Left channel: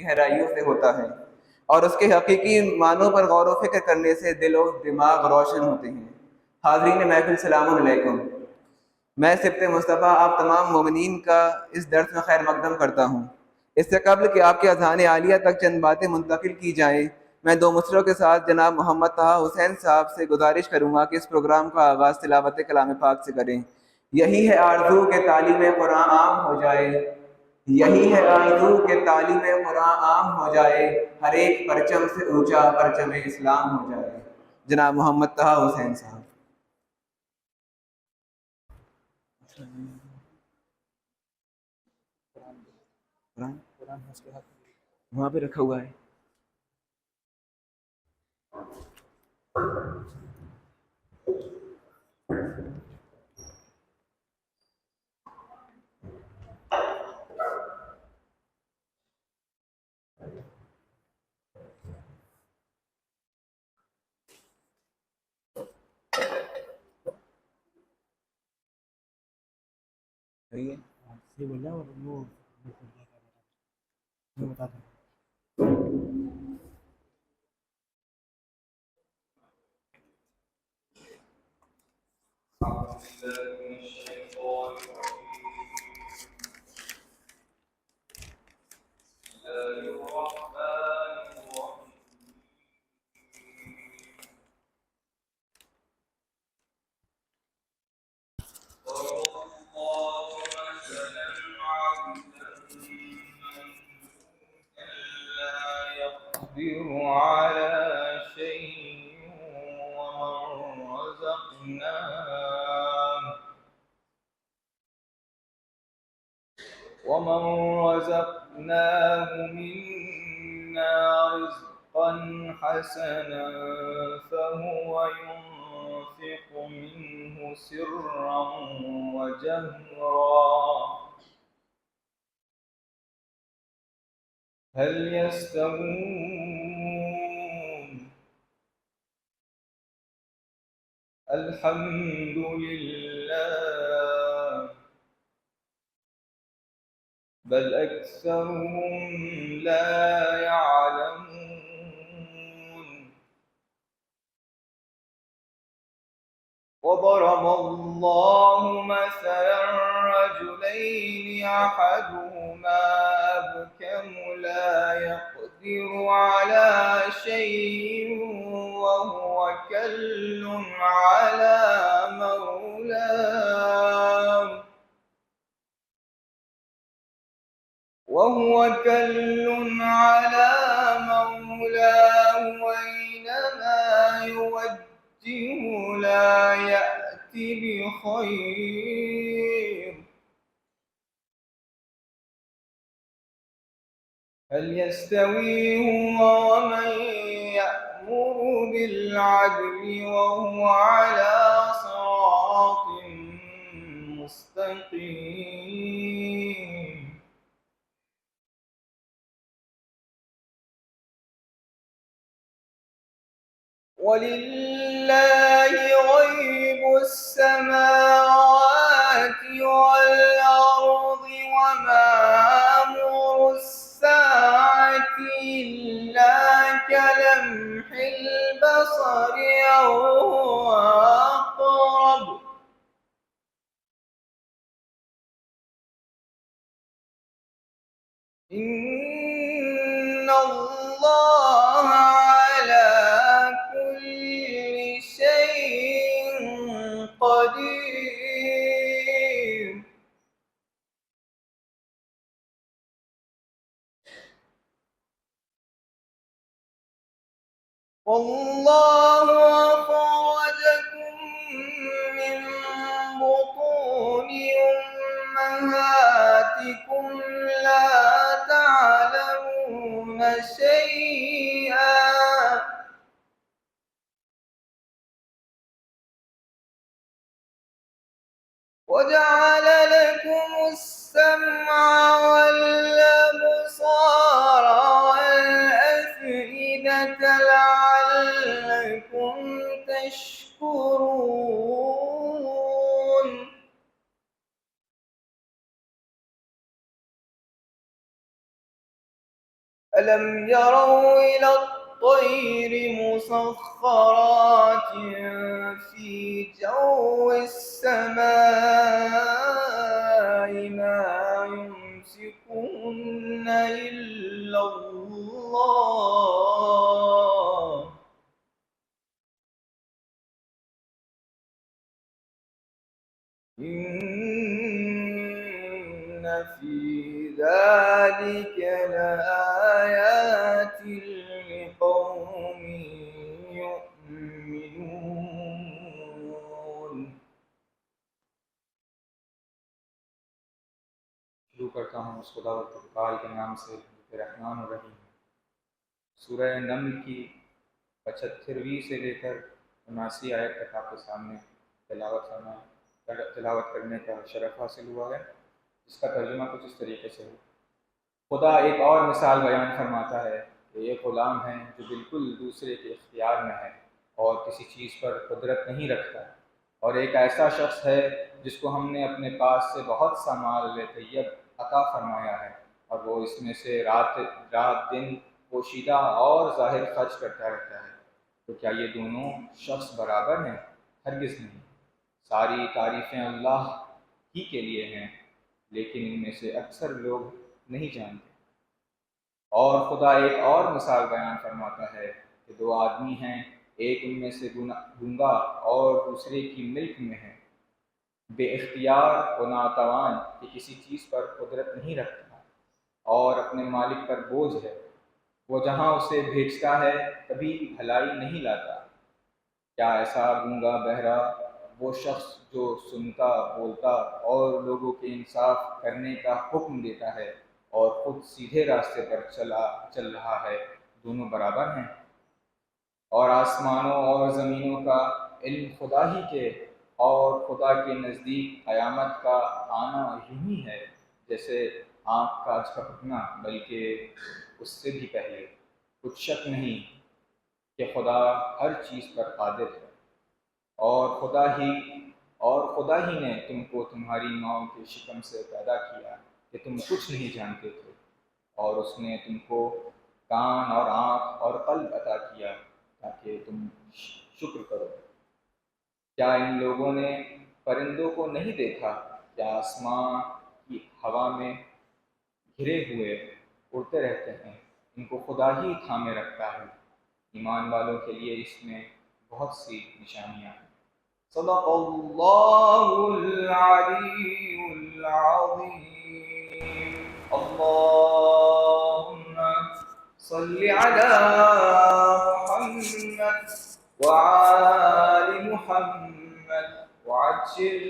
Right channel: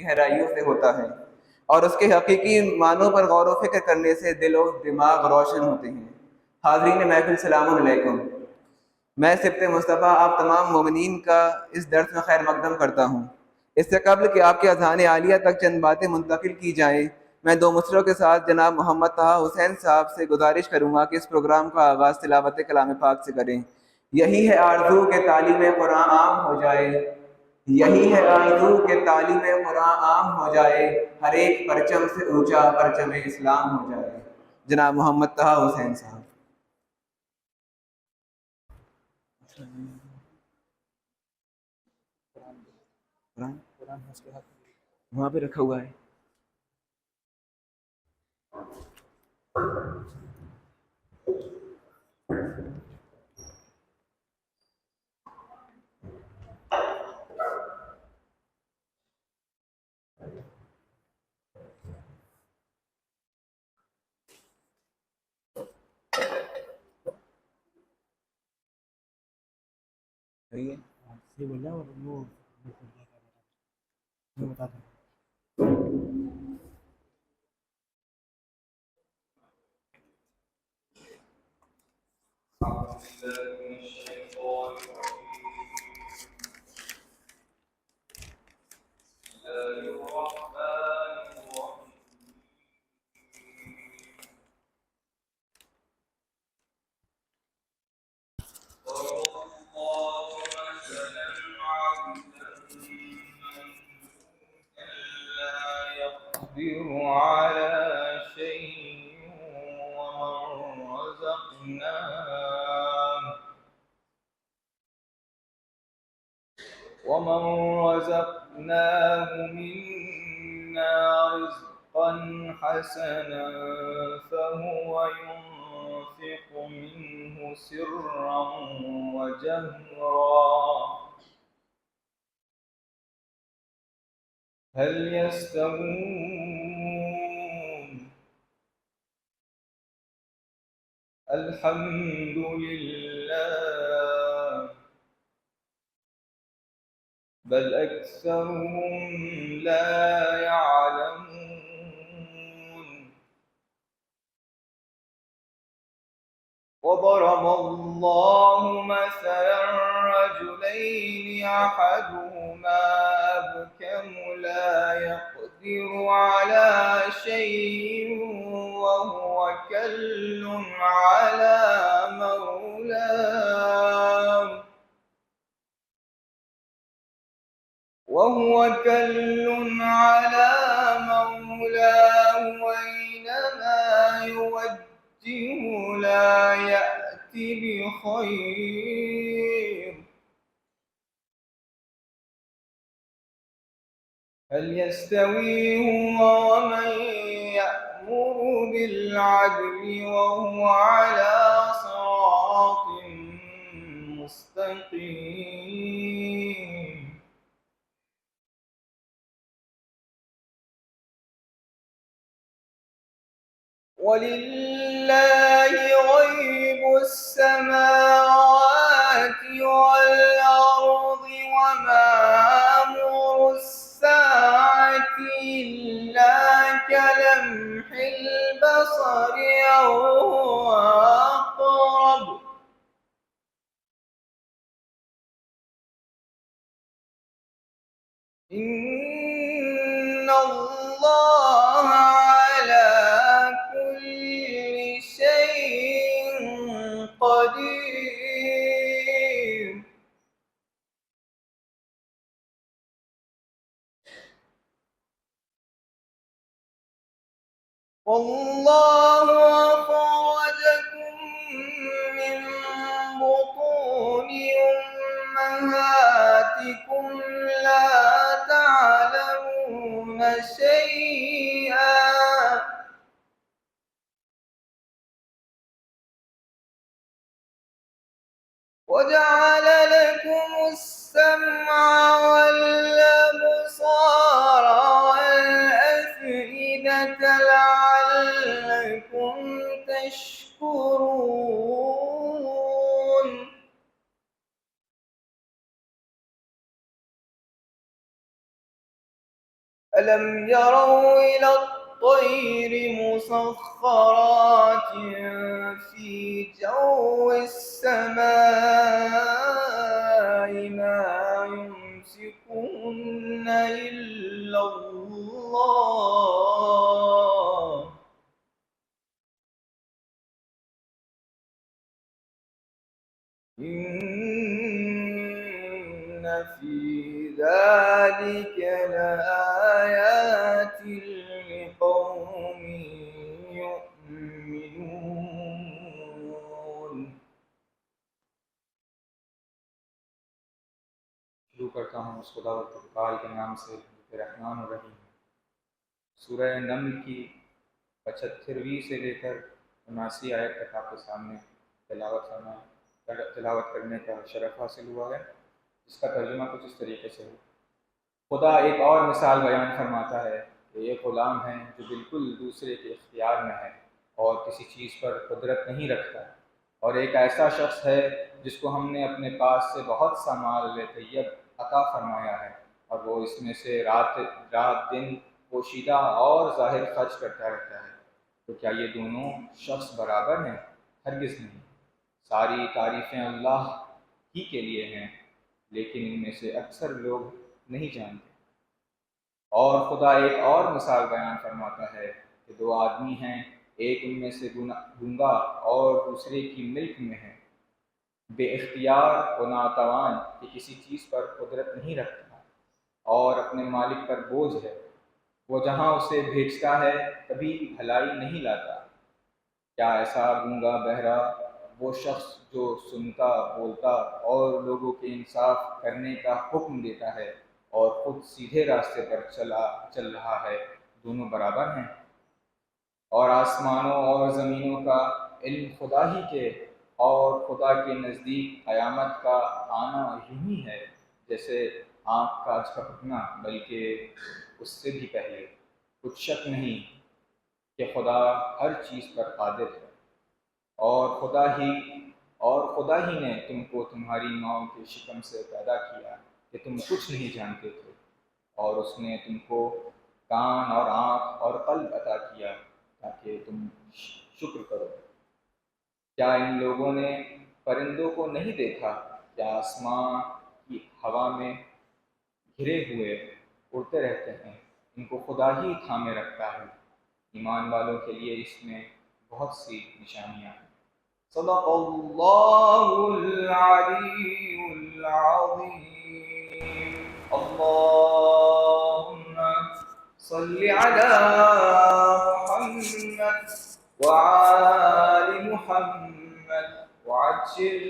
گہرائیوں سے ہوتا ہے، اور اس کے حقیقی معنوں پر غور و فکر کرنے سے دل و دماغ روشن ہوتے ہیں۔ حاضرین محفل، سلام علیکم۔ میں سبط مصطفیٰ آپ تمام مومنین کا اس درس میں خیر مقدم کرتا ہوں۔ اس سے قبل کہ آپ کے اذہان عالیہ تک چند باتیں منتقل کی جائیں، میں دو مصرعوں کے ساتھ جناب محمد طہ حسین صاحب سے گزارش کروں گا کہ اس پروگرام کا آغاز تلاوت کلام پاک سے کریں۔ یہی ہے آرزو کہ تعلیم قرآن عام ہو جائے، یہی ہے آرزو کہ تعلیم قرآن عام ہو جائے، ہر ایک پرچم سے اونچا پرچم اسلام ہو جائے۔ جناب محمد طہ حسین صاحب۔ وہاں پہ رکھا ہوا ہے۔ ومن رزقناه منا رزقا حسنا فهو ينفق منه سرا وجهرا هل يستوون؟ الحمد لله بل أكثرهم لا يعلمون وضرب الله مثلا رجلين أحدهما أبكم لا يقدر على شيء وهو كل على مولاه وأينما يوجه لا يأتي بخير هل يستوي هو ومن يأمر بالعدل وهو على صراط مستقيم ولله غيب السماوات والأرض وما أمر الساعة إلا كلمح البصر أو هو أقرب إن الله على كل شيء قدير والله أخرجكم من بطون أمهاتكم لا تعلمون شيئا وجعل لكم السمع والأبصار والأفئدة لعلكم تشكرون ألم يروا إلى الطير مسخرات في جو السماء ما يمسكهن إلا الله إن في ذلك لآيات لقوم يؤمنون. شروع کرتا ہوں اس خدا و تقال کے نام سے جو رحمان الرحیم ہے۔ سورہ نمل کی 75ویں سے لے کر 79 آیت تک آپ کے سامنے تلاوت کرنے کا شرف حاصل ہوا ہے، جس کا ترجمہ کچھ اس طریقے سے ہو۔ خدا ایک اور مثال بیان فرماتا ہے کہ ایک غلام ہے جو بالکل دوسرے کے اختیار میں ہے اور کسی چیز پر قدرت نہیں رکھتا، اور ایک ایسا شخص ہے جس کو ہم نے اپنے پاس سے بہت سا مال طیب عطا فرمایا ہے، اور وہ اس میں سے رات دن پوشیدہ اور ظاہر خرچ کرتا رہتا ہے۔ تو کیا یہ دونوں شخص برابر ہیں؟ ہرگز نہیں۔ ساری تعریفیں اللہ ہی کے لیے ہیں، لیکن ان میں سے اکثر لوگ نہیں جانتے۔ اور خدا ایک اور مثال بیان فرماتا ہے کہ دو آدمی ہیں، ایک ان میں سے گنگا اور دوسرے کی ملک میں ہے، بے اختیار و ناتوان کہ کسی چیز پر قدرت نہیں رکھتا اور اپنے مالک پر بوجھ ہے، وہ جہاں اسے بھیجتا ہے کبھی بھلائی نہیں لاتا۔ کیا ایسا گنگا بہرا وہ شخص جو سنتا بولتا اور لوگوں کے انصاف کرنے کا حکم دیتا ہے اور خود سیدھے راستے پر چل رہا ہے، دونوں برابر ہیں؟ اور آسمانوں اور زمینوں کا علم خدا ہی کے، اور خدا کے نزدیک قیامت کا آنا یوں ہی ہے جیسے آنکھ کا جھپکنا، بلکہ اس سے بھی پہلے۔ کچھ شک نہیں کہ خدا ہر چیز پر قادر ہے، اور خدا ہی نے تم کو تمہاری ماں کے شکم سے پیدا کیا کہ تم کچھ نہیں جانتے تھے، اور اس نے تم کو کان اور آنکھ اور قلب عطا کیا تاکہ تم شکر کرو۔ کیا ان لوگوں نے پرندوں کو نہیں دیکھا؟ کیا آسمان کی ہوا میں گھرے ہوئے اڑتے رہتے ہیں؟ ان کو خدا ہی تھامے رکھتا ہے۔ ایمان والوں کے لیے اس میں بہت سی نشانیاں ہیں۔ صدق اللہ العلی العظیم۔ اللہم صل علی محمد وآل محمد وعجل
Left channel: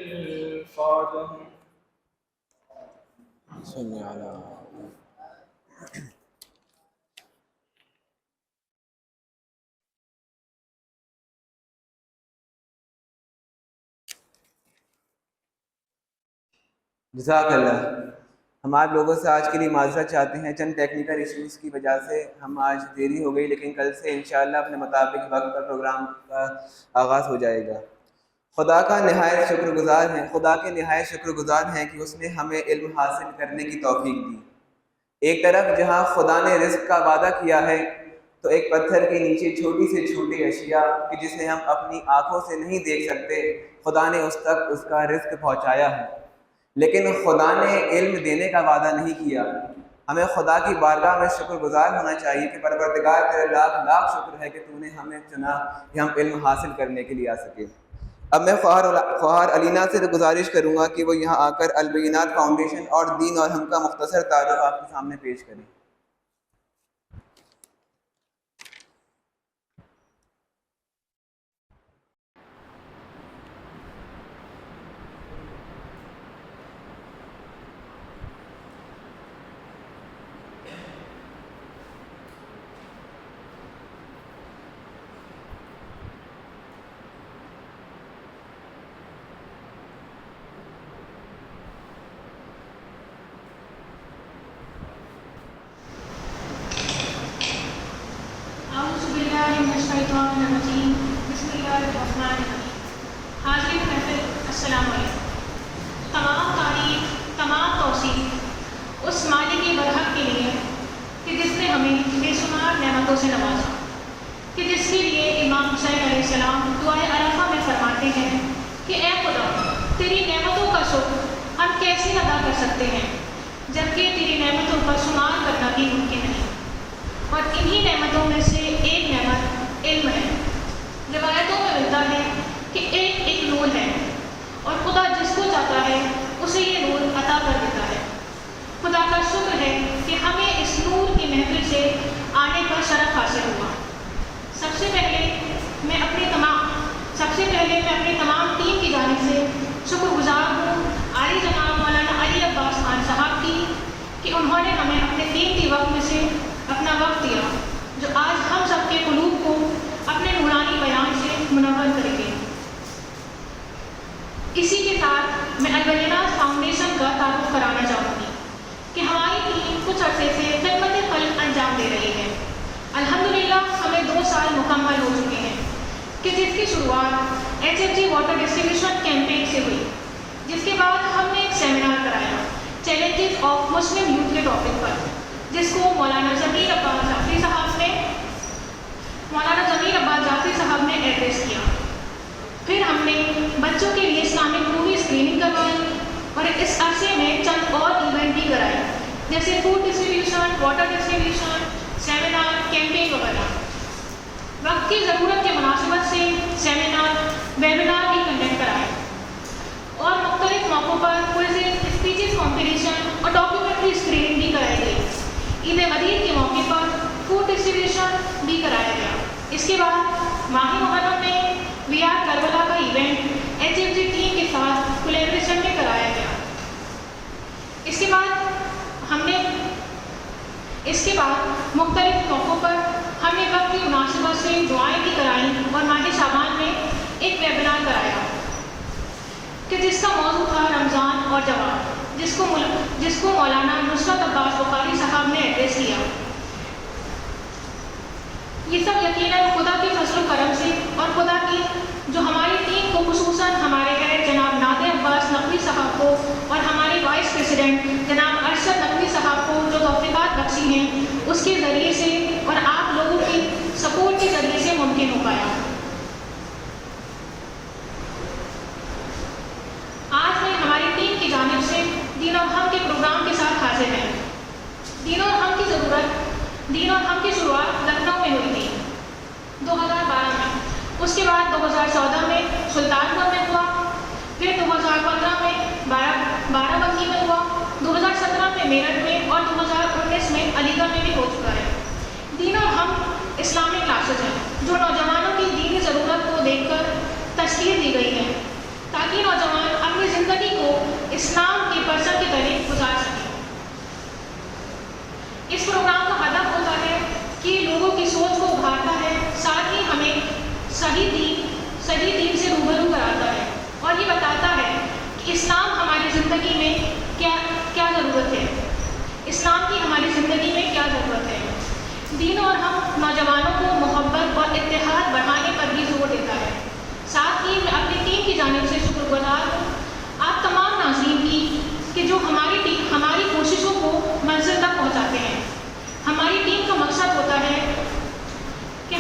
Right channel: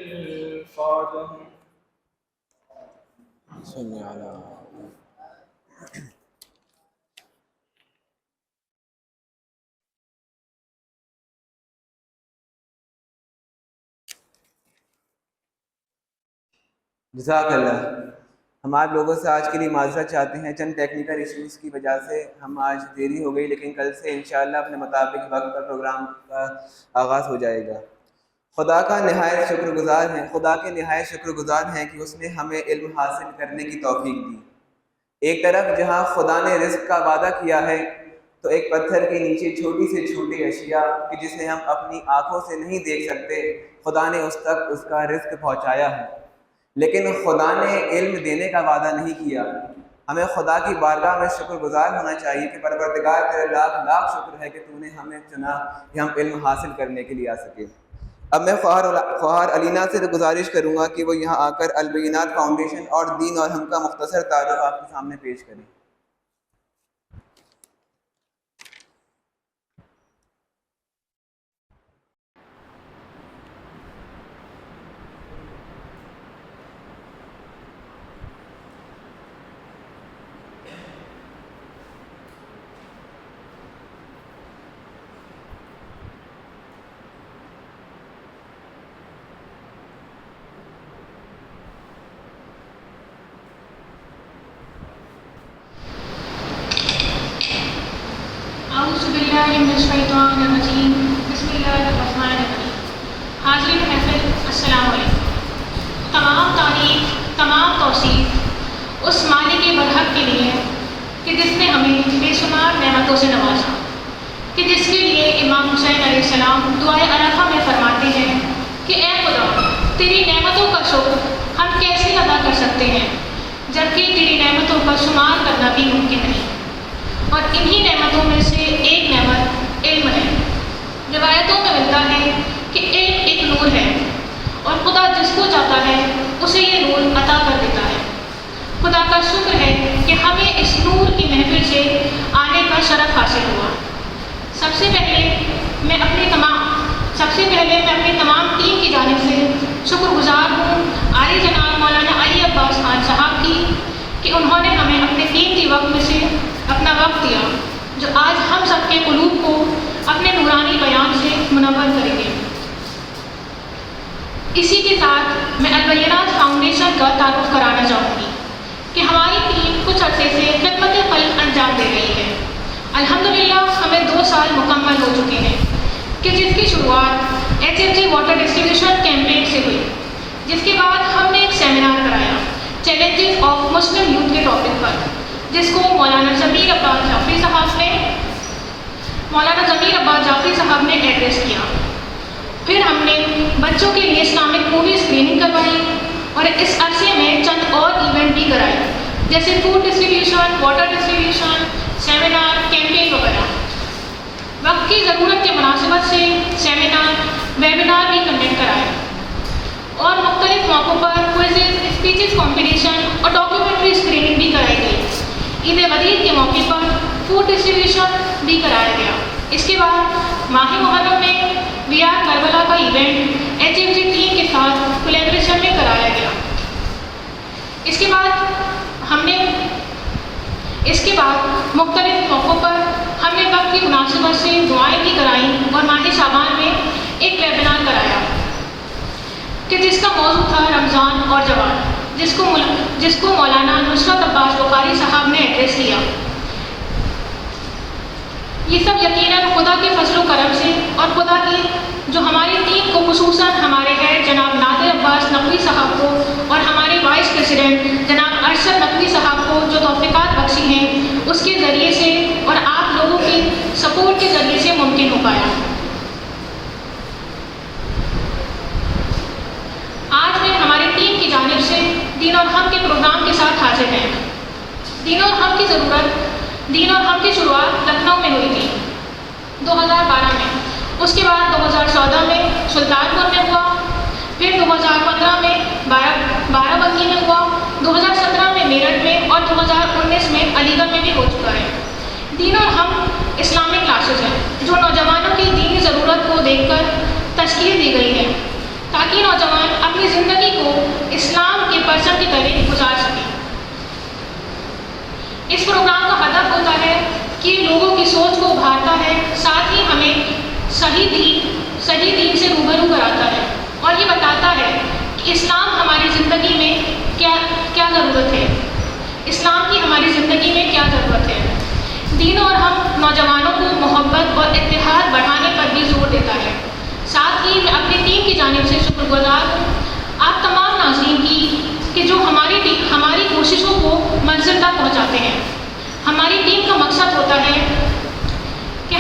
فرجهم۔ صلی علی جزاک اللہ۔ ہم آپ لوگوں سے آج کے لیے معذرت چاہتے ہیں، چند ٹیکنیکل ایشوز کی وجہ سے ہم آج دیری ہو گئی، لیکن کل سے انشاءاللہ اپنے مطابق وقت پر پروگرام کا آغاز ہو جائے گا۔ خدا کے نہایت شکر گزار ہیں کہ اس نے ہمیں علم حاصل کرنے کی توفیق دی۔ ایک طرف جہاں خدا نے رزق کا وعدہ کیا ہے، تو ایک پتھر کے نیچے چھوٹی سے چھوٹی اشیاء کہ جسے ہم اپنی آنکھوں سے نہیں دیکھ سکتے، خدا نے اس تک اس کا رزق پہنچایا ہے، لیکن خدا نے علم دینے کا وعدہ نہیں کیا۔ ہمیں خدا کی بارگاہ میں شکر گزار ہونا چاہیے کہ پروردگار تیرے لاکھ لاکھ شکر ہے کہ تو نے ہمیں چنا کہ ہم علم حاصل کرنے کے لیے آ سکے۔ اب میں خواہر علینا سے گزارش کروں گا کہ وہ یہاں آ کر البینات فاؤنڈیشن اور دین اور ہم کا مختصر تعارف آپ کے سامنے پیش کریں۔ الشیطان الرجیم، بسم اللہ الرحمن الرحیم۔ حاضرین محفل، السلام علیکم۔ تمام تعریف، تمام توصیف اس مالک برحق کے لیے کہ جس نے ہمیں بے شمار نعمتوں سے نوازا، کہ جس کے لیے امام حسین علیہ السلام دعائے عرفہ میں فرماتے ہیں کہ اے خدا، تیری نعمتوں کا شکر ہم کیسے ادا کر سکتے ہیں جبکہ تیری نعمتوں کا شمار کرنا بھی ممکن نہیں۔ اور انہی نعمتوں میں سے ایک نعمت علم ہے۔ روایتوں میں ملتا ہے کہ علم ایک نور ہے اور خدا جس کو چاہتا ہے اسے یہ نور عطا کر دیتا ہے۔ خدا کا شکر ہے کہ ہمیں اس نور کی محفل سے آنے کا شرف حاصل ہوا۔ سب سے پہلے میں اپنی تمام ٹیم کی جانب سے شکر گزار ہوں عالی جناب مولانا علی عباس خان صاحب کی کہ انہوں نے ہمیں اپنے قیمتی وقت میں سے اپنا وقت دیا، جو آج ہم سب کے قلوب کو اپنے نورانی بیان سے منور کریں گے۔ اسی کے ساتھ میں البینات فاؤنڈیشن کا تعارف کرانا چاہوں گی کہ ہماری ٹیم کچھ عرصے سے خدمت خلق انجام دے رہی ہے۔ الحمدللہ ہمیں 2 سال مکمل ہو چکے ہیں کہ جن کی شروعات HMG واٹر ڈسٹریبیوشن کیمپین سے ہوئی، جس کے بعد ہم نے ایک سیمینار کرایا چیلنجز آف مسلم یوتھ کے ٹاپک پر، جس کو مولانا ضمیر عباس جعفری صاحب نے ایڈریس کیا۔ پھر ہم نے بچوں کے لیے اسلامک مووی اسکریننگ کروائی اور اس عرصے میں چند اور ایونٹ بھی کرائے، جیسے food distribution, water distribution, seminar, campaign وغیرہ۔ وقت کی ضرورت کے مناسبت سے سیمینار، ویبینار بھی کنڈکٹ کرائے اور مختلف موقعوں پر کوئزز، اسپیچز کمپٹیشن اور ڈاکیومنٹری اسکریننگ بھی کرائی گئی۔ عید غدیر کے موقع پر فوڈ ڈسٹریبیوشن بھی کرایا گیا۔ اس کے بعد ماہ محرم میں وی آر کربلا کا ایونٹ HMG ٹیم کے ساتھ کولیبریشن میں کرایا گیا۔ اس کے بعد مختلف موقعوں پر ہم نے وقت کی مناسبت سے دعائیں بھی کرائیں اور ماہ شعبان میں ایک ویبینار کرایا کہ جس کا موضوع تھا رمضان اور جوان، جس کو مولانا نصرت عباس بخاری صاحب نے ایڈریس کیا۔ یہ سب یقیناً خدا کے فضل و کرم سے اور خدا کی جو ہماری ٹیم کو خصوصاً ہمارے ہیڈ جناب نادر عباس نقوی صاحب کو اور ہمارے وائس پریزیڈنٹ جناب ارشد نقوی صاحب کو جو توفیقات بخشی ہیں اس کے ذریعے سے اور آپ لوگوں کی سپورٹ کے ذریعے سے ممکن ہو پایا۔ آج میں ہماری ٹیم کی جانب سے دین اور ہم کے پروگرام کے ساتھ حاضر ہیں۔ دین اور ہم کی شروعات لکھنؤ میں ہوئی تھی 2012 میں، اس کے بعد 2014 میں سلطان پور میں ہوا، پھر 2015 میں بارہ بنکی میں ہوا، 2017 میں میرٹھ میں اور 2019 میں علی گڑھ میں بھی ہو چکا ہے۔ دین اور ہم اسلامک کلاسز ہیں جو نوجوانوں کی دینی ضرورت کو دیکھ کر تشکیل دی گئی ہے تاکہ نوجوان اپنی زندگی کو اسلام کے پرچم کی طرح گزار سکیں۔ اس پروگرام کا ہدف ہوتا ہے کہ لوگوں کی سوچ کو ابھارتا ہے، ساتھ ہی ہمیں صحیح دین سے روبرو کراتا ہے اور یہ بتاتا ہے کہ اسلام ہماری زندگی میں کیا ضرورت ہے، اسلام کی ہماری زندگی میں کیا ضرورت ہے۔ دین اور ہم نوجوانوں کو محبت اور اتحاد بڑھانے پر بھی زور دیتا ہے۔ ساتھ ہی میں اپنی ٹیم کی جانب سے شکر گزار ہوں آپ تمام ناظرین کی کہ جو ہماری کوششوں کو منزل تک پہنچاتے ہیں۔ ہماری ٹیم کا مقصد ہوتا ہے کہ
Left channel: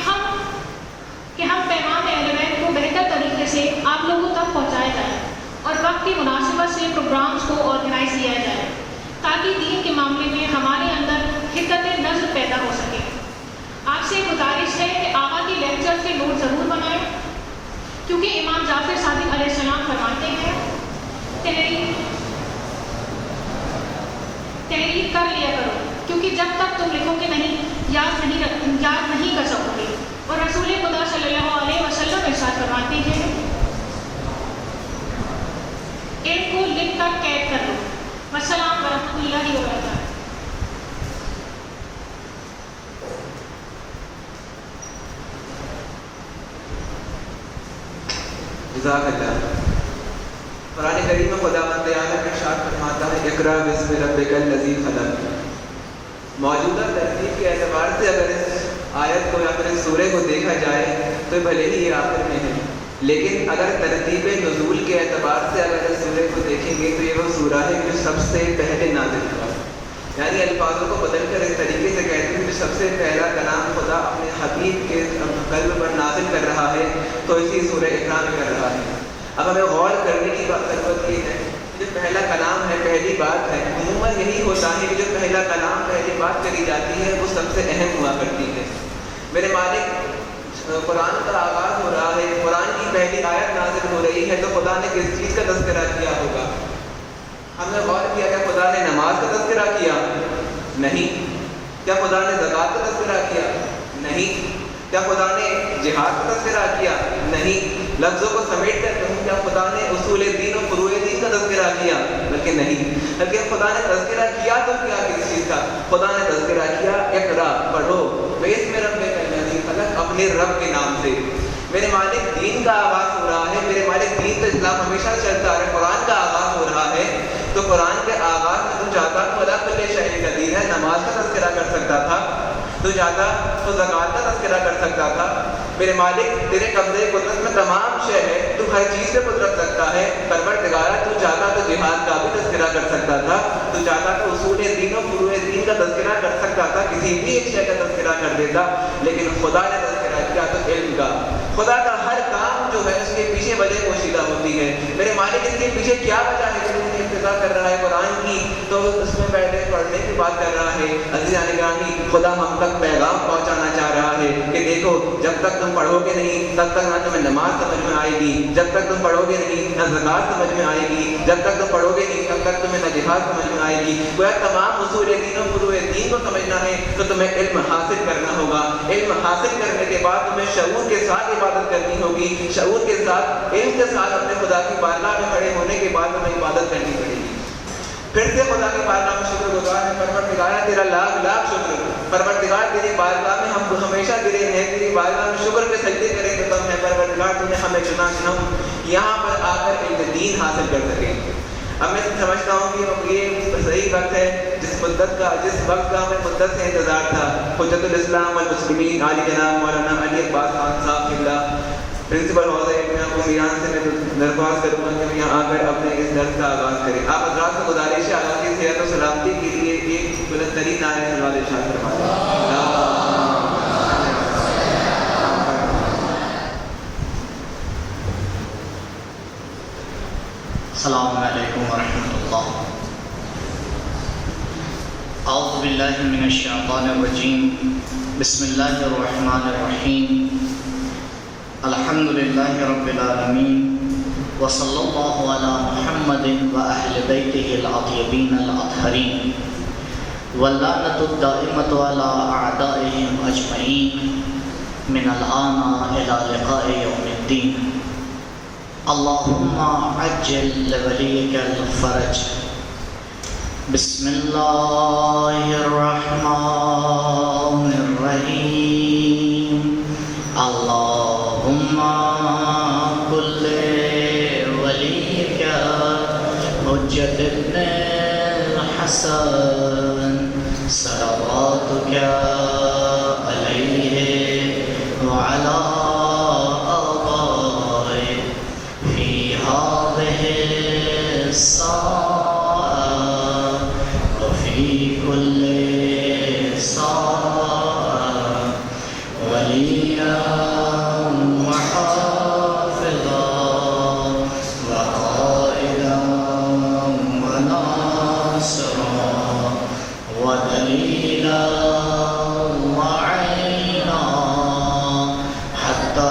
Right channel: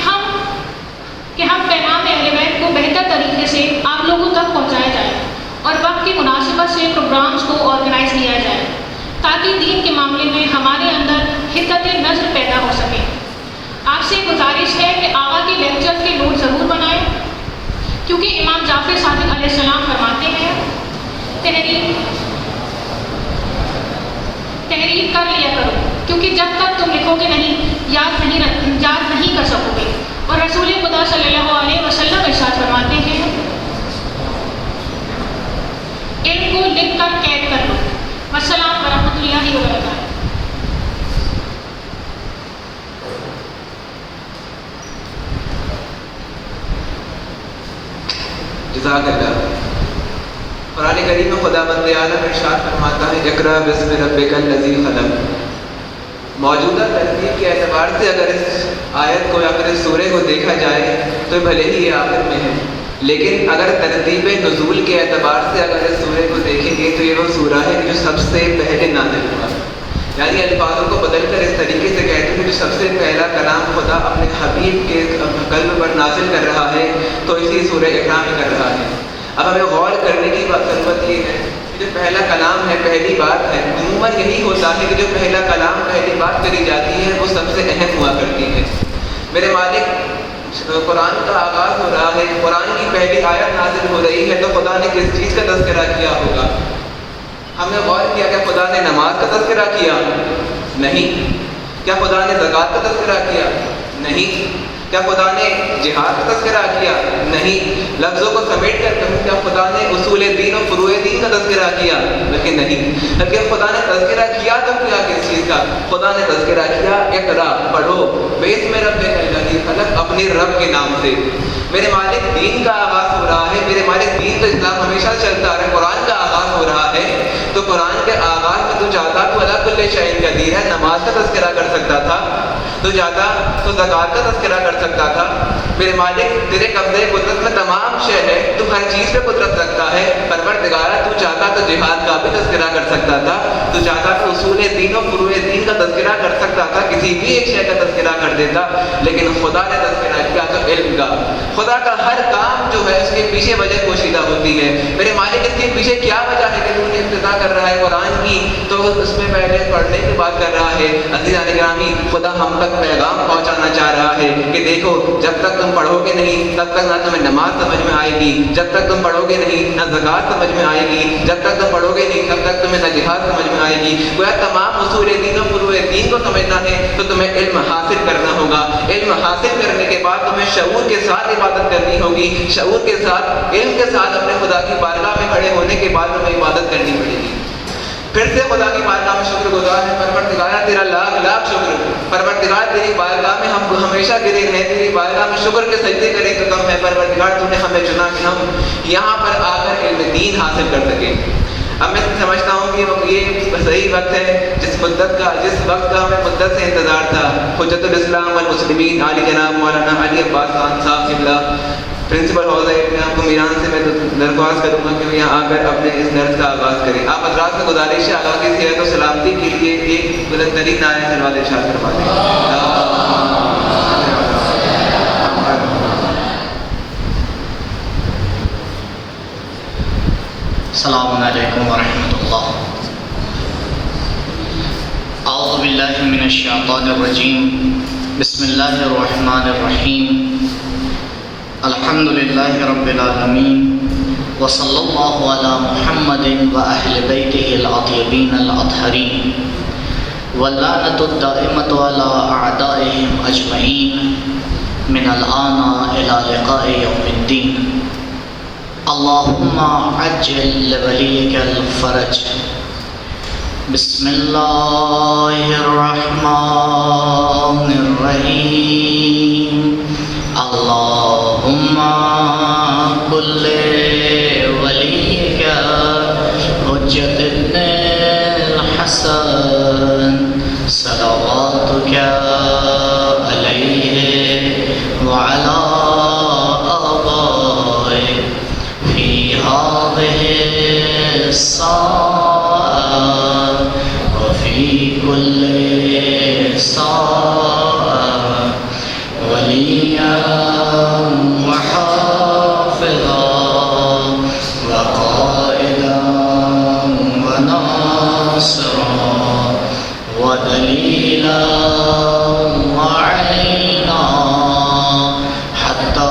ہم پیغام اہل بیت کو بہتر طریقے سے آپ لوگوں تک پہنچایا جائے اور وقت کی مناسبت سے پروگرامز کو آرگنائز کیا جائے تاکہ دین کے معاملے میں ہمارے اندر حدت نظر پیدا ہو سکے۔ آپ سے گزارش ہے کہ آقا کے لیکچر کے نوٹ ضرور بنائیں، کیونکہ امام جعفر صادق علیہ السلام فرماتے ہیں تحریر کر لیا کرو، کیونکہ جب تک تم لکھو گے نہیں یاد نہیں کر سکو گے۔ اور رسول خدا صلی اللہ علیہ وسلم ارشاد فرماتے ہیں علم کو لکھ کر قید کر لو۔ السلام ورحمۃ اللہ وبرکاتہ۔ جزاک اللہ۔ قرآن کریم میں خدا بند عالم ارشاد فرماتا ہے اقرأ بسم ربک الذی خلق۔ موجودہ ترتیب کے اعتبار سے اگر اس آیت کو یا پھر اس سورہ کو دیکھا جائے تو بھلے ہی یہ آخر میں ہے، لیکن اگر ترتیب نزول کے اعتبار سے اگر اس سورہ کو دیکھیں گے تو یہ وہ سورہ ہے جو سب سے پہلے نازل ہوا۔ یعنی الفاظوں کو بدل کر اس طریقے سے کہتے ہیں کہ سب سے پہلا کلام خدا اپنے حبیب کے قلب پر نازل کر رہا ہے تو اسی سورہ اقرا میں کر رہا ہے۔ اب ہمیں غور کرنے کی ضرورت یہ ہے کہ جو پہلا کلام ہے، پہلی بات ہے، عموماً یہی ہوتا ہے کہ جو پہلا کلام، پہلی بات کری جاتی ہے وہ سب سے اہم ہوا کرتی ہے۔ میرے مالک، قرآن کا آغاز ہو رہا ہے، قرآن کی پہلی آیت نازل ہو رہی ہے تو خدا نے کس چیز کا تذکرہ کیا ہوگا؟ ہم نے غور کیا کہ خدا نے نماز کا تذکرہ کیا؟ نہیں۔ کیا خدا نے زکوٰۃ کا تذکرہ کیا؟ نہیں۔ کیا خدا نے جہاد کا تذکرہ کیا؟ نہیں۔ لفظوں کو سمیٹ کر کہوں، کیا خدا نے اصول دین و فروع دین کا تذکرہ کیا؟ لیکن نہیں۔ لیکن خدا نے تذکرہ کیا تو کیا کس چیز کا؟ خدا نے تذکرہ کیا اقرا، پڑھو، بِاسْمِ رَبِّكَ الَّذِي خَلَقَ، اپنے رب کے نام سے۔ میرے مالک، دین کا آغاز ہو رہا ہے، میرے مالک دین تو اسلام ہمیشہ چلتا رہا ہے، قرآن کا آغاز ہو رہا ہے تو قرآن کے آغاز میں تو چاہتا تو عَلَىٰ كُلِّ شَيْءٍ قدیر ہے، نماز کا تذکرہ کر سکتا تھا، تو چاہتا تو زکوٰۃ کا تذکرہ کر سکتا تھا۔ میرے مالک، تیرے قبضے قدرت میں تمام شے ہے، تو ہر چیز پہ قدرت رکھتا ہے، پروردگارہ تو چاہتا تو جہاد کا بھی تذکرہ کر سکتا تھا، تو چاہتا تو اصول دین و فروع دین کا تذکرہ کر سکتا تھا، کسی بھی ایک شے کا تذکرہ کر دیتا، لیکن خدا نے تذکرہ کیا تو علم کا۔ خدا کا ہر کام جو ہے اس کے پیچھے وجہ پوشیدہ ہوتی ہے۔ میرے مالک، اس کے پیچھے کیا وجہ ہے کہ تو نے ابتدا کر رہا ہے قرآن کی تو اس میں پہلے پڑھنے کی بات کر رہا ہے؟ عزیزان گرامی، خدا ہم تک پیغام پہنچانا چاہ رہا ہے کہ دیکھو، جب تک تم پڑھو گے نہیں تب تک نہ تمہیں نماز سمجھ میں آئے گی، جب تک تم پڑھو گے نہیں نہ زکوٰۃ سمجھ میں آئے گی، جب تک تم پڑھو گے نہیں تب تک تمہیں نہ جہاد سمجھ میں آئے گی۔ گویا تمام اصول دین و فروع دین کو سمجھنا ہے تو تمہیں علم حاصل کرنا ہوگا۔ علم حاصل کرنے کے بعد تمہیں شعور کے ساتھ عبادت کرنی ہوگی، شعور کے ساتھ، علم کے ساتھ اپنے خدا کی بارگاہ میں کھڑے ہونے کے بعد تمہیں عبادت کرنی پڑے گی۔ پھر سے خدا کی بارگاہ میں شکر گزار ہے، پروردگارہ تیرا لاکھ لاکھ شکر، پروردگار تیری بارگاہ میں ہم ہمیشہ گرے رہیں، تیری بارگاہ میں شکر کے سجدے کریں تو کم ہے۔ پروردگار تو نے ہمیں چنا کہ ہم یہاں پر آ کر علم دین حاصل کر سکیں۔ اب میں سمجھتا ہوں کہ یہ صحیح وقت ہے جس وقت کا ہمیں مدت سے انتظار تھا۔ حجت الاسلام والمسلمین عالی جناب مولانا علی عباس خان صاحب قبلہ پرنسپل حوزہ ابن آپ کو میران سے میں درخواست کروں گا کہ یہاں آ کر اپنے اس درس کا آغاز کریں۔ آپ حضرات سے گزارش ہے آغاز کی صحت و سلامتی کے لیے ایک بلند ترین نعرہ سلوات ارشاد فرمائیں۔ السلام علیکم ورحمۃ اللہ۔ اعوذ باللہ من الشیطان الرجیم، بسم اللہ الرحمن الرحیم، الحمد للہ رب العالمین، وصلی اللہ علی محمد واہل بیتہ الاطیبین الاطہرین، واللعنۃ الدائمۃ علی اعدائہم اجمعین من الآن الی لقاء یوم الدین۔ اللہم عجل لولیک الفرج۔ بسم اللہ الرحمن الرحیم۔ اللہم کل ولیک حجت ابن الحسن صلواتک علیہ وعلی وفي كل ساعة وليا وحافظا وقائدا وناصرا ودليلا وعينا حتى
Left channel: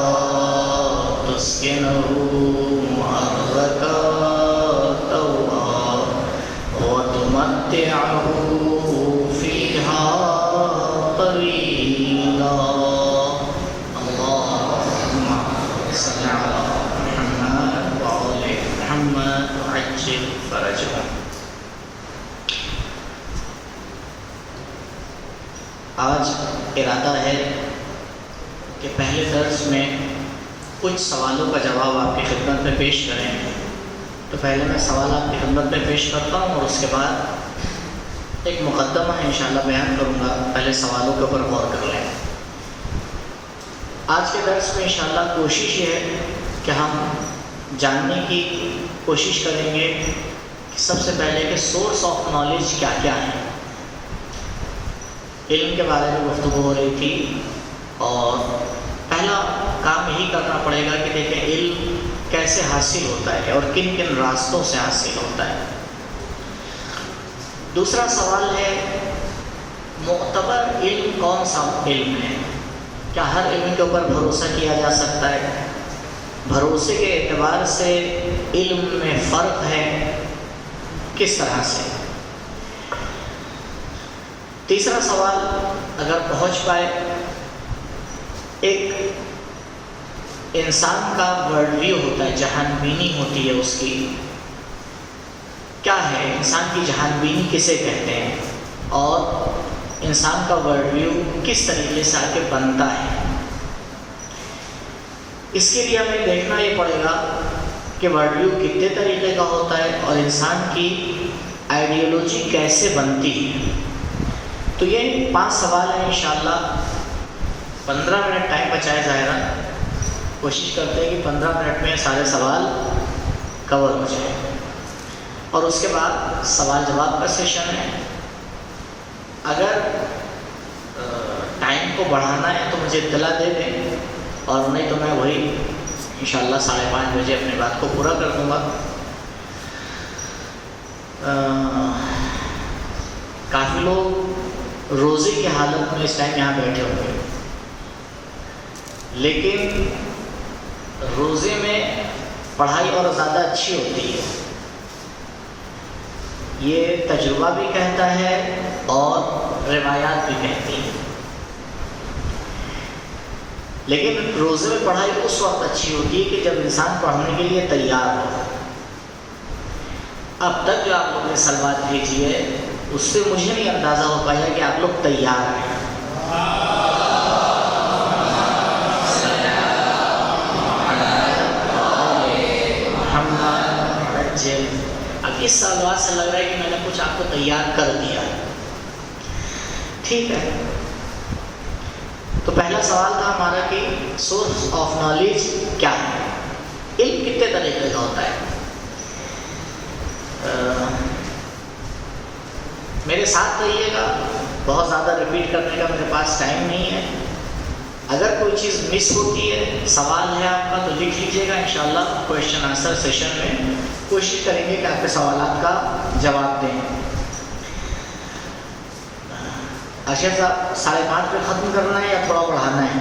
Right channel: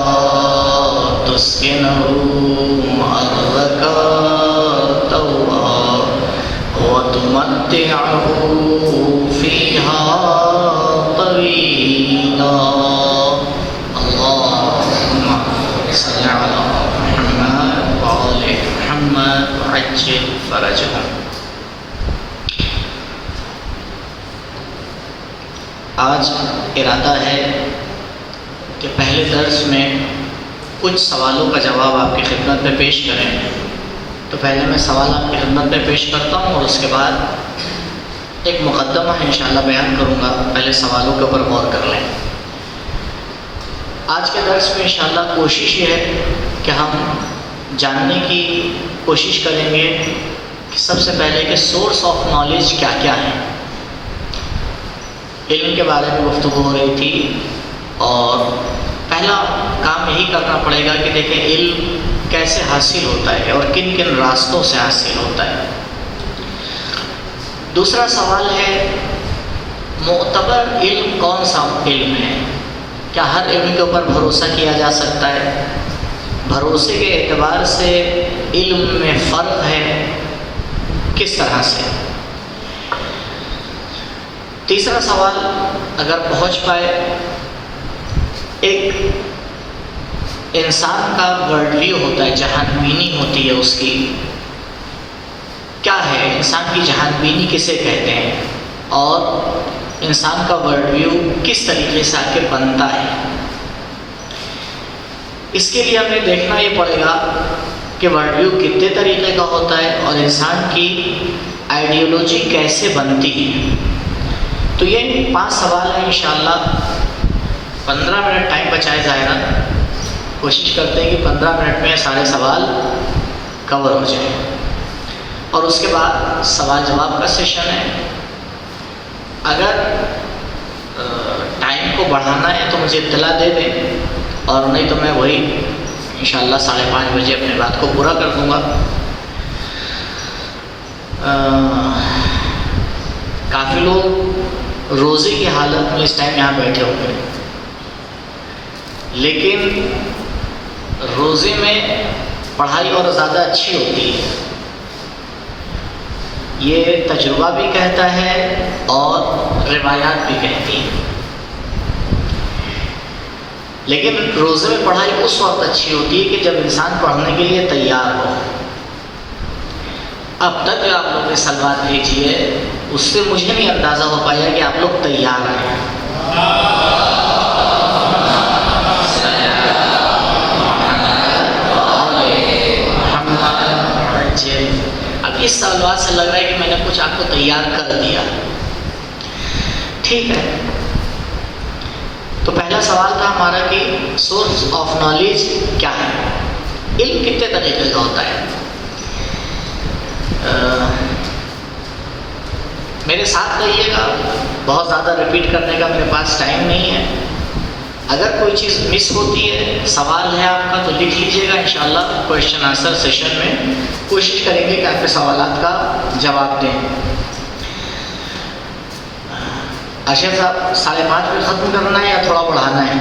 تسكنه أرضك وتمتعه فيها طويلا۔ اللهم صل على محمد وآل محمد وعجل فرجهم۔ آج ارادہ ہے کہ پہلے درس میں کچھ سوالوں کا جواب آپ کی خدمت میں پیش کریں، تو پہلے میں سوال آپ کی خدمت میں پیش کرتا ہوں اور اس کے بعد ایک مقدمہ ہے انشاءاللہ بیان کروں گا۔ پہلے سوالوں کے اوپر غور کر لیں۔ آج کے درس میں انشاءاللہ کوشش یہ ہے کہ ہم جاننے کی کوشش کریں گے کہ سب سے پہلے کہ سورس آف نالج کیا کیا ہے، علم کے بارے میں گفتگو ہو رہی تھی، اور پہلا کام یہی کرنا پڑے گا کہ دیکھیں علم کیسے حاصل ہوتا ہے اور کن کن راستوں سے حاصل ہوتا ہے۔ دوسرا سوال ہے معتبر علم کون سا علم ہے؟ کیا ہر علم کے اوپر بھروسہ کیا جا سکتا ہے؟ بھروسے کے اعتبار سے علم میں فرق ہے، کس طرح سے؟ تیسرا سوال اگر پہنچ پائے، ایک انسان کا ورلڈ ویو ہوتا ہے، جہان بینی ہوتی ہے اس کی، کیا ہے انسان کی جہان بینی کسے کہتے ہیں، اور انسان کا ورلڈ ویو کس طریقے سے آ کے بنتا ہے؟ اس کے لیے ہمیں دیکھنا یہ پڑے گا کہ ورلڈ ویو کتنے طریقے کا ہوتا ہے اور انسان کی آئیڈیالوجی کیسے بنتی ہے۔ تو یہ 5 سوال ہیں، انشاءاللہ 15 منٹ ٹائم بچائے ظاہرا، کوشش کرتے ہیں کہ 15 منٹ میں سارے سوال کور ہو جائیں، اور اس کے بعد سوال جواب کا سیشن ہے۔ اگر ٹائم کو بڑھانا ہے تو مجھے اطلاع دے دیں، اور نہیں تو میں وہی انشاءاللہ 5:30 بجے اپنی بات کو پورا کر دوں گا۔ کافی لوگ روزے کی حالت میں اس ٹائم یہاں بیٹھے ہوں گے، لیکن روزے میں پڑھائی اور زیادہ اچھی ہوتی ہے، یہ تجربہ بھی کہتا ہے اور روایات بھی کہتی ہیں۔ لیکن روزے میں پڑھائی اس وقت اچھی ہوتی ہے کہ جب انسان پڑھنے کے لیے تیار ہو۔ اب تک جو آپ لوگ نے سلوات بھیجی ہے اس سے مجھے نہیں اندازہ ہو پایا کہ آپ لوگ تیار ہیں۔ اب اس سوالات سے لگ رہا ہے کہ میں نے کچھ آپ کو تیار کر دیا، ٹھیک ہے۔ تو پہلا سوال تھا ہمارا کہ سورس آف نالج کیا ہے، علم کتنے طریقے کا ہوتا ہے۔ میرے ساتھ کہیے گا، بہت زیادہ ریپیٹ کرنے کا میرے پاس ٹائم نہیں ہے۔ اگر کوئی چیز مس ہوتی ہے، سوال ہے آپ کا، تو لکھ لیجیے گا، انشاءاللہ کویشچن آنسر سیشن میں کوشش کریں گے کہ آپ کے سوالات کا جواب دیں۔ اشرف صاحب 5:30 پہ ختم کرنا ہے یا تھوڑا بڑھانا ہے؟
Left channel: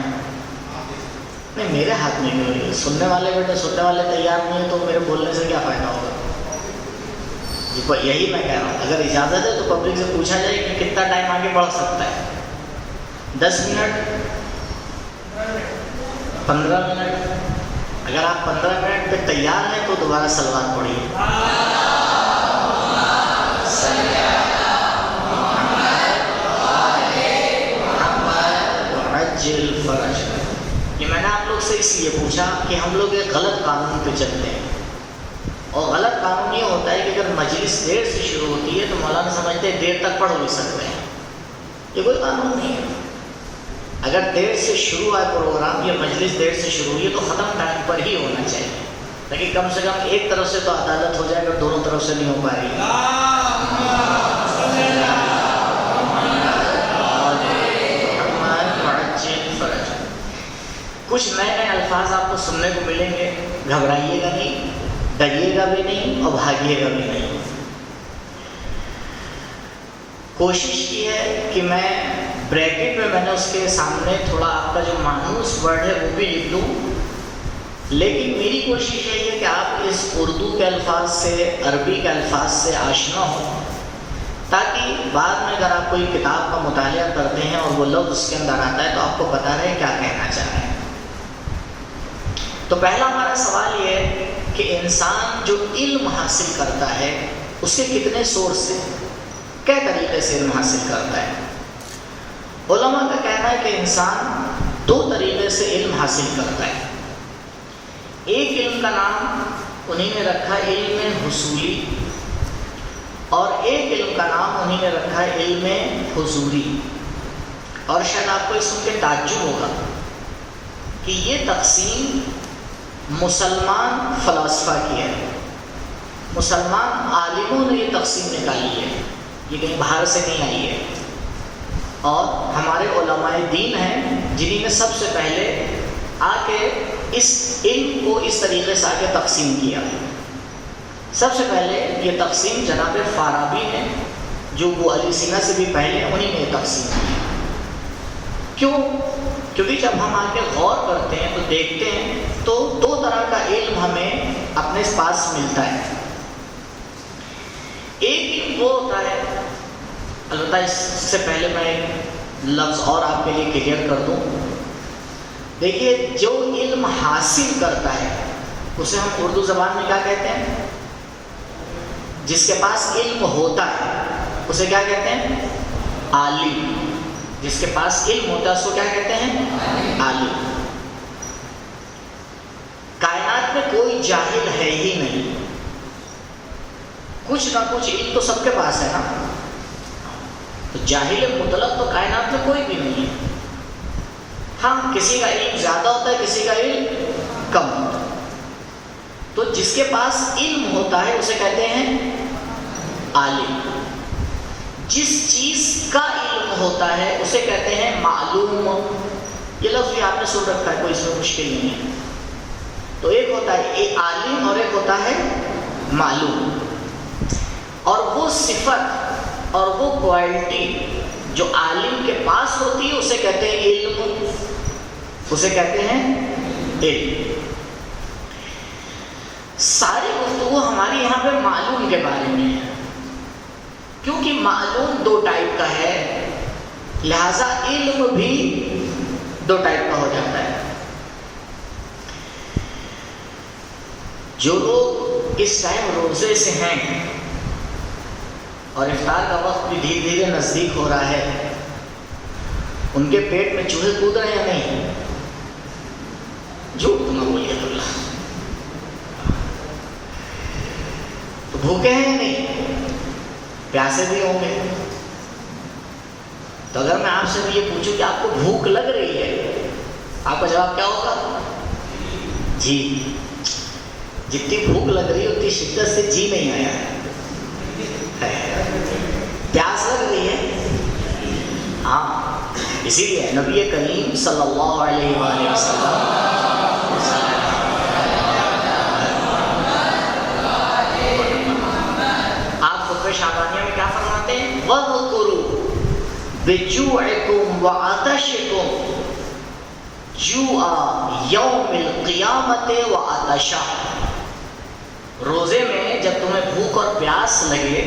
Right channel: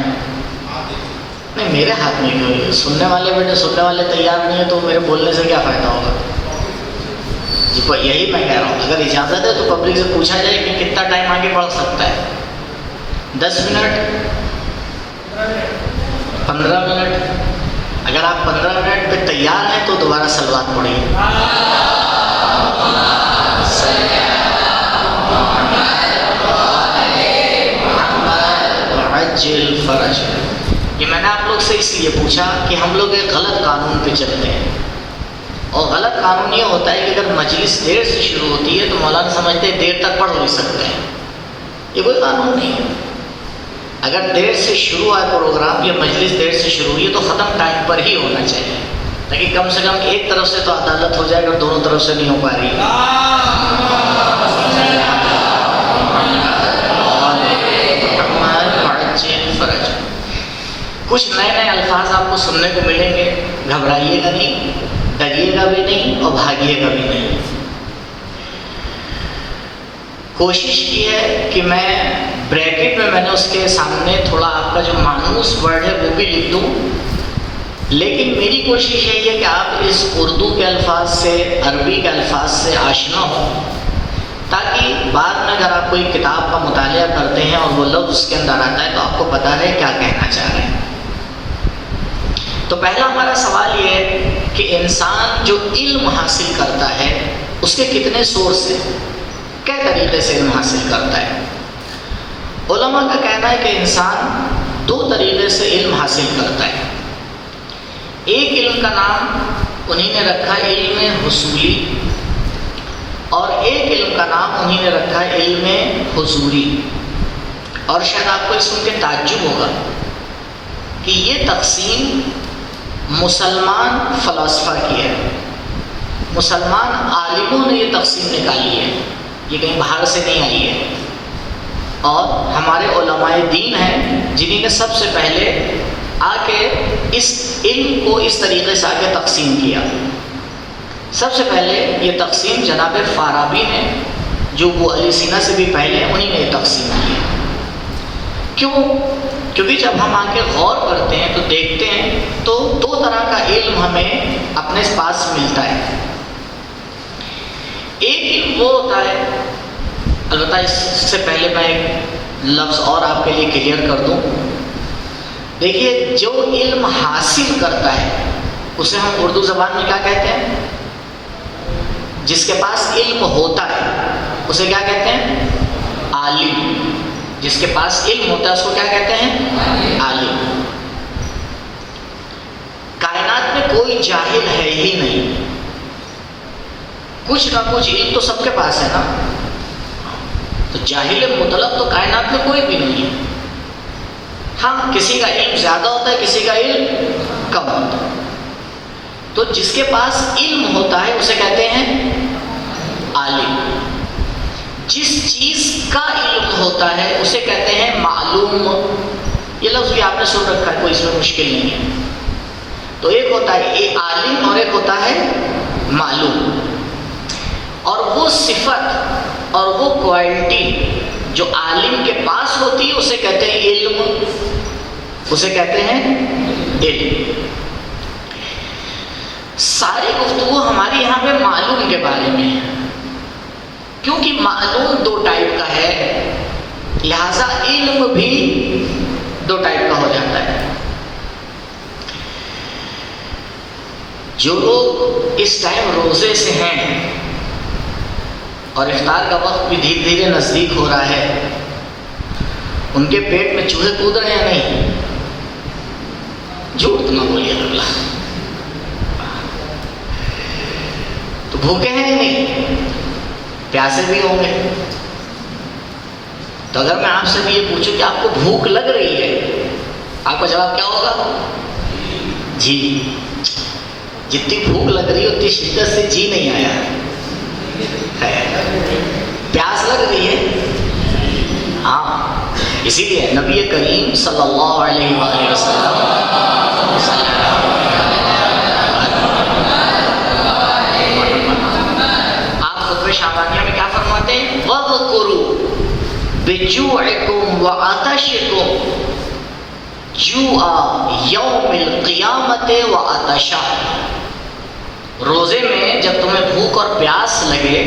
نہیں، میرے ہاتھ میں کیوں ہے، سننے والے بیٹے سننے والے تیار نہیں ہیں تو میرے بولنے سے کیا فائدہ ہوگا؟ جی یہی میں کہہ رہا ہوں، اگر اجازت ہے تو پبلک سے پوچھا جائے کہ کتنا ٹائم آگے بڑھ سکتا ہے، 10 منٹ، 15 منٹ؟ اگر آپ 15 منٹ پہ تیار ہیں تو دوبارہ سلوات پڑھیے۔ فرج، یہ میں نے آپ لوگ سے اس لیے پوچھا کہ ہم لوگ ایک غلط قانون پہ چلتے ہیں، اور غلط قانون یہ ہوتا ہے کہ اگر مجلس دیر سے شروع ہوتی ہے تو مولانا سمجھتے ہیں دیر تک پڑھ بھی سکتے ہیں، یہ کوئی قانون نہیں ہے۔ اگر دیر سے شروع ہے پروگرام یا مجلس دیر سے شروع ہوئی ہے تو ختم ٹائم پر ہی ہونا چاہیے، تاکہ کم سے کم ایک طرف سے تو عدالت ہو جائے، اگر دونوں طرف سے نہیں ہو پا رہی ہے۔ کچھ نئے نئے الفاظ آپ کو سننے کو ملیں گے، گھبرائیے گا نہیں، ڈریے گا بھی نہیں اور بھاگیے گا بھی نہیں۔ کوشش کی ہے کہ میں بریکٹ میں نے اس کے سامنے تھوڑا آپ کا جو مانوس ورڈ ہے وہ بھی لکھ دوں، لیکن میری کوشش یہی ہے کہ آپ اس اردو کے الفاظ سے، عربی کے الفاظ سے آشنا ہوں، تاکہ بعد میں اگر آپ کوئی کتاب کا مطالعہ کرتے ہیں اور وہ لفظ اس کے اندر آتا ہے تو آپ کو پتہ ہے کیا کہنا چاہ رہے ہیں۔ تو پہلا ہمارا سوال یہ ہے کہ انسان جو علم حاصل کرتا ہے اس کے کتنے سورس ہیں، کیا طریقے سے علم حاصل کرتا ہے؟ علماء کا کہنا ہے کہ انسان 2 طریقے سے علم حاصل کرتا ہے۔ ایک علم کا نام انہی نے رکھا ہے علم حصولی، اور ایک علم کا نام انہی نے رکھا ہے علم حضوری۔ اور شاید آپ کو اس سن کے تعجب ہوگا کہ یہ تقسیم مسلمان فلاسفہ کی ہے، مسلمان عالموں نے یہ تقسیم نکالی ہے، یہ کہیں باہر سے نہیں آئی ہے۔ اور ہمارے علماء دین ہیں جنہوں نے سب سے پہلے آ کے اس علم کو اس طریقے سے آ کے تقسیم کیا. سب سے پہلے یہ تقسیم جناب فارابی نے، جو وہ علی سینا سے بھی پہلے انہی نے یہ تقسیم کیا. کیوں؟ کیونکہ جب ہم آ کے غور کرتے ہیں تو دیکھتے ہیں تو دو طرح کا علم ہمیں اپنے پاس ملتا ہے. ایک علم وہ ہوتا ہے، البتہ اس سے پہلے میں ایک لفظ اور آپ کے لیے کلیئر کر دوں. دیکھیے، جو علم حاصل کرتا ہے اسے ہم اردو زبان میں کیا کہتے ہیں؟ جس کے پاس علم ہوتا ہے اسے کیا کہتے ہیں؟ عالم. جس کے پاس علم ہوتا ہے اس کو کیا کہتے ہیں؟ عالم. کائنات میں کوئی جاہل ہے ہی نہیں، کچھ نہ کچھ علم تو سب کے پاس ہے نا. تو جاہل مطلق تو کائنات میں کوئی بھی نہیں ہے. ہاں، کسی کا علم زیادہ ہوتا ہے، کسی کا علم کم ہوتا ہے. تو جس کے پاس علم ہوتا ہے اسے کہتے ہیں عالم. جس چیز کا علم ہوتا ہے اسے کہتے ہیں معلوم. یہ لفظ بھی آپ نے سن رکھا ہے، کوئی اس میں مشکل نہیں ہے. تو ایک ہوتا ہے ایک عالم اور ایک ہوتا ہے معلوم. اور وہ صفت اور وہ کوالٹی جو عالم کے پاس ہوتی ہے اسے کہتے ہیں علم. اسے کہتے ہیں علم. ساری گفتگو ہماری یہاں پہ معلوم کے بارے میں ہے، کیونکہ معلوم دو ٹائپ کا ہے، لہذا علم بھی دو ٹائپ کا ہو جاتا ہے. جو لوگ اس ٹائم روزے سے ہیں اور افطار کا وقت بھی دھیرے دھیرے نزدیک ہو رہا ہے، ان کے پیٹ میں چوہے کود رہے ہیں نہیں؟ جھوٹ نہ بولیے اللہ. تو بھوکے ہیں نہیں؟ پیاسے بھی ہوں گے. تو اگر میں آپ سے بھی یہ پوچھوں کہ آپ کو بھوک لگ رہی ہے، آپ کا جواب کیا ہوگا؟ جی. جتنی بھوک لگ رہی ہے اتنی شدت سے جی نہیں آیا. پیاس لگ رہی ہے، ہاں. اسی لیے نبی کریم صلی اللہ علیہ وآلہ وسلم شعبانیہ میں کیا فرماتے ہیں؟ وَاذْكُرُوا بِجُوعِكُمْ وَعَطَشِكُمْ جُوعَ يَوْمِ الْقِيَامَةِ وَعَطَشَهُ. روزے میں جب تمہیں بھوک اور پیاس لگے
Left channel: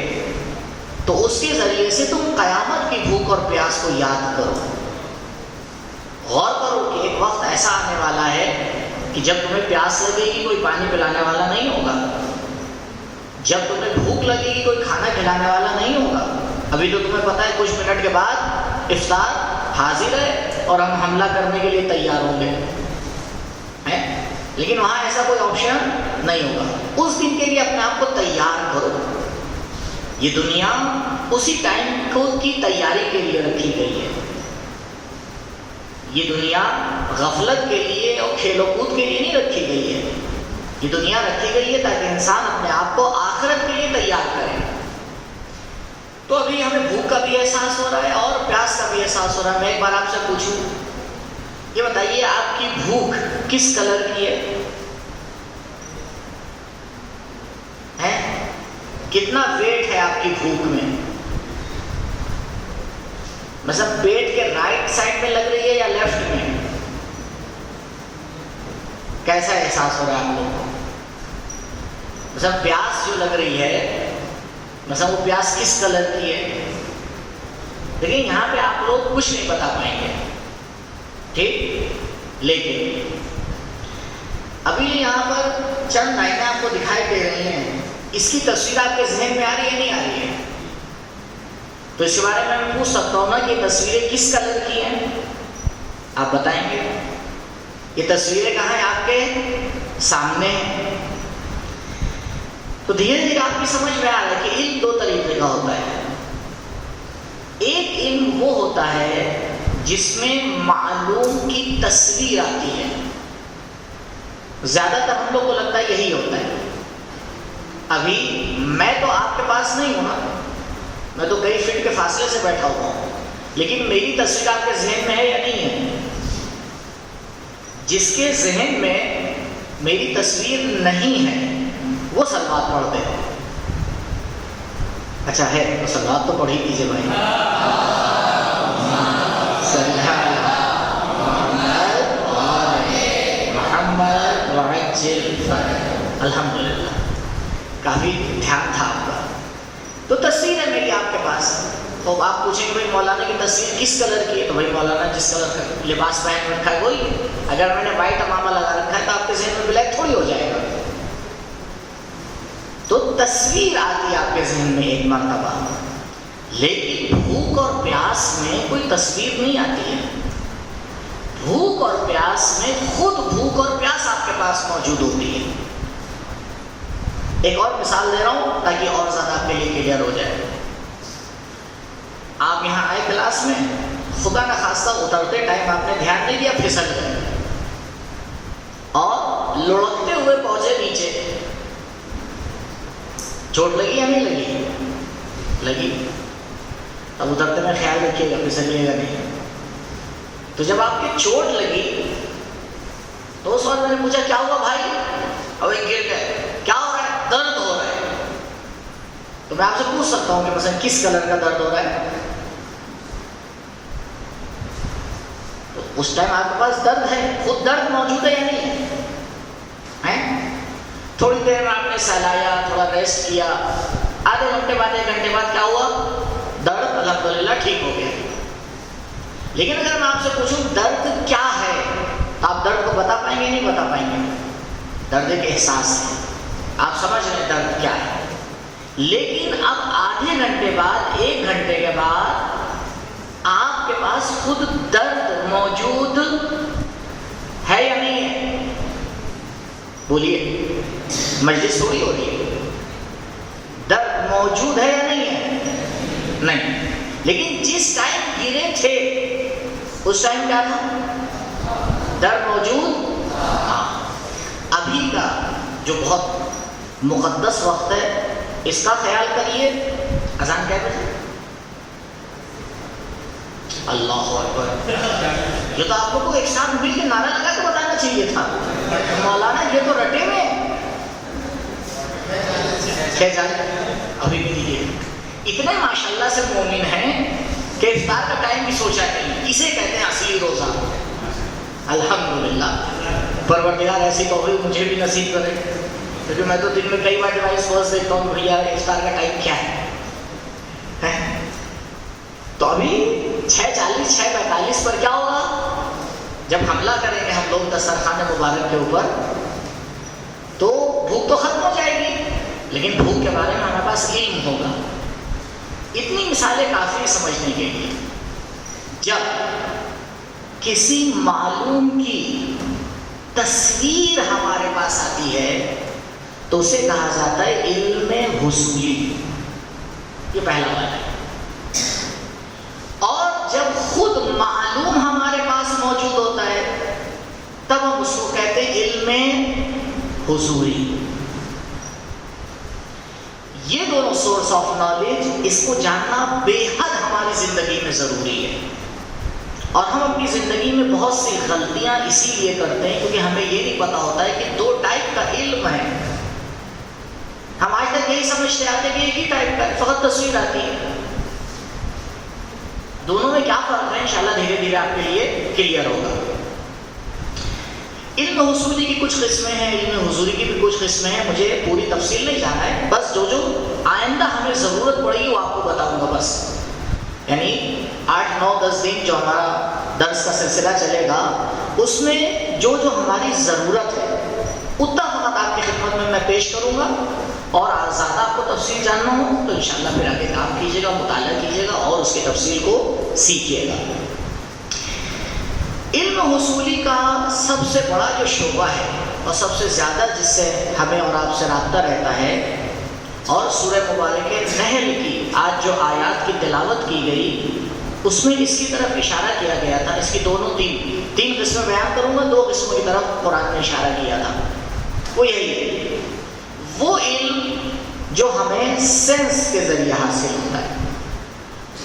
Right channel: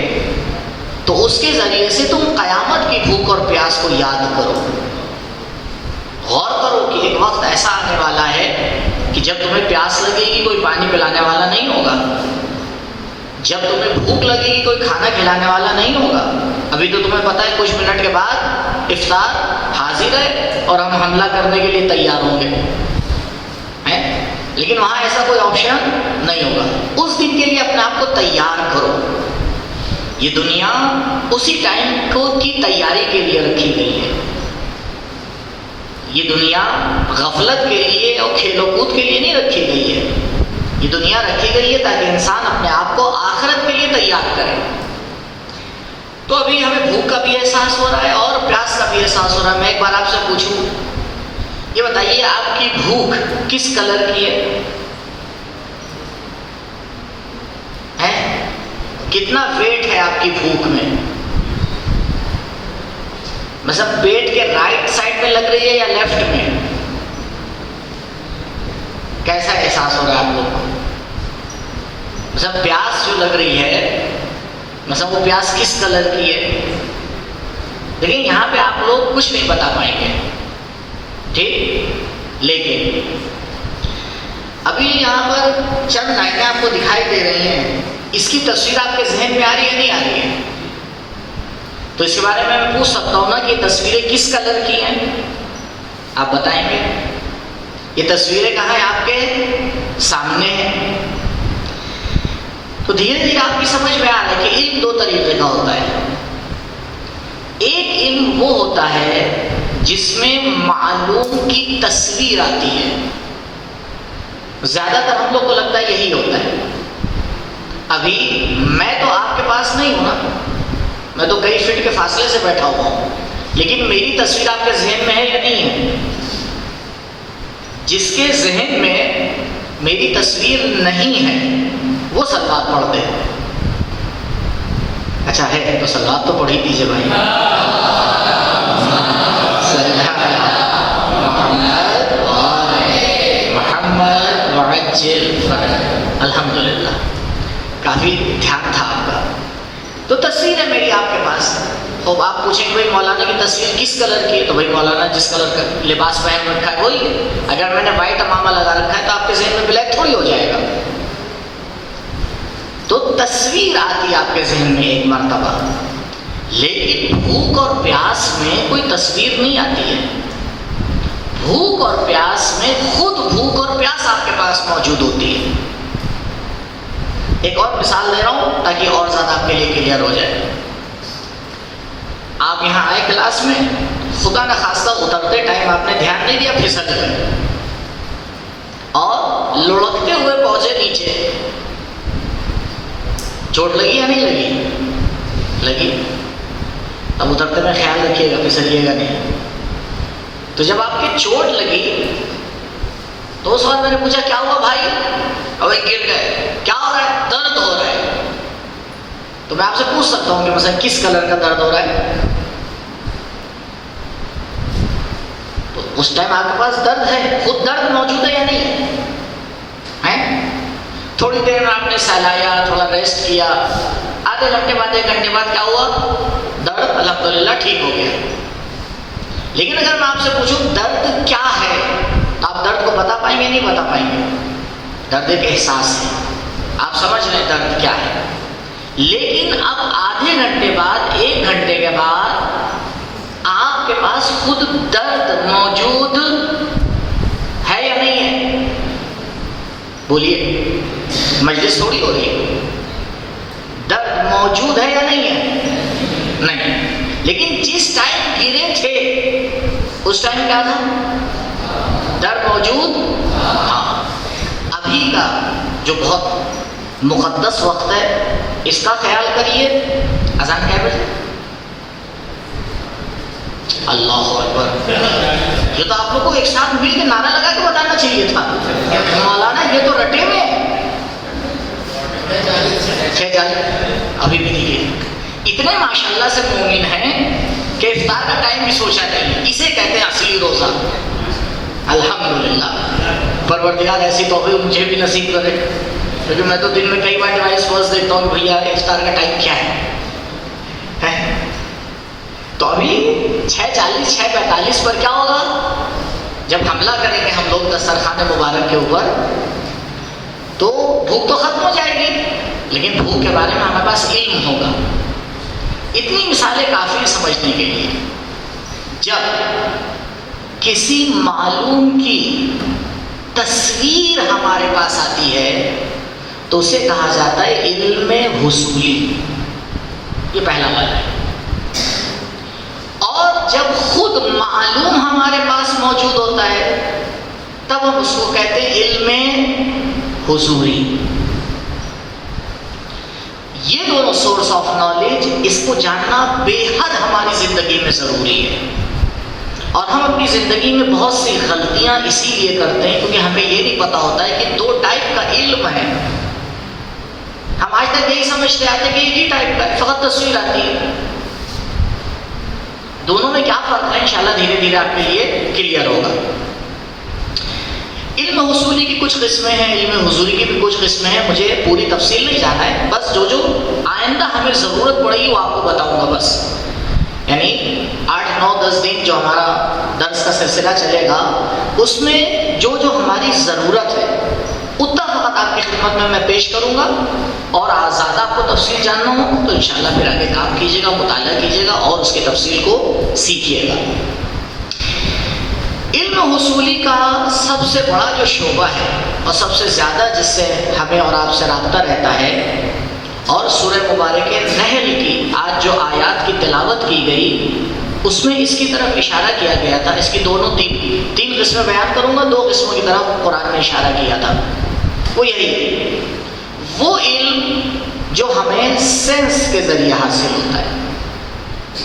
تو اس کے ذریعے سے تم قیامت کی بھوک اور پیاس کو یاد کرو. غور کرو کہ ایک وقت ایسا آنے والا ہے کہ جب تمہیں پیاس لگے گی کوئی پانی پلانے والا نہیں ہوگا. جب تمہیں بھوک لگے گی کوئی کھانا کھلانے والا نہیں ہوگا. ابھی تو تمہیں پتہ ہے کچھ منٹ کے بعد افطار حاضر ہے اور ہم حملہ کرنے کے لیے تیار ہوں گے، لیکن وہاں ایسا کوئی آپشن نہیں ہوگا. اس دن کے لیے اپنے آپ کو تیار کرو. یہ دنیا اسی ٹائم کی تیاری کے لیے رکھی گئی ہے. یہ دنیا غفلت کے لیے اور کھیل و کود کے لیے نہیں رکھی گئی ہے. یہ دنیا رکھی گئی ہے تاکہ انسان اپنے آپ کو آخرت کے لیے تیار کرے. تو ابھی ہمیں بھوک کا بھی احساس ہو رہا ہے اور پیاس کا بھی احساس ہو رہا ہے. میں ایک بار آپ سے پوچھوں، یہ بتائیے آپ کی بھوک کس کلر کی ہے؟ کتنا ویٹ ہے آپ کی بھوک میں؟ مطلب پیٹ کے رائٹ سائڈ میں لگ رہی ہے یا لیفٹ میں؟ کیسا احساس ہو رہا ہے آپ لوگ کو؟ مطلب پیاس جو لگ رہی ہے، مطلب وہ پیاس کس کلر کی ہے؟ لیکن یہاں پہ آپ لوگ کچھ نہیں بتا پائیں گے، ٹھیک. لیکن ابھی یہاں پر چند لائنیں آپ کو دکھائی دے رہی ہیں، اس کی تصویر آپ کے ذہن میں آ رہی ہے نہیں آ رہی ہے؟ تو اس کے بارے میں پوچھ سکتا ہوں نا کہ یہ تصویریں کس کلر کی ہیں؟ آپ بتائیں گے؟ یہ تصویریں کہاں ہیں؟ آپ کے سامنے ہیں. تو دھیرے دھیرے آپ کی سمجھ میں آ رہا ہے کہ علم دو طریقے کا ہوتا ہے. ایک علم وہ ہوتا ہے جس میں معلوم کی تصویر آتی ہے. زیادہ تر ہم لوگ کو لگتا ہے یہی ہوتا ہے. ابھی میں تو آپ کے پاس نہیں ہوں نا، میں تو کئی فٹ کے فاصلے سے بیٹھا ہوا ہوں، لیکن میری تصویر آپ کے ذہن میں ہے یا نہیں ہے؟ جس کے ذہن میں میری تصویر نہیں ہے وہ صلوات پڑھتے ہیں. اچھا ہے تو صلوات تو پڑھ ہی دیجیے بھائی. محمد وعجل فرج. الحمدللہ کافی دھیان تھا آپ کا. تو تصویر ہے میری آپ کے پاس. تو آپ پوچھیں کہ بھائی مولانا کی تصویر کس کلر کی ہے؟ تو بھائی مولانا جس کلر کا لباس پہن رکھا ہے وہی ہے. اگر میں نے وائٹ امامہ لگا رکھا ہے تو آپ کے ذہن میں بلیک تھوڑی ہو جائے گا. تو تصویر آتی ہے آپ کے ذہن میں ایک مرتبہ، لیکن بھوک اور پیاس میں کوئی تصویر نہیں آتی ہے. بھوک اور پیاس میں خود بھوک اور پیاس آپ کے پاس موجود ہوتی ہے. ایک اور مثال دے رہا ہوں تاکہ اور زیادہ آپ کے لیے کلیئر ہو جائے. آپ یہاں آئے کلاس میں، خدا نہ خواستہ اترتے ٹائم آپ نے دھیان نہیں دیا، پھسل گئے اور لڑکتے ہوئے پہنچے نیچے. چوٹ لگی یا نہیں لگی؟ لگی. اب اترتے میں خیال رکھیے گا پھسلیے گا نہیں. تو جب آپ کی چوٹ لگی تو اس وقت میں نے پوچھا کیا ہوا بھائی؟ اب گر گئے. کیا ہو رہا ہے؟ درد ہو رہا ہے. تو میں آپ سے پوچھ سکتا ہوں کہ مثلا کس کلر کا درد ہو رہا ہے؟ تو اس ٹائم آپ کے پاس درد ہے، خود درد موجود ہے یا نہیں ہے؟ تھوڑی دیر میں آپ نے سہلایا، تھوڑا ریسٹ کیا، آدھے گھنٹے بعد 1 گھنٹے بعد کیا ہوا؟ درد الحمدللہ ٹھیک ہو گیا. لیکن اگر میں آپ سے پوچھوں درد کیا ہے تو آپ درد کو بتا پائیں گے نہیں بتا پائیں گے؟ درد ایک احساس ہے، آپ سمجھ رہے ہیں درد کیا ہے. لیکن اب آدھے گھنٹے بعد 1 گھنٹے کے بعد آپ کے پاس خود درد موجود ہے یا نہیں ہے؟ بولیے، مجلس تھوڑی ہو رہی ہے. درد موجود ہے یا نہیں ہے؟ نہیں. لیکن جس ٹائم گرے تھے اس ٹائم کیا تھا؟ درد موجود. ابھی کا جو بہت مقدس وقت ہے اس کا خیال کریے. اذان کیا بجے؟ اللہ اکبر. یہ تو آپ لوگ کو ایک ساتھ مل کے نعرہ لگا کے بتانا چاہیے تھا. مولانا یہ تو رٹے ہوئے کیا جائے ابھی بھی نہیں. اتنے ماشاءاللہ سے مومن ہیں کہ افطار کا ٹائم بھی سوچا نہیں. اسے کہتے ہیں اصلی روزہ. الحمدللہ پروردگار ایسی توفیق مجھے بھی نصیب کرے، کیونکہ میں تو دن میں کئی بار ڈیوائس فرسٹ دیکھتا ہوں بھیا افطار کا ٹائم کیا ہے. تو ابھی 6:40 6:45 پر کیا ہوگا؟ جب حملہ کریں گے ہم لوگ دسترخوان مبارک کے اوپر تو بھوک تو ختم ہو جائے گی، لیکن بھوک کے بارے میں ہمارے پاس علم ہوگا. اتنی مثالیں کافی ہیں سمجھنے کے لیے. جب کسی معلوم کی تصویر ہمارے پاس آتی ہے تو اسے کہا جاتا ہے علم حصولی. یہ پہلا بات ہے. اور جب خود معلوم ہمارے پاس موجود ہوتا ہے تب ہم اس کو کہتے ہیں علم حضوری. یہ دونوں سورس آف نالج، اس کو جاننا بے حد ہماری زندگی میں ضروری ہے. اور ہم اپنی زندگی میں بہت سی غلطیاں اسی لیے کرتے ہیں کیونکہ ہمیں یہ نہیں پتا ہوتا ہے کہ 2 ٹائپ کا علم ہے. ہم آج تک یہی سمجھتے آتے ہیں کہ ایک ہی ٹائپ کا فقط تصویر آتی ہے. دونوں میں کیا فرق ہے انشاءاللہ دھیرے دھیرے آپ کے لیے کلیئر ہوگا. علم حصولی کی کچھ قسمیں ہیں، علم حضوری کی بھی کچھ قسمیں ہیں. مجھے پوری تفصیل نہیں جانا ہے، بس جو آئندہ ہمیں ضرورت پڑے گی وہ آپ کو بتاؤں گا بس. یعنی 8 9 10 دن جو ہمارا درس کا سلسلہ چلے گا اس میں جو ہماری ضرورت ہے اتنا فقط آپ کی خدمت میں پیش کروں گا. اور زیادہ آپ کو تفصیل جاننا ہو تو انشاءاللہ پھر آگے کام کیجیے گا، مطالعہ کیجیے گا اور اس کی تفصیل کو سیکھیے گا. علم حصولی کا سب سے بڑا جو شعبہ ہے اور سب سے زیادہ جس سے ہمیں اور آپ سے رابطہ رہتا ہے، اور سورہ مبارک نحل کی آج جو آیات کی تلاوت کی گئی اس میں اس کی طرف اشارہ کیا گیا تھا. اس کی تین قسمیں بیان کروں گا. 2 قسموں کی طرف قرآن نے اشارہ کیا تھا. وہ یہی وہ علم جو ہمیں سینس کے ذریعے حاصل ہوتا ہے.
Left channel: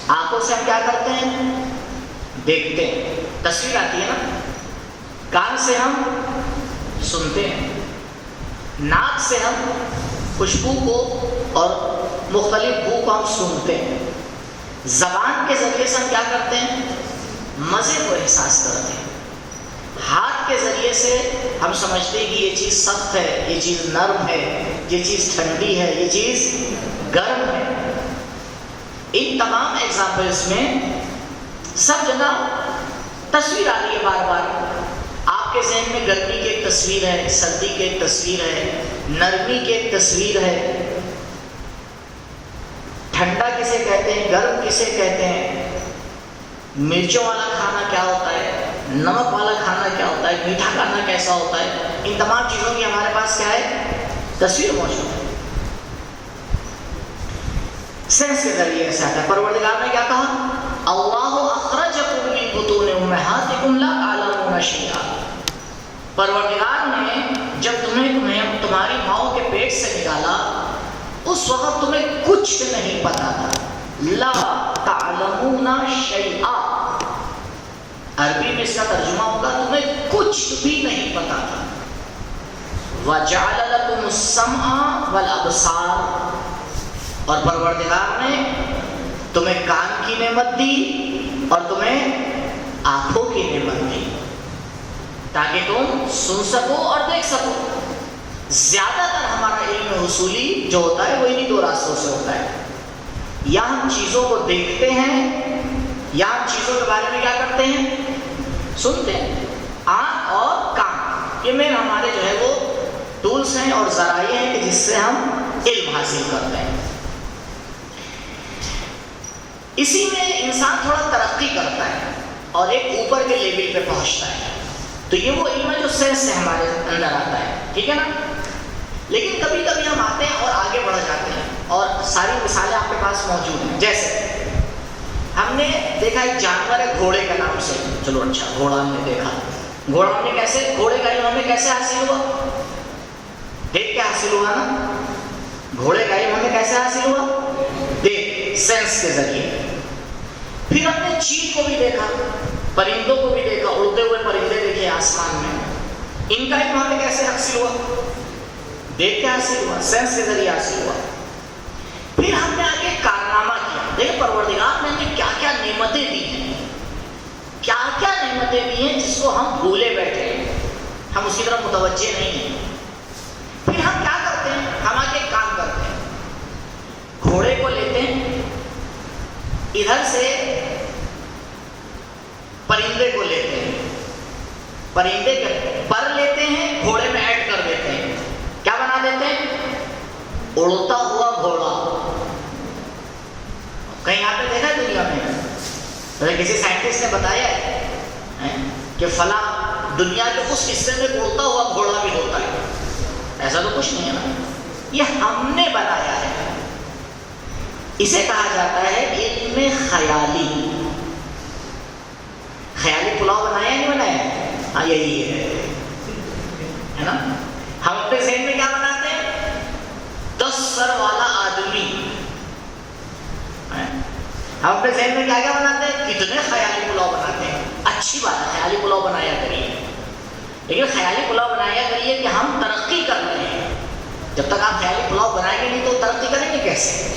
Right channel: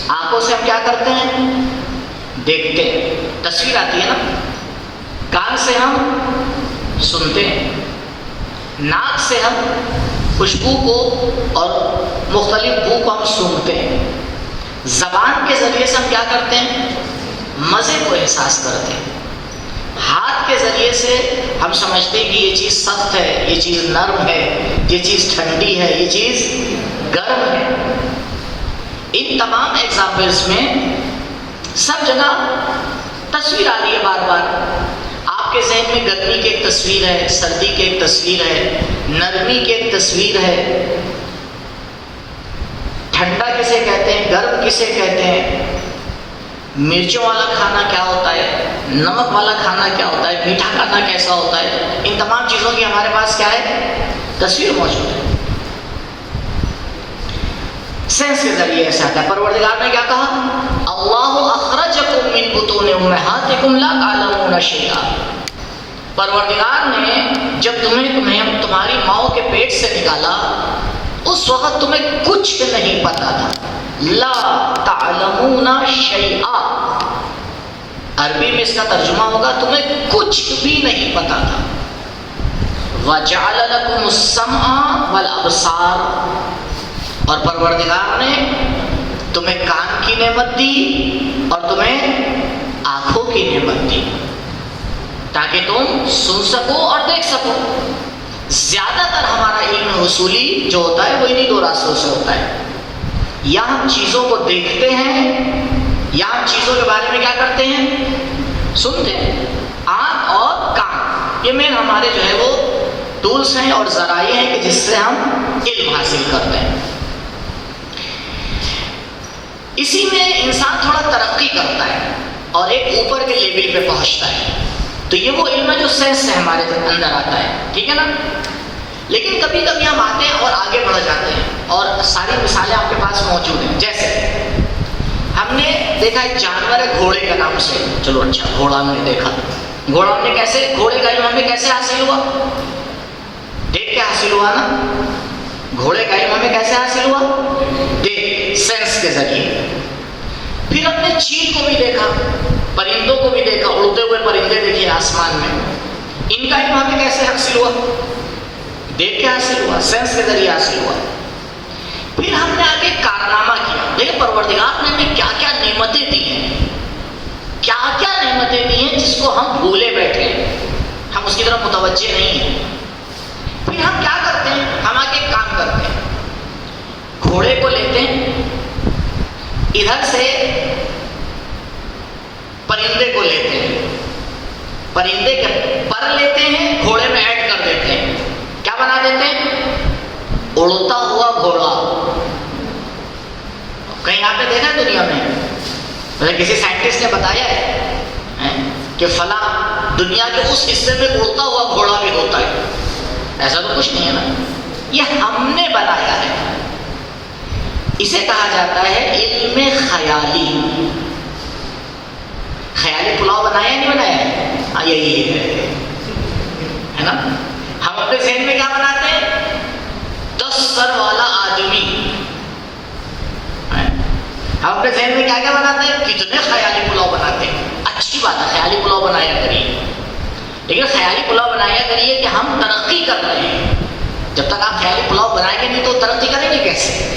آنکھوں سے ہم کیا کرتے ہیں؟ دیکھتے ہیں، تصویر آتی ہے نا. کان سے ہم سنتے ہیں، ناک سے ہم خوشبو کو اور مختلف بو کو ہم سنتے ہیں. زبان کے ذریعے سے ہم کیا کرتے ہیں؟ مزے کو احساس کرتے ہیں. ہاتھ کے ذریعے سے ہم سمجھتے ہیں کہ یہ چیز سخت ہے، یہ چیز نرم ہے، یہ چیز ٹھنڈی ہے، یہ چیز گرم ہے. ان تمام ایگزامپلس میں سب جگہ تصویر آ رہی ہے بار بار. آپ کے ذہن میں گرمی کی ایک تصویر ہے، سردی کی ایک تصویر ہے، نرمی کی ایک تصویر ہے. ٹھنڈا کسے کہتے ہیں، گرم کسے کہتے ہیں، مرچوں والا کھانا کیا ہوتا ہے، نمک والا کھانا کیا ہوتا ہے، میٹھا کھانا کیسا ہوتا ہے. ان تمام چیزوں کی ہمارے پاس کیا ہے؟ تصویر موجود ہے. سینس کے ذریعے ایسا آتا ہے. پروردگار نے کیا کہا؟ اللہ اخرجکم من بطون امہاتکم لا تعلمون شیئا. پروردگار نے جب تمہیں تمہاری ماؤں کے پیٹ سے نکالا اس وقت تمہیں کچھ نہیں پتا تھا. لا تعلمون شیئا، عربی میں اس کا ترجمہ ہوگا تمہیں کچھ بھی نہیں پتا تھا. وَجَعَلَ لَكُمُ السَّمْعَ وَالْأَبْصَارَ، اور پروردگار نے تمہیں کان کی نعمت دی اور تمہیں آنکھوں کی نعمت دی تاکہ تم سن سکو اور دیکھ سکو. زیادہ تر ہمارا علم حصولی جو ہوتا ہے وہ انہی دو راستوں سے ہوتا ہے. یا ہم چیزوں کو دیکھتے ہیں یا ہم چیزوں کے بارے میں کیا کرتے ہیں؟ سنتے ہیں. آنکھ اور کان، یہ مین ہمارے جو ہے وہ ٹولس ہیں اور ذرائع ہیں کہ جس سے ہم علم حاصل کرتے ہیں. اسی میں انسان تھوڑا ترقی کرتا ہے اور ایک اوپر کے لیول پہ پہنچتا ہے. تو یہ وہ علم ہے جو سینس سے ہمارے اندر آتا ہے، ٹھیک ہے نا. لیکن کبھی کبھی ہم آتے ہیں اور آگے بڑھ جاتے ہیں اور ساری مثالیں آپ کے پاس موجود ہیں. جیسے ہم نے دیکھا ایک جانور ہے گھوڑے کا نام سے، چلو اچھا گھوڑا ہم نے دیکھا. گھوڑا ہم نے کیسے، گھوڑے کا علم ہمیں کیسے حاصل ہوا؟ دیکھ کے حاصل ہوا نا. گھوڑے کا علم ہمیں کیسے حاصل ہوا؟ دیکھ، سینس کے ذریعے. پھر ہم نے چیل کو بھی دیکھا، پرندوں کو بھی دیکھا، اڑتے ہوئے پرندے دیکھے آسمان میں. ان کا علم ہمیں کیسے حاصل ہوا؟ دیکھ کے حاصل ہوا، سینس کے ذریعے حاصل ہوا. پھر ہم نے آگے کارنامہ کیا. دیکھیں پروردگار نے ہمیں کیا کیا نعمتیں دی ہیں، کیا کیا نعمتیں دی ہیں جس کو ہم بھولے بیٹھے ہیں، ہم اس کی طرف متوجہ نہیں ہیں. پھر ہم کیا کرتے ہیں؟ ہم آگے کام کرتے ہیں. گھوڑے کو لیتے ہیں، ادھر سے پرندے کو لیتے ہیں، پرندے کے پر لیتے ہیں، گھوڑے میں ایڈ کر دیتے ہیں. کیا بنا دیتے ہیں؟ اڑتا ہوا گھوڑا. کہیں آپ نے دیکھا دنیا میں کسی سائنٹسٹ نے بتایا ہے کہ فلاں دنیا کے اس حصے میں اڑتا ہوا گھوڑا بھی ہوتا ہے؟ ایسا تو کچھ نہیں ہے نا، یہ ہم نے بنایا ہے. اسے کہا جاتا ہے علم خیالی. خیالی پلاؤ بنایا نہیں بنایا؟ ہاں یہی ہے نا. ہم اپنے ذہن میں کیا بناتے ہیں؟ 10 سر والا آدمی. ہم اپنے ذہن میں کیا کیا بناتے ہیں؟ کتنے خیالی پلاؤ بناتے ہیں. اچھی بات ہے، خیالی پلاؤ بنایا کریے، لیکن خیالی پلاؤ بنایا کریے کہ ہم ترقی کر رہے ہیں. جب تک آپ خیالی پلاؤ بنائیں گے نہیں تو ترقی کریں گے کیسے؟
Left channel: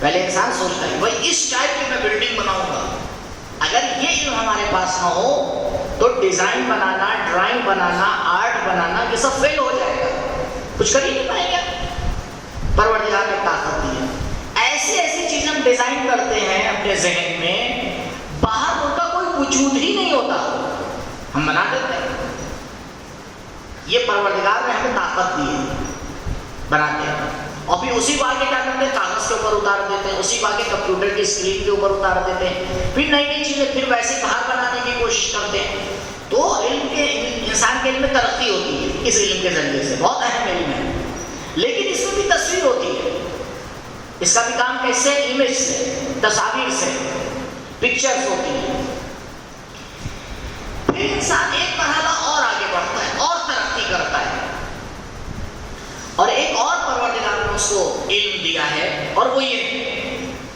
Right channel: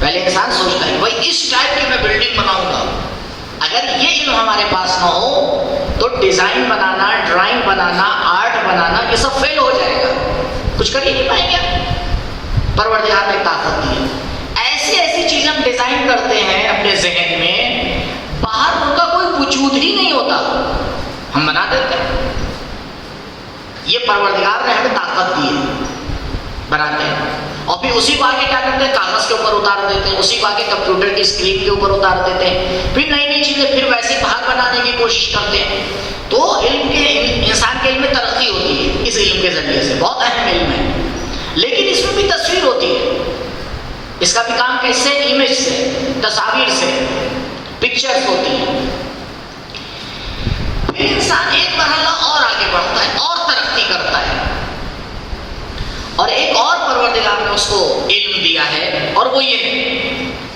پہلے انسان سوچتا ہے بھائی اس ٹائپ کی میں بلڈنگ بناؤں گا. اگر یہ علم ہمارے پاس نہ ہو تو ڈیزائن بنانا، ڈرائنگ بنانا، آرٹ بنانا یہ سب فیل ہو جائے گا، کچھ کر ہی نہیں پائیں گے. پروردگار نے طاقت دی. ایسی ایسی چیزیں ہم ڈیزائن کرتے ہیں اپنے ذہن میں، باہر ان کا کوئی وجود ہی نہیں ہوتا، ہم بنا دیتے ہیں. یہ پروردگار نے ہمیں طاقت دی ہے، بناتے ہیں. اور پھر اسی کو آگے کیا کرتے ہیں؟ کاغذ کے اوپر اتار دیتے ہیں، اسی کو آگے کمپیوٹر کی اسکرین کے اوپر اتار دیتے ہیں. پھر نئی نئی چیزیں پھر ویسے باہر بنانے کی کوشش کرتے ہیں. تو علم کے، انسان کے علم میں ترقی ہوتی ہے اس علم کے ذریعے سے. بہت اہم علم ہے، لیکن اس میں بھی تصویر ہوتی ہے. اس کا بھی کام کیسے؟ امیج سے، تصاویر سے، پکچرز ہوتی ہیں. پھر انسان ایک مرحلہ اور آگے بڑھتا ہے اور ترقی کرتا ہے، اور ایک اور پروردگار نے اس کو علم دیا ہے، اور وہ یہ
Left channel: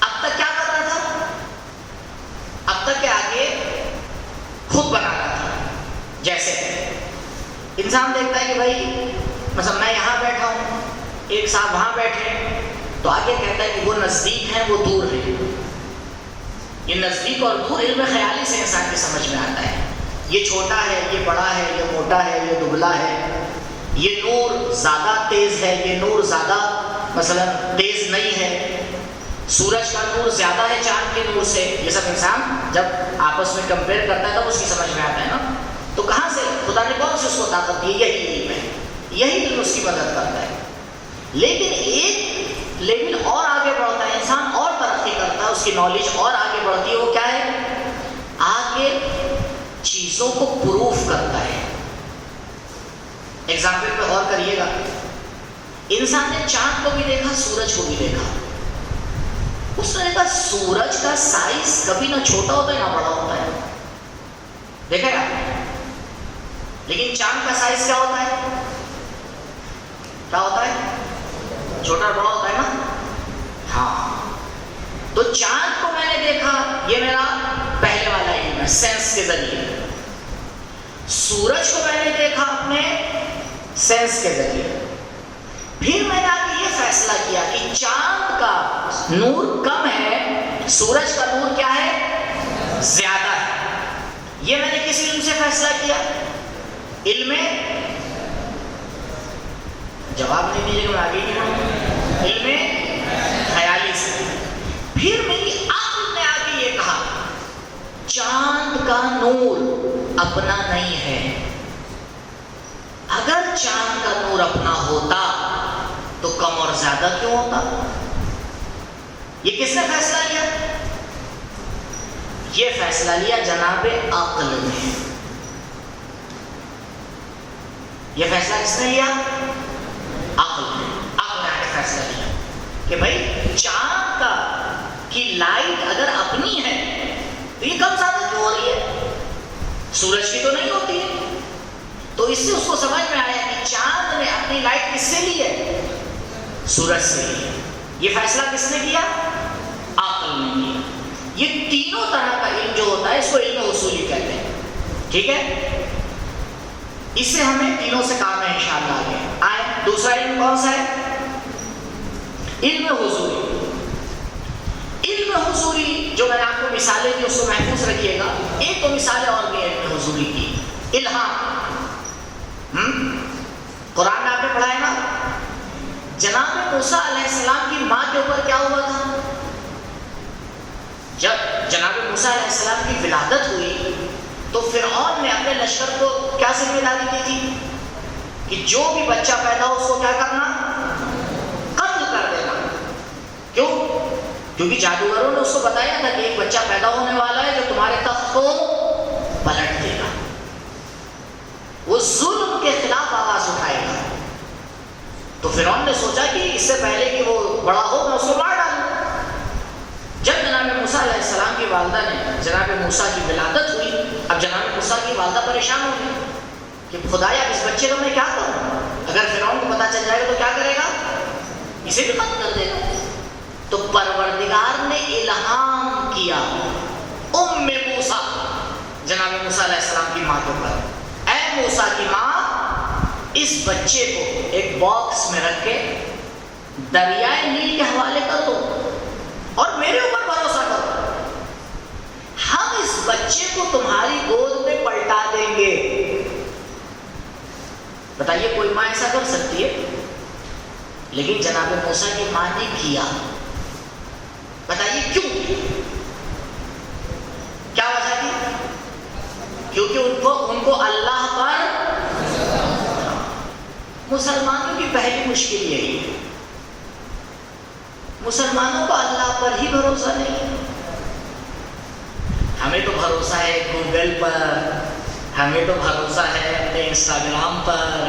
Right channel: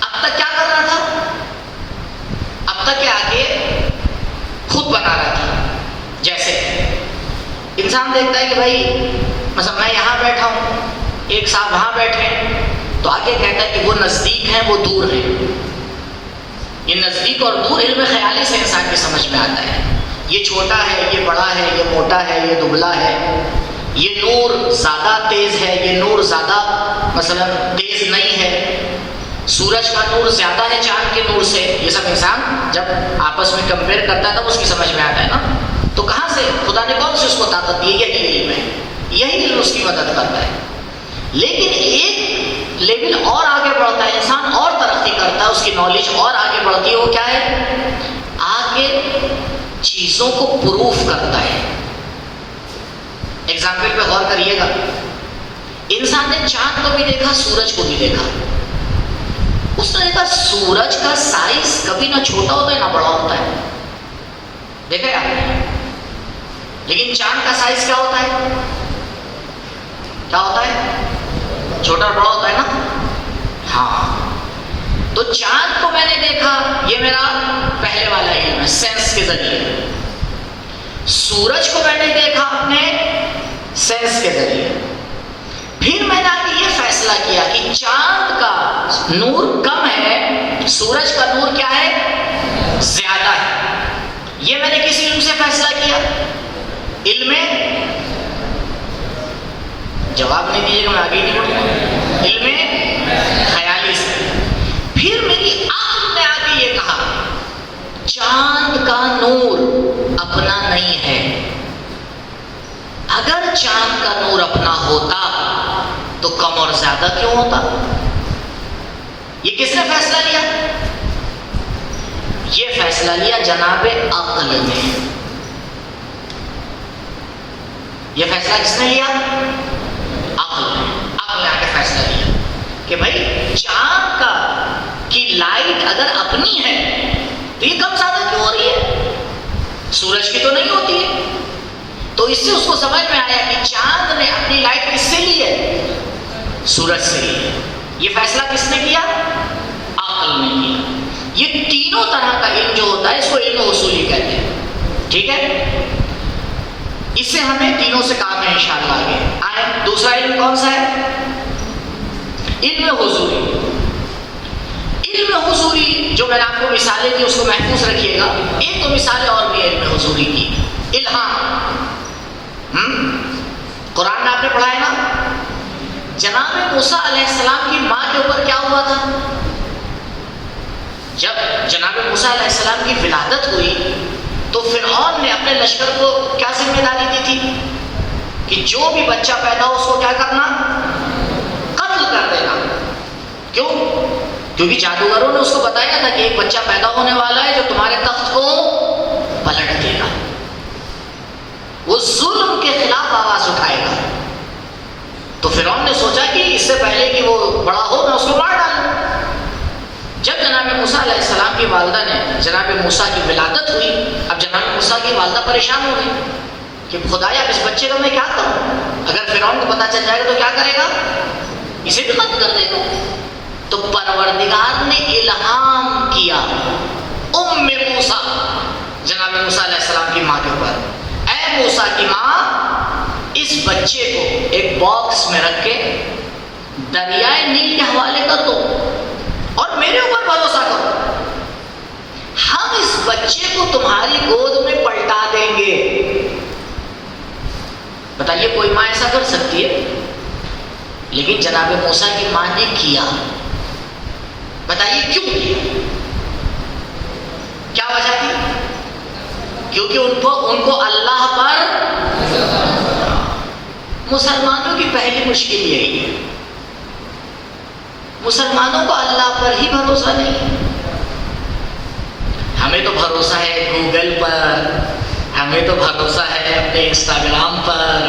اب تک کیا کر رہا تھا؟ حتیٰ کہ آگے خود بنا رہا تھا. جیسے انسان دیکھتا ہے کہ بھائی مثلا میں یہاں بیٹھا ہوں، ایک صاحب وہاں بیٹھے ہیں، تو آگے کہتا ہے کہ وہ نزدیک ہیں وہ دور ہیں. یہ نزدیک اور دور علم خیالی سے انسان کی سمجھ میں آتا ہے. یہ چھوٹا ہے، یہ بڑا ہے، یہ موٹا ہے، یہ دبلا ہے، یہ نور زیادہ تیز ہے، یہ نور زیادہ مثلا تیز نہیں ہے، سورج کا نور زیادہ ہے چاند کے نور سے. یہ سب انسان جب آپس میں کمپیئر کرتا ہے تب اس کی سمجھ میں آتا ہے نا. تو کہاں سے خدا نے کون سی اس کو طاقت دی؟ یہی علم ہے، یہی علم اس کی مدد کرتا ہے. لیکن ایک لیول اور آگے بڑھتا ہے، انسان اور ترقی کرتا ہے، اس کی نالج اور آگے بڑھتی ہے. وہ کیا ہے؟ آگے چیزوں کو پروف کرتا ہے. ایگزامپل پہ غور کریے گا. انسان نے چاند کو بھی دیکھا، سورج کو بھی دیکھا. اس نے دیکھا سورج کا سائز کبھی نہ چھوٹا ہوتا ہے نہ بڑا ہوتا ہے، دیکھا ہے آپ نے. لیکن چاند کا سائز کیا ہوتا ہے؟ کیا ہوتا ہے؟ چھوٹا بڑا ہوتا ہے نا. ہاں، تو چاند کو میں نے دیکھا، یہ میرا پہلے والا علم ہے سینس کے ذریعے. سورج کو میں نے دیکھا اپنے سینس کے ذریعے. پھر میں نے آگے یہ فیصلہ کیا کہ چاند کا نور کم ہے، سورج کا نور کیا ہے؟ زیادہ ہے. یہ میں نے کس علم سے فیصلہ کیا؟ علم جواب نہیں دیجیے گا، میں آگے نہیں بڑھوں. علم خیالی سے. پھر میری عقل نے آگے یہ کہا چاند کا نور اپنا نہیں ہے. اگر چاند کا نور اپنا ہوتا تو کم اور زیادہ کیوں ہوتا؟ یہ کس نے فیصلہ لیا؟ یہ فیصلہ لیا جناب عقل نے. یہ فیصلہ کس نے لیا؟ عقل نے. عقل نے آگے فیصلہ لیا کہ بھائی چاند کا کی لائٹ اگر اپنی ہے تو یہ کم زیادہ کیوں ہو رہی ہے؟ سورج کی تو نہیں ہوتی ہے. تو اس سے اس کو سمجھ میں آیا کہ چاند نے اپنی لائٹ کس سے لی ہے؟ سورج سے لی ہے. یہ فیصلہ کس نے کیا؟ عقل نے کیا. یہ تینوں طرح کا علم جو ہوتا ہے اس کو علم اصولی کہتے ہیں. ٹھیک ہے، اس سے ہمیں تینوں سے کام ہے انشاءاللہ. آگے آئے. دوسرا علم کون سا ہے؟ علم حضوری. علم حضوری جو میں نے آپ کو مثالیں دی اس کو محفوظ رکھیے گا. ایک تو مثالیں اور بھی علم حضوری کی. الہام. قرآن میں آپ نے پڑھا ہے نا، جناب موسیٰ علیہ السلام کی ماں کے اوپر کیا ہوا تھا؟ جب جناب موسیٰ علیہ السلام کی ولادت ہوئی تو فرعون نے اپنے لشکر کو کیا ذمہ داری دی تھی کہ جو بھی بچہ پیدا ہو اس کو کیا کرنا؟ قتل کر دینا. کیوں؟ کیونکہ جادوگروں نے اس کو بتایا تھا کہ ایک بچہ پیدا ہونے والا ہے جو تمہارے تخت کو پلٹ دے گا، وہ ظلم کے خلاف آواز اٹھائے گا. تو فرعون نے سوچا کہ اس سے پہلے کہ وہ بڑا ہو میں اس کو مار ڈالوں. جب جناب موسیٰ علیہ السلام کی والدہ نے جناب موسیٰ کی ولادت ہوئی، اب جناب موسیٰ کی والدہ پریشان ہو گئی کہ خدایا اس بچے کو میں کیا کروں؟ اگر فرعون کو پتہ چل جائے گا تو کیا کرے گا؟ اسے بھی قتل کر دے گا. تو پروردگار نے الہام کیا ام موسیٰ، جناب موسیٰ علیہ السلام کی ماں کے اوپر، اے موسیٰ کی ماں، اس بچے کو ایک باکس میں رکھ کے دریائے نیل کے حوالے کر دو اور میرے اوپر بھروسہ کرو، ہم اس بچے کو تمہاری گود میں پلٹا دیں گے. بتائیے کوئی ماں ایسا کر سکتی ہے؟ لیکن جناب موسیٰ کی ماں نے کیا. بتائیے کیوں کیا؟ کیا وجہ تھی؟ کیونکہ ان کو اللہ پر، مسلمانوں کی پہلی مشکل یہی ہے، مسلمانوں کو اللہ پر ہی بھروسہ نہیں ہے. ہمیں تو بھروسہ ہے گوگل پر، ہمیں تو بھروسہ ہے اپنے انسٹاگرام پر،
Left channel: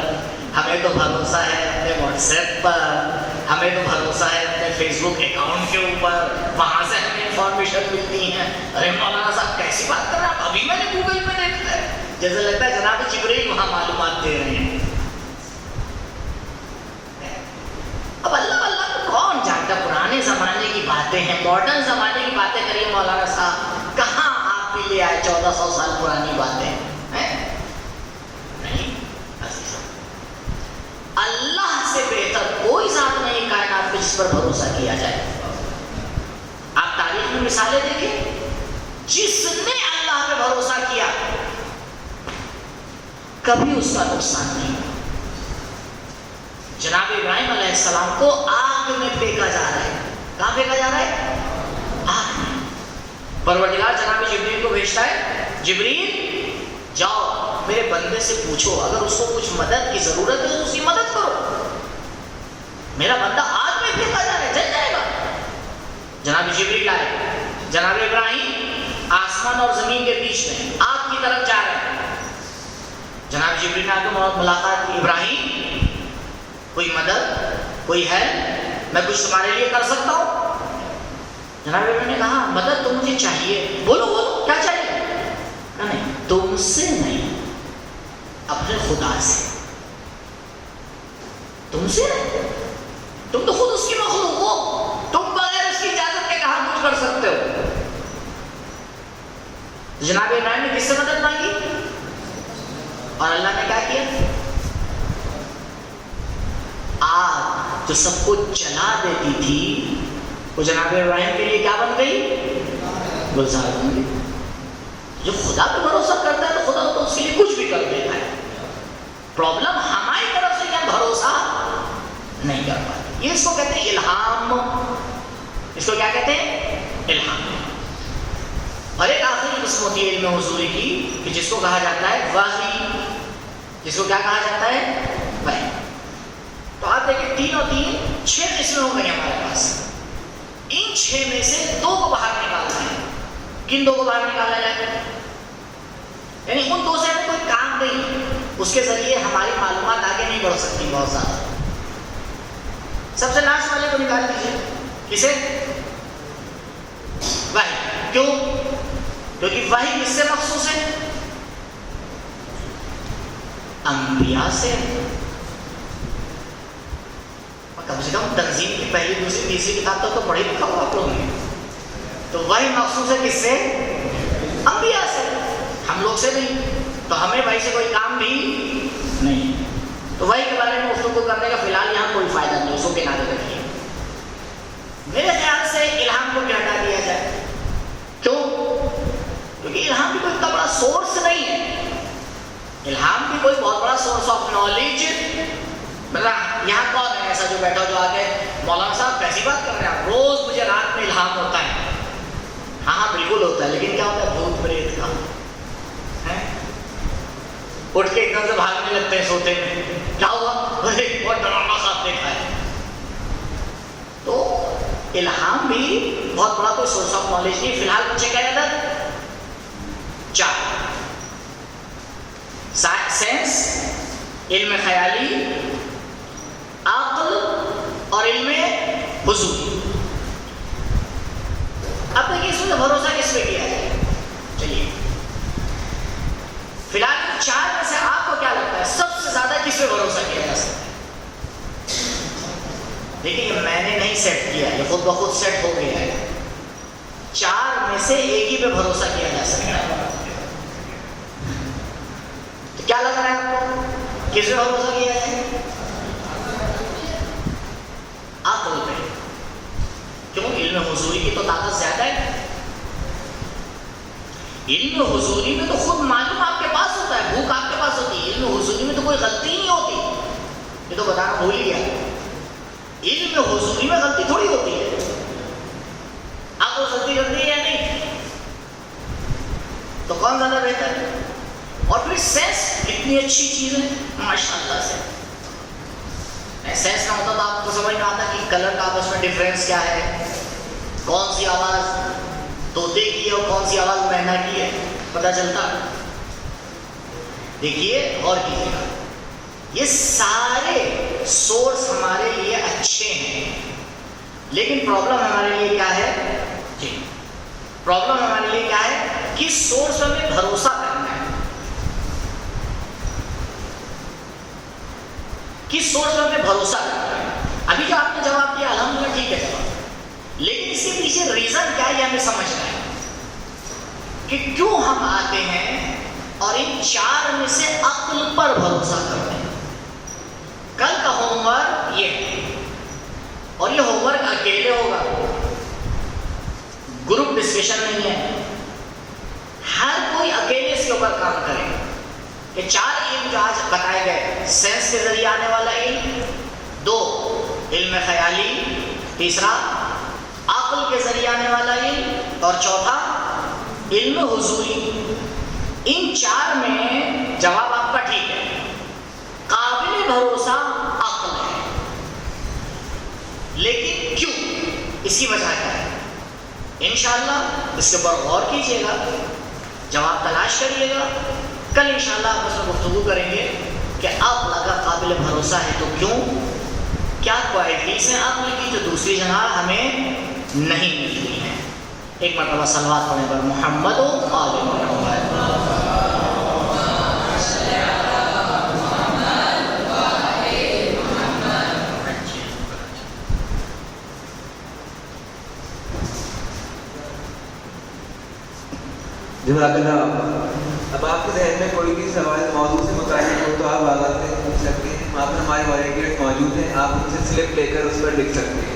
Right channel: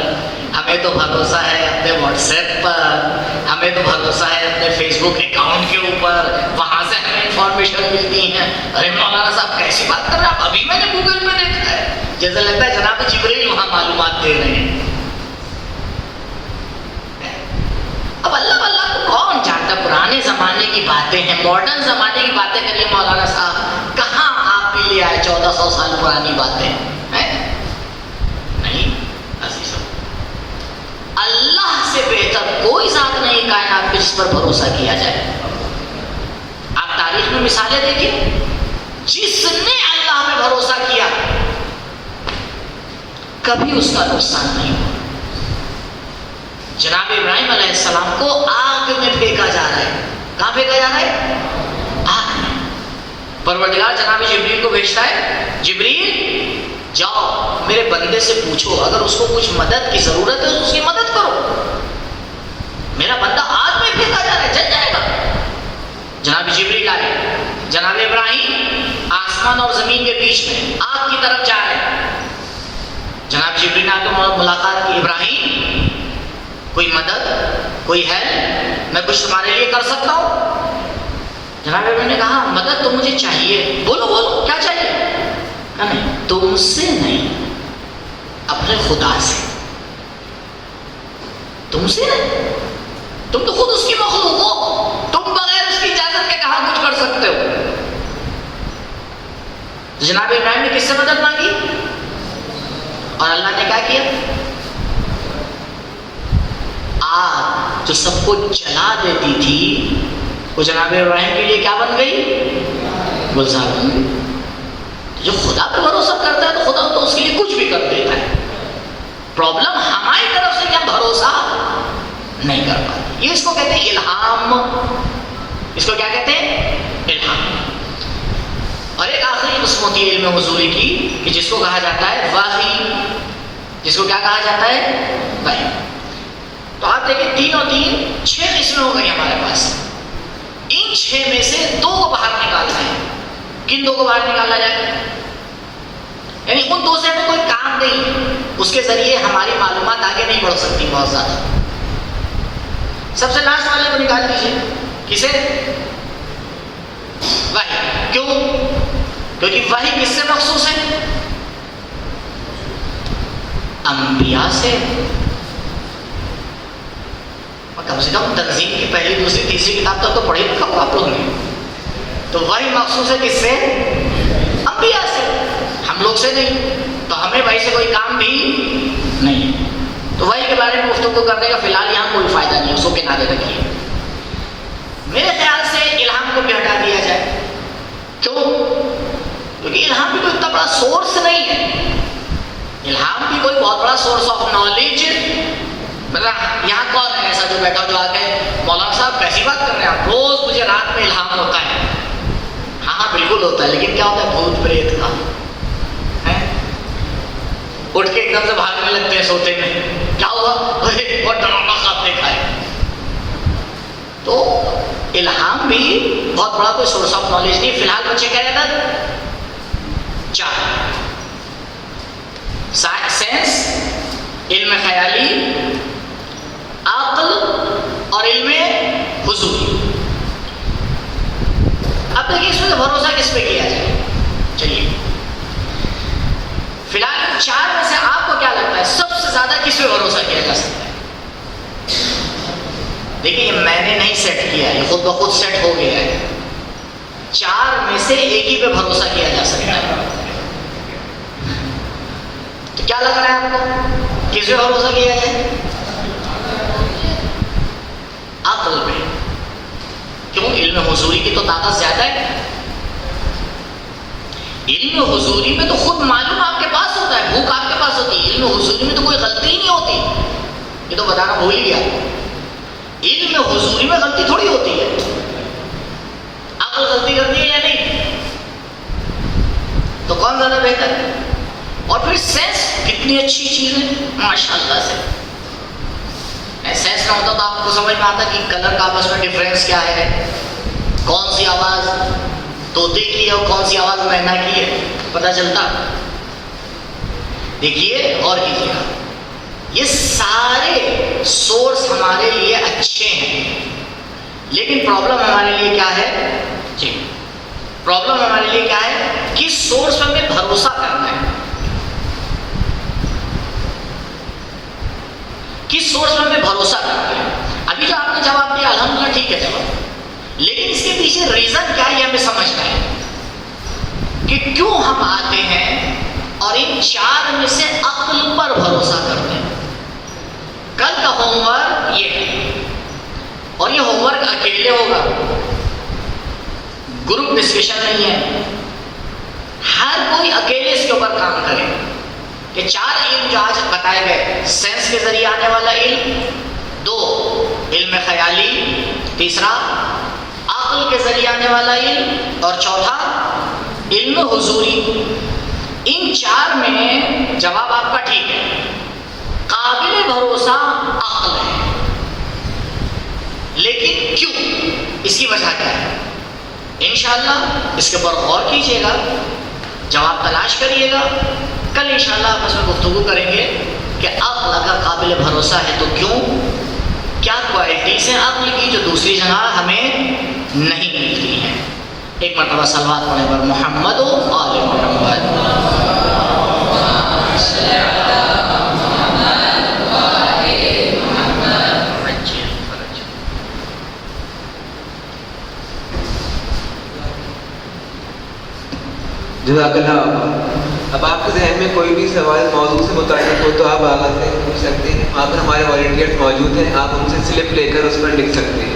ہمیں تو بھروسہ ہے اپنے واٹس ایپ پر، ہمیں تو بھروسہ ہے اپنے فیس بک اکاؤنٹ کے اوپر، وہاں سے ہمیں انفارمیشن ملتی ہیں. ارے مولانا صاحب کیسی بات کر رہے ہیں آپ؟ ابھی میں نے گوگل میں دیکھا ہے. جیسا لگتا ہے جناب جبرائیل وہاں معلومات دے رہے ہیں. اب اللہ اللہ کو کون جانتا؟ پرانے زمانے کی باتیں ہیں، ماڈرن زمانے کی باتیں کریے مولانا صاحب. کہاں آپ مان لیا ہے 1400 سال پرانی باتیں ہیں؟ نہیں عزیزوں، اللہ سے بہتر کوئی ذات نہیں کائنات پہ جس پر بھروسہ کیا جائے۔ آپ تاریخ میں مثالیں دیکھیں، جس نے اللہ پہ بھروسہ کیا کبھی اس کا نقصان نہیں ہوا۔ جناب ابراہیم علیہ السلام کو آگ میں پھینکا جا رہا ہے، کہاں پھینکا جا رہا ہے؟ آگ میں۔ پروردگار جناب جبریل کو بھیجتا ہے، جبریل جاؤ میرے بندے سے پوچھو اگر اس کو کچھ مدد کی ضرورت ہے تو اس کی مدد کرو، میرا بندہ آگ میں پھینکا جا رہا ہے، جل جائے گا۔ جناب جبریل آئے، جناب ابراہیم آسمان اور زمین کے بیچ میں آگ کی طرف جا رہے ہیں۔ جناب جبریل نے آ کے ملاقات کی، ابراہیم کوئی مدد، کوئی ہیلپ میں کچھ تمہارے لیے کر سکتا ہوں؟ جناب ابراہیم نے کہا مدد تو مجھے چاہیے، بولو بولو کیا چاہیے؟ نہیں تم سے نہیں، اپنے خدا سے۔ تم سے نہیں، تم تو خود اس کی مخلوق ہو، تم بغیر اس کی اجازت کے کہاں کچھ کر سکتے ہو؟ جناب ابراہیم نے کس سے مدد مانگی اور اللہ نے کیا کیا؟ آگ جو سب کو جلا دیتی تھی وہ جناب ابراہیم کے لیے کیا بن گئی؟ گلزار بن گئی۔ جو خدا پہ بھروسہ کرتا ہے تو خدا تو اس کے لیے کچھ بھی کر دیتا ہے۔ پرابلم ہماری طرف سے کہ ہم بھروسہ نہیں کر پاتے، یہ اس کو کہتے ہیں الہام۔ اس کو کیا کہتے ہیں؟ الہام۔ اور ایک آخری قسم ہوتی ہے علم حضوری کی کہ جس کو کہا جاتا ہے وحی، جس کو کیا کہا جاتا ہے؟ وحی۔ تو آپ دیکھیں تینوں تین 6 قسمیں ہو گئی ہمارے پاس، ان 6 میں سے 2 کو باہر نکالنا ہے۔ کن 2 کو باہر نکالا جائے؟ یعنی ان 2 سے ہمیں کوئی کام نہیں، اس کے ذریعے ہماری معلومات آگے نہیں بڑھ سکتی بہت زیادہ۔ سب سے لاسٹ والے کو نکال دیجیے، کسے؟ وحی۔ کیوں؟ کیونکہ وحی کس سے مخصوص ہے؟ انبیاء سے۔ کم سے کم تنظیم کی پہلی دوسری تیسری کتاب تک تو پڑھی نا آپ لوگوں نے، تو وحی مخصوص ہے کس سے؟ انبیاء سے، ہم لوگ سے نہیں۔ تو ہمیں وحی سے کوئی کام بھی نہیں، تو وحی کے بارے میں گفتگو کرنے کا فی الحال یہاں کوئی فائدہ نہیں، اس کو کنارے رکھیے۔ میرے خیال سے الہام کو بھی ہٹا دیا جائے۔ کیوں؟ کیونکہ الہام بھی کوئی اتنا بڑا سورس نہیں ہے۔ الہام بھی کوئی بہت بڑا سورس آف نالج، مطلب یہاں کون ہے ایسا جو بیٹھا جو آ کے مولانا صاحب کیسی بات کر رہے ہیں آپ، روز مجھے رات میں الہام ہوتا ہے؟ ہاں ہاں بالکل ہوتا ہے، لیکن کیا ہوتا ہے؟ بھوت پریت کا اٹھ کے ایک دم سے بھاگنے لگتے ہیں سوتے میں، کیا ہوا؟ بہت ڈراؤنا صاحب دیکھا ہے۔ تو الہام بھی بہت بڑا کوئی سورس آف نالج نہیں۔ فی الحال بچے کیا رہتا ہے؟ 4: سینس، علم خیالی، عقل اور علم حضوری۔ اب دیکھیے اس میں بھروسہ کس پہ کیا جائے؟ چلیے فی الحال 4 میں سے آپ کو کیا لگتا ہے سب سے زیادہ کس پہ بھروسہ کیا جا سکتا ہے؟ دیکھیے میں نے نہیں سیٹ کیا، یہ خود بخود سیٹ ہو گیا ہے۔ 4 میں سے ایک ہی پہ بھروسہ کیا جا سکتا ہے۔ تو کیا لگ رہا ہے آپ کو کس پہ بھروسہ کیا جائے؟ عقل پہ۔ کیوں؟ علم حضوری کی تو طاقت زیادہ ہے۔ علم حضوری میں تو خود معلوم آپ کے پاس ہوتا ہے، بھوک آپ کے پاس ہوتی ہے۔ علم حضوری میں تو کوئی غلطی نہیں ہوتی، یہ تو بتانا بھول ہی گیا۔ علم حضوری میں غلطی تھوڑی ہوتی ہے، عقل غلطی کرتی ہے یا نہیں؟ تو کون زیادہ بہتر ہے؟ اور پھر سینس کتنی اچھی چیز ہے ماشاء اللہ سے۔ سینس نہ ہوتا تو آپ کو سمجھ میں آتا کہ کلر کا آپس میں ڈفرینس کیا ہے، کون سی آواز طوطے کی ہے اور کون سی آواز مینا کی ہے، پتہ چلتا۔ دیکھیے اور کیجیے گا، یہ سارے سورس ہمارے لیے اچھے ہیں، لیکن پرابلم ہمارے لیے کیا ہے؟ جی پرابلم ہمارے لیے کیا ہے؟ کس سورس پر ہمیں بھروسہ کرنا ہے، کس سورس پر ہمیں بھروسہ کرنا ہے۔ ابھی جو آپ نے جواب دیا الحمدللہ ٹھیک ہے جواب، لیکن اس کے پیچھے ریزن کیا ہے یہ ہمیں سمجھنا ہے۔ کہ کیوں ہم آتے ہیں اور ان 4 میں سے عقل پر بھروسہ کرتے ہیں. کل کا ہوم ورک یہ ہے، اور یہ ہوم ورک اکیلے ہوگا، گروپ ڈسکشن نہیں ہے. ہر کوئی اکیلے اس کے اوپر کام کرے کہ 4 علم جو آج بتائے گئے، سینس کے ذریعے آنے والا علم، 2 علم خیالی، تیسرا عقل کے ذریعے آنے والا علم، اور چوتھا علم حضوری. ان 4 میں جواب آپ کا ٹھیک ہے، قابل بھروسہ عقل ہے. لیکن کیوں؟ اس کی وجہ کیا ہے؟ انشاءاللہ اس کے اوپر غور کیجیے گا، جواب تلاش کریے گا. کل انشاءاللہ آپ اس میں گفتگو کریں گے کہ عقل اگر قابل بھروسہ ہے تو کیوں، کیا کوالٹیز ہیں عقل کی جو دوسری جگہ ہمیں نہیں ملتی ہیں. ایک مرتبہ صلوات پڑھیں پر محمد و آل محمد. جزاک اللہ. اب آپ کے ذہن میں کوئی بھی سوال موضوع سے متعلق ہو تو آپ آغاز سے پوچھ سکتے ہیں. وہاں پر ہمارے والنٹیئرز موجود ہیں، آپ ان سے سلپ لے کر اس پر لکھ سکتے ہیں.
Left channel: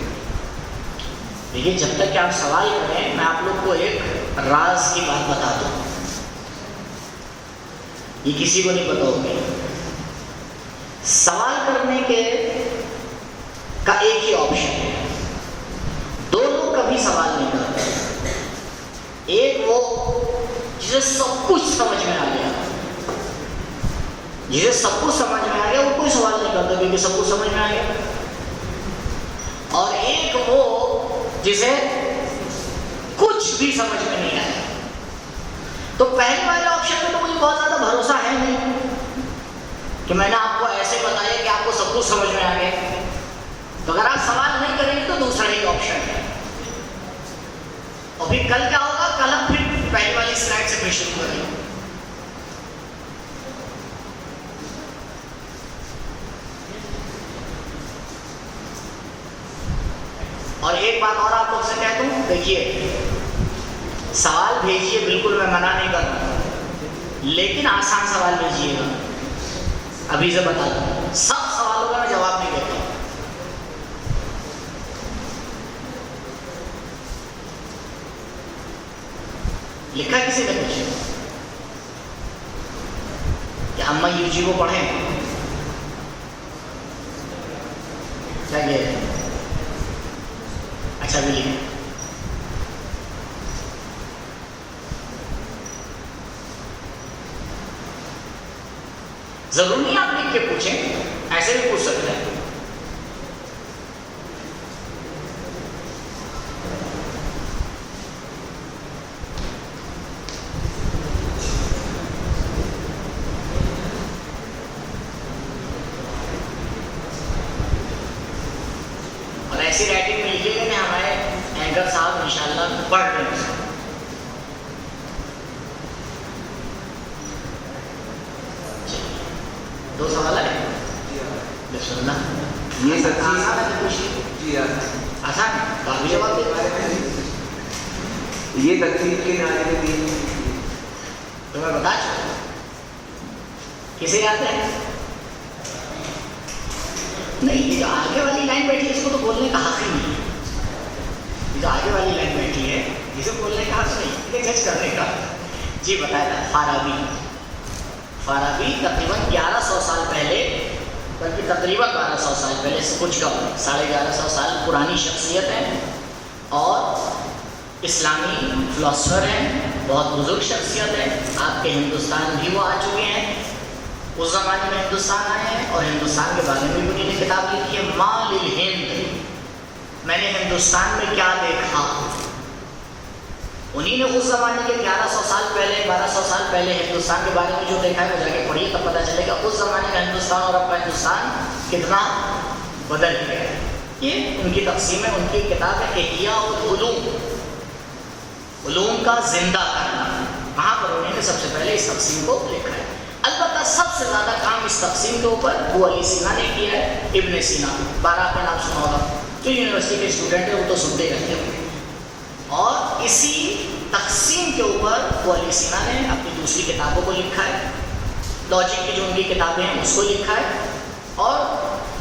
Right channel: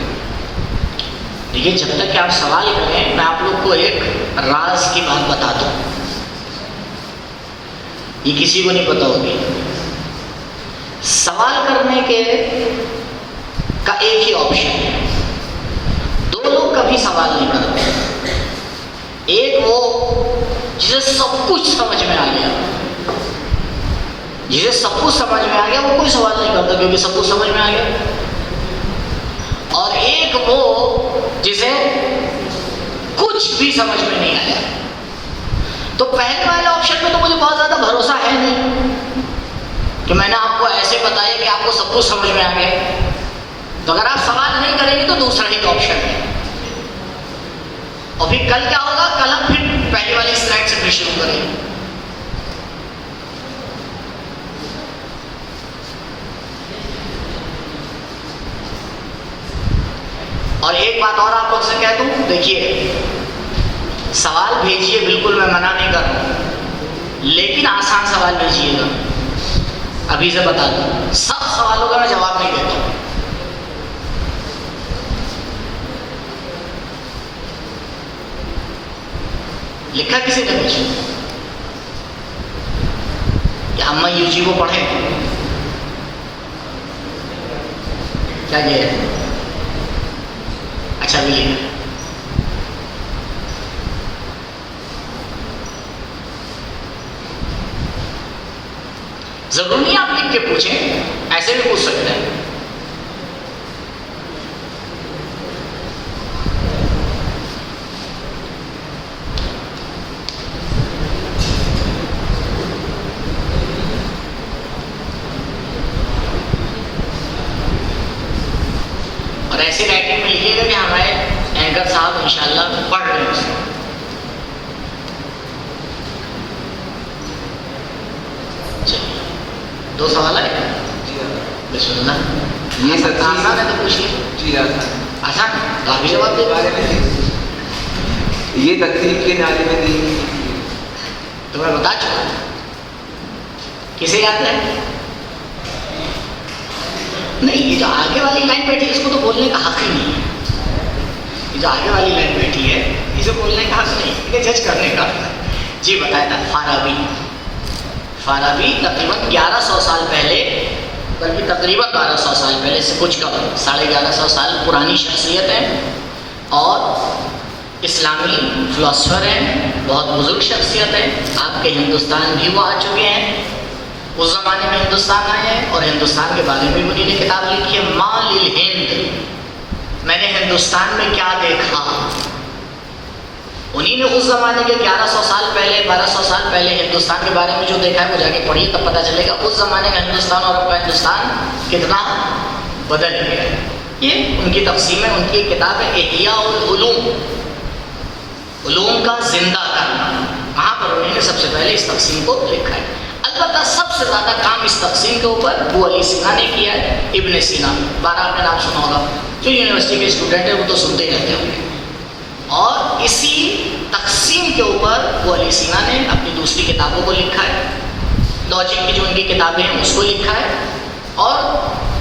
دیکھیے، جب تک کہ آپ سوال کریں میں آپ لوگ کو ایک راز کی بات بتاتا ہوں، یہ کسی کو نہیں پتا ہوگی. سوال کرنے کے کا ایک ہی آپشن ہے. 2 لوگ کبھی سوال نہیں کرتے. ایک وہ جسے سب کچھ سمجھ میں آ گیا، جسے سب کچھ سمجھ میں آ گیا وہ کوئی سوال نہیں کرتا کیونکہ سب کچھ سمجھ میں آ گیا. اور ایک وہ جسے کچھ بھی سمجھ میں نہیں آیا. تو پہلے والے آپشن میں تو مجھے بہت زیادہ بھروسہ ہے نہیں کہ میں نے آپ کو ایسے بتایا کہ آپ کو سب کچھ سمجھ میں آ گیا. تو اگر آپ سوال نہیں کریں گے تو دوسرا ہی آپشن ہے. اور پھر کل کیا ہوگا؟ کل ہم پھر پہلی والی سلائڈ سے پھر شروع کریں گے. اور ایک بات اور آپ لوگ سے کہہ دوں، دیکھیے سوال بھیجیے، بالکل میں منع نہیں کر رہا، لیکن آسان سوال بھیجیے گا. ابھی سے بتا دوں، سب سوالوں کا میں جواب نہیں دیتا ہوں. لکھا کسی نے پوچھا کہ اما یو جی کو پڑھیں کیا یہ ہے؟ اچھا بھی لکھا. ضرور نہیں آپ لکھ کے پوچھیں، ایسے بھی پوچھ سکتے ہیں. اور ایسی رائٹنگ میں لکھیے گا کہ ہمارے اینکر صاحب انشاءاللہ پڑھ رہے ہیں. 2 سوال ہے. بسم اللہ. یہ سب آسان ہے تو پوچھیے. جی آسان تو آپ بھی جواب دے پا رہے ہیں. یہ تقریب کے نعرے میں دی تو میں بتا چکا. کسے یاد ہے؟ نہیں، یہ جو آگے والی لائن بیٹھی ہے اس کو تو بولنے کا حق ہی نہیں ہے. یہ جو آگے والی لائن بیٹھی ہے اسے بولنے کا حق نہیں، یہ جج کرنے کا. جی بتایا تھا فارابی تقریباً 1100 سال پہلے، بلکہ تقریباً 1200 سال پہلے سے کچھ کم، 1150 سال پرانی شخصیت ہے اور اسلامی فلاسفر ہیں، بہت بزرگ شخصیت ہے. آپ کے ہندوستان بھی وہ آ چکے ہیں، اس زمانے میں ہندوستان آئے ہیں اور ہندوستان کے بارے میں بھی انہوں نے کتاب لکھی ہے مال الہند، میں نے ہندوستان میں کیا دیکھا. انہی نے اس زمانے کے 1100 سال پہلے 1200 سال پہلے ہندوستان کے بارے میں جو دیکھا ہے وہ جا کے پڑھی، تب پتہ چلے گا اس زمانے کا ہندوستان اور اب کا ہندوستان کتنا بدل گیا ہے. یہ ان کی تقسیم ہے، ان کی کتاب ہے احیاء العلوم، علوم کا زندہ کرنا. وہاں پر انہوں نے سب سے پہلے اس تقسیم کو لکھا ہے. البتہ سب سے زیادہ کام اس تقسیم کے اوپر ابو علی سینا نے کیا ہے. ابن سینا، بارہ آپ نے نام سنا ہوگا، جو یونیورسٹی کے اسٹوڈنٹ ہیں وہ تو سنتے رہتے ہوں گے. اور اسی تقسیم کے اوپر وہ علی سینا نے اپنی دوسری کتابوں کو لکھا ہے، لاجک کی جو ان کی کتابیں ہیں اس کو لکھا ہے، اور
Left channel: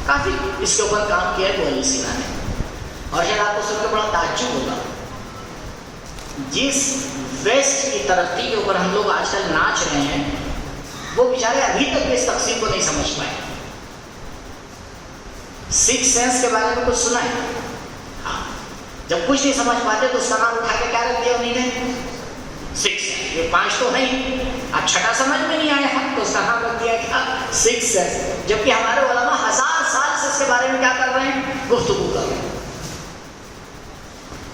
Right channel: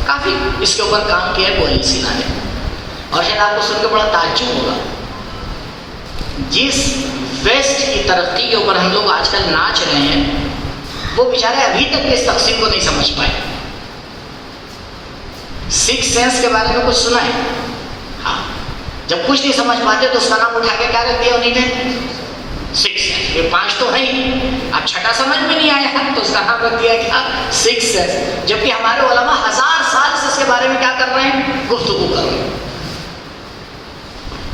کافی اس کے اوپر کام کیا ہے وہ علی سینا نے. اور شاید آپ کو سن کے بڑا تعجب ہوگا، جس ویسٹ کی ترقی کے اوپر ہم لوگ آج کل ناچ رہے ہیں، وہ بیچارے ابھی تک اس تقسیم کو نہیں سمجھ پائے. سکس سینس کے بارے میں کچھ سنا ہے؟ ہاں، جب کچھ نہیں سمجھ پاتے تو اس کا نام اٹھا کے کیا رکھ دیا انہیں نے؟ Six sense. یہ 5 تو ہے ہی، اب چھٹا سمجھ میں نہیں آیا تو اس کا نام رکھ دیا کیا؟ Six sense. جبکہ ہمارے علماء 1000 سال سے اس کے بارے میں کیا کر رہے ہیں؟ گفتگو کر رہے ہیں.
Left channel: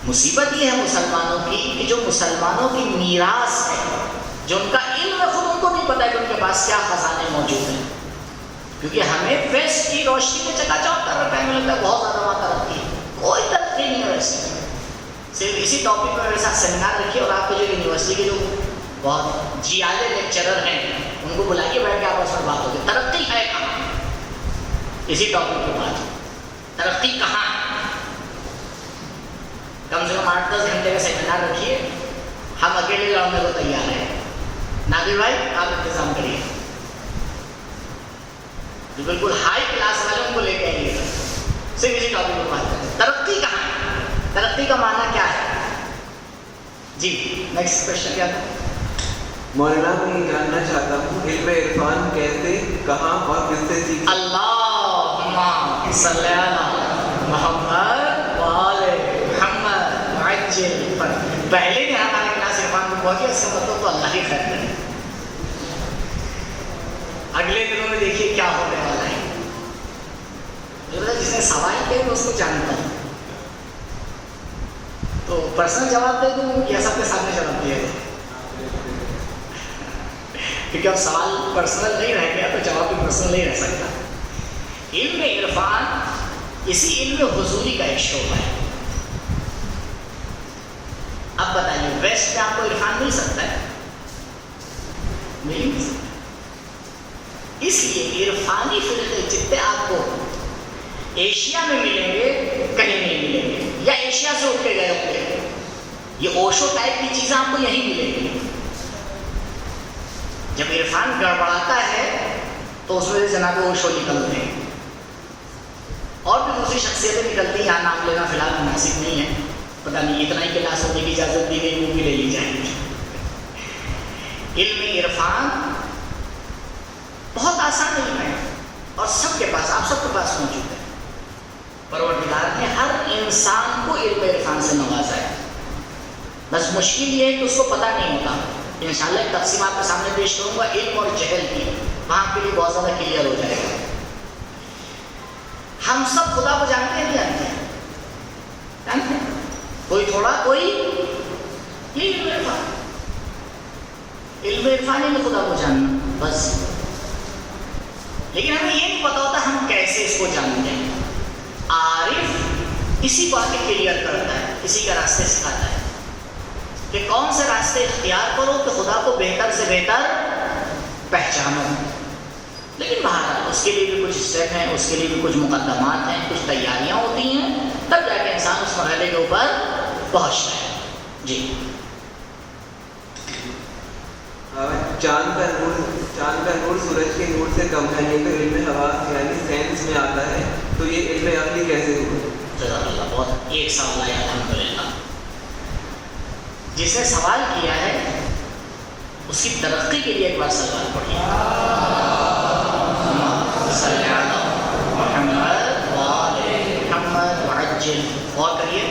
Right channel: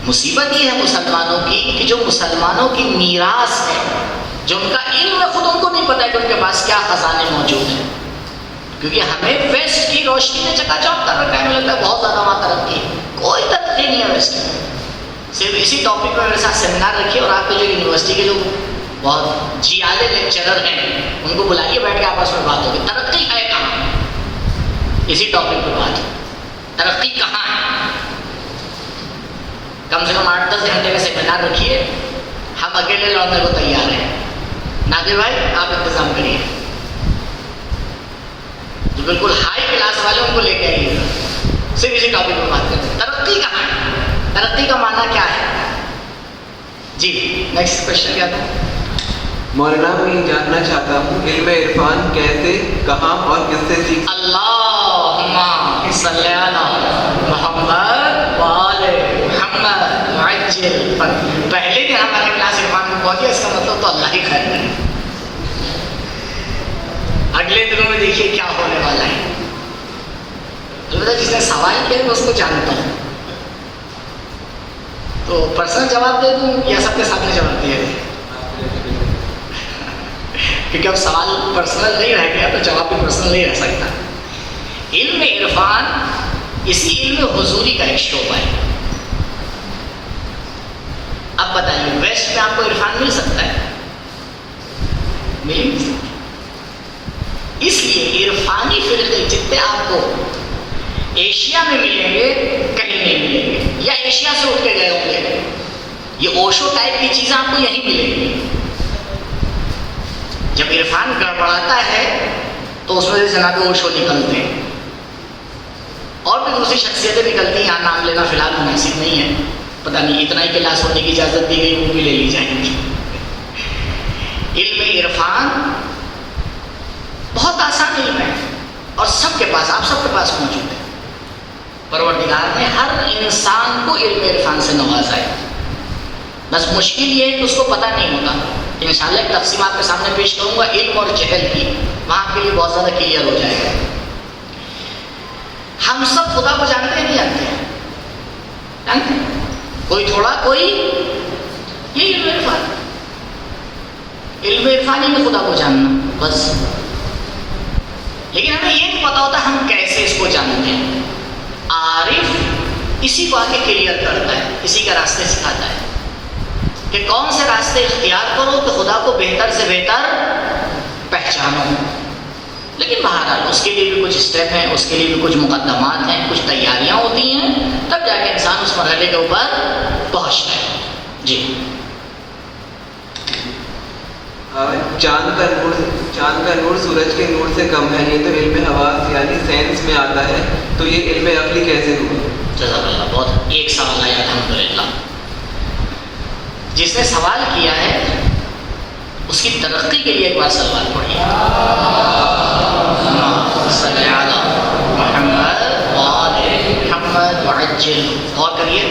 مصیبت یہ ہے مسلمانوں کی کہ جو مسلمانوں کی میراث ہے، جو ان کا علم ہے، خود ان کو نہیں پتا ہے کہ ان کے پاس کیا خزانے موجود ہیں. کیونکہ ہمیں ویسٹ کی روشنی نے چکا چوک کر رکھا ہے. ہمیں لگتا ہے بہت زیادہ وہاں ترقی ہے، کوئی ترقی نہیں ہے ویسٹ میں. صرف اسی ٹاپک پہ میرے ساتھ سیمینار رکھیے اور آپ کے جو یونیورسٹی کے جو بہت جی آلے لیکچرر ہیں ان کو بلائیے، بیٹھ کے آپس میں بات ہوگی. ترقی ہے کہاں؟ اسی ٹاپک پہ بات ہو. ترقی کہاں ہے؟ کم سے کم 8-10 گھنٹے کا سیمینار رکھیے. ہم اکیلے لڑنے کو تیار ہیں. نادر بھائی آپ انتظام کریے، جو بالکل ہائی کلاس والے ان کو لے کے آئیے، صرف اسی ٹاپک پہ بات کرتے ہیں. ترقی کہاں ہے؟ ترقی کا معنی کیا ہے؟ جی نیکسٹ کوشچن کیا تھا؟ مولانا میں یہ جاننا چاہتا ہوں علم عرفان کیسے، کہاں اور کس سے سیکھ؟ اللہم صلی علی محمد وآل محمد وعجل. پہلے دن ہمارا کلاس عرفان میں پہنچ گیا، اس کا مطلب تو اللہ ہی خیر کرے. اگلے دنوں میں دیکھیے کیا ہونے والا ہے. جس نے سوال کیا میں اس کو جانتا ہوں، تو پرسنل جواب دے دوں یا سب کے سامنے جواب دیا دیں؟ کیونکہ اب سوال پرسنل نہیں رہ گیا تو جواب بھی پرسنل نہیں رہ سکتا. علم عرفان اسی علم حضوری کا ایک شعبہ ہے. اب بتائیے ویسٹ میں آپ کو عرفان مل سکتا ہے؟ مل نہیں سکتا. اس لیے عرفانی فرقے جتنے آپ کو ایشیا میں ملیں گے کہیں نہیں ملیں گے، یا ایشیا سے اٹھ کے گئے ہوں گے. یہ اوشو ٹائپ کی چیزیں آپ کو یہیں ملیں گی. جب عرفان گڑبڑاتا ہے تو اس میں سے جناب اوشو نکلتے ہیں، اور بھی دوسری شخصیتیں نکلتی ہیں. یہاں نام لینا فی الحال مناسب نہیں ہے، پتہ نہیں اتنا ہی کلاس ہونے کی اجازت دی گئی، وہ بھی لے لی جائے گی. علم عرفان بہت آسان علم ہے اور سب کے پاس، آپ سب کے پاس موجود ہے. پروردگار نے ہر انسان کو علم عرفان سے نوازا ہے. بس مشکل یہ ہے کہ اس کو پتہ نہیں ہوتا. انشاءاللہ ایک تقسیم آپ کے سامنے پیش کروں گا علم اور جہل کی، وہاں کے لیے بہت زیادہ کلیئر ہو جائے گا. ہم سب خدا کو جانتے نہیں جانتے ہیں؟ جانتے ہیں؟ کوئی تھوڑا، کوئی یہ علم عرفان. علم عرفانی میں خدا کو جاننا بس. لیکن ہمیں یہ نہیں پتا ہوتا ہم کیسے اس کو جانتے ہیں. عارف اسی کو آ کے کلیئر کرتا ہے، اسی کا راستے سکھاتا ہے کہ کون سے راستے اختیار کرو تو خدا کو بہتر سے بہتر پہچانو. لیکن بہرحال اس کے لیے بھی کچھ اسٹیپ ہیں، اس کے لیے بھی کچھ مقدمات ہیں، کچھ تیاریاں ہوتی ہیں، تب جا کے انسان اس مرحلے کے اوپر پہنچتا ہے. جی چاند کا نور سورج کے نور سے کم ہے، یہ تو علم حواس یعنی سائنس میں آتا ہے، تو یہ علم عقلی کیسے ہوا؟ جزاک اللہ. بہت ایک سوال آیا الحمدللہ. جس نے سوال کیا ہے اس کی ترقی کے لیے ایک بار سوال پڑھیے. صلی علی محمد وآل محمد وعجل. غور کریے،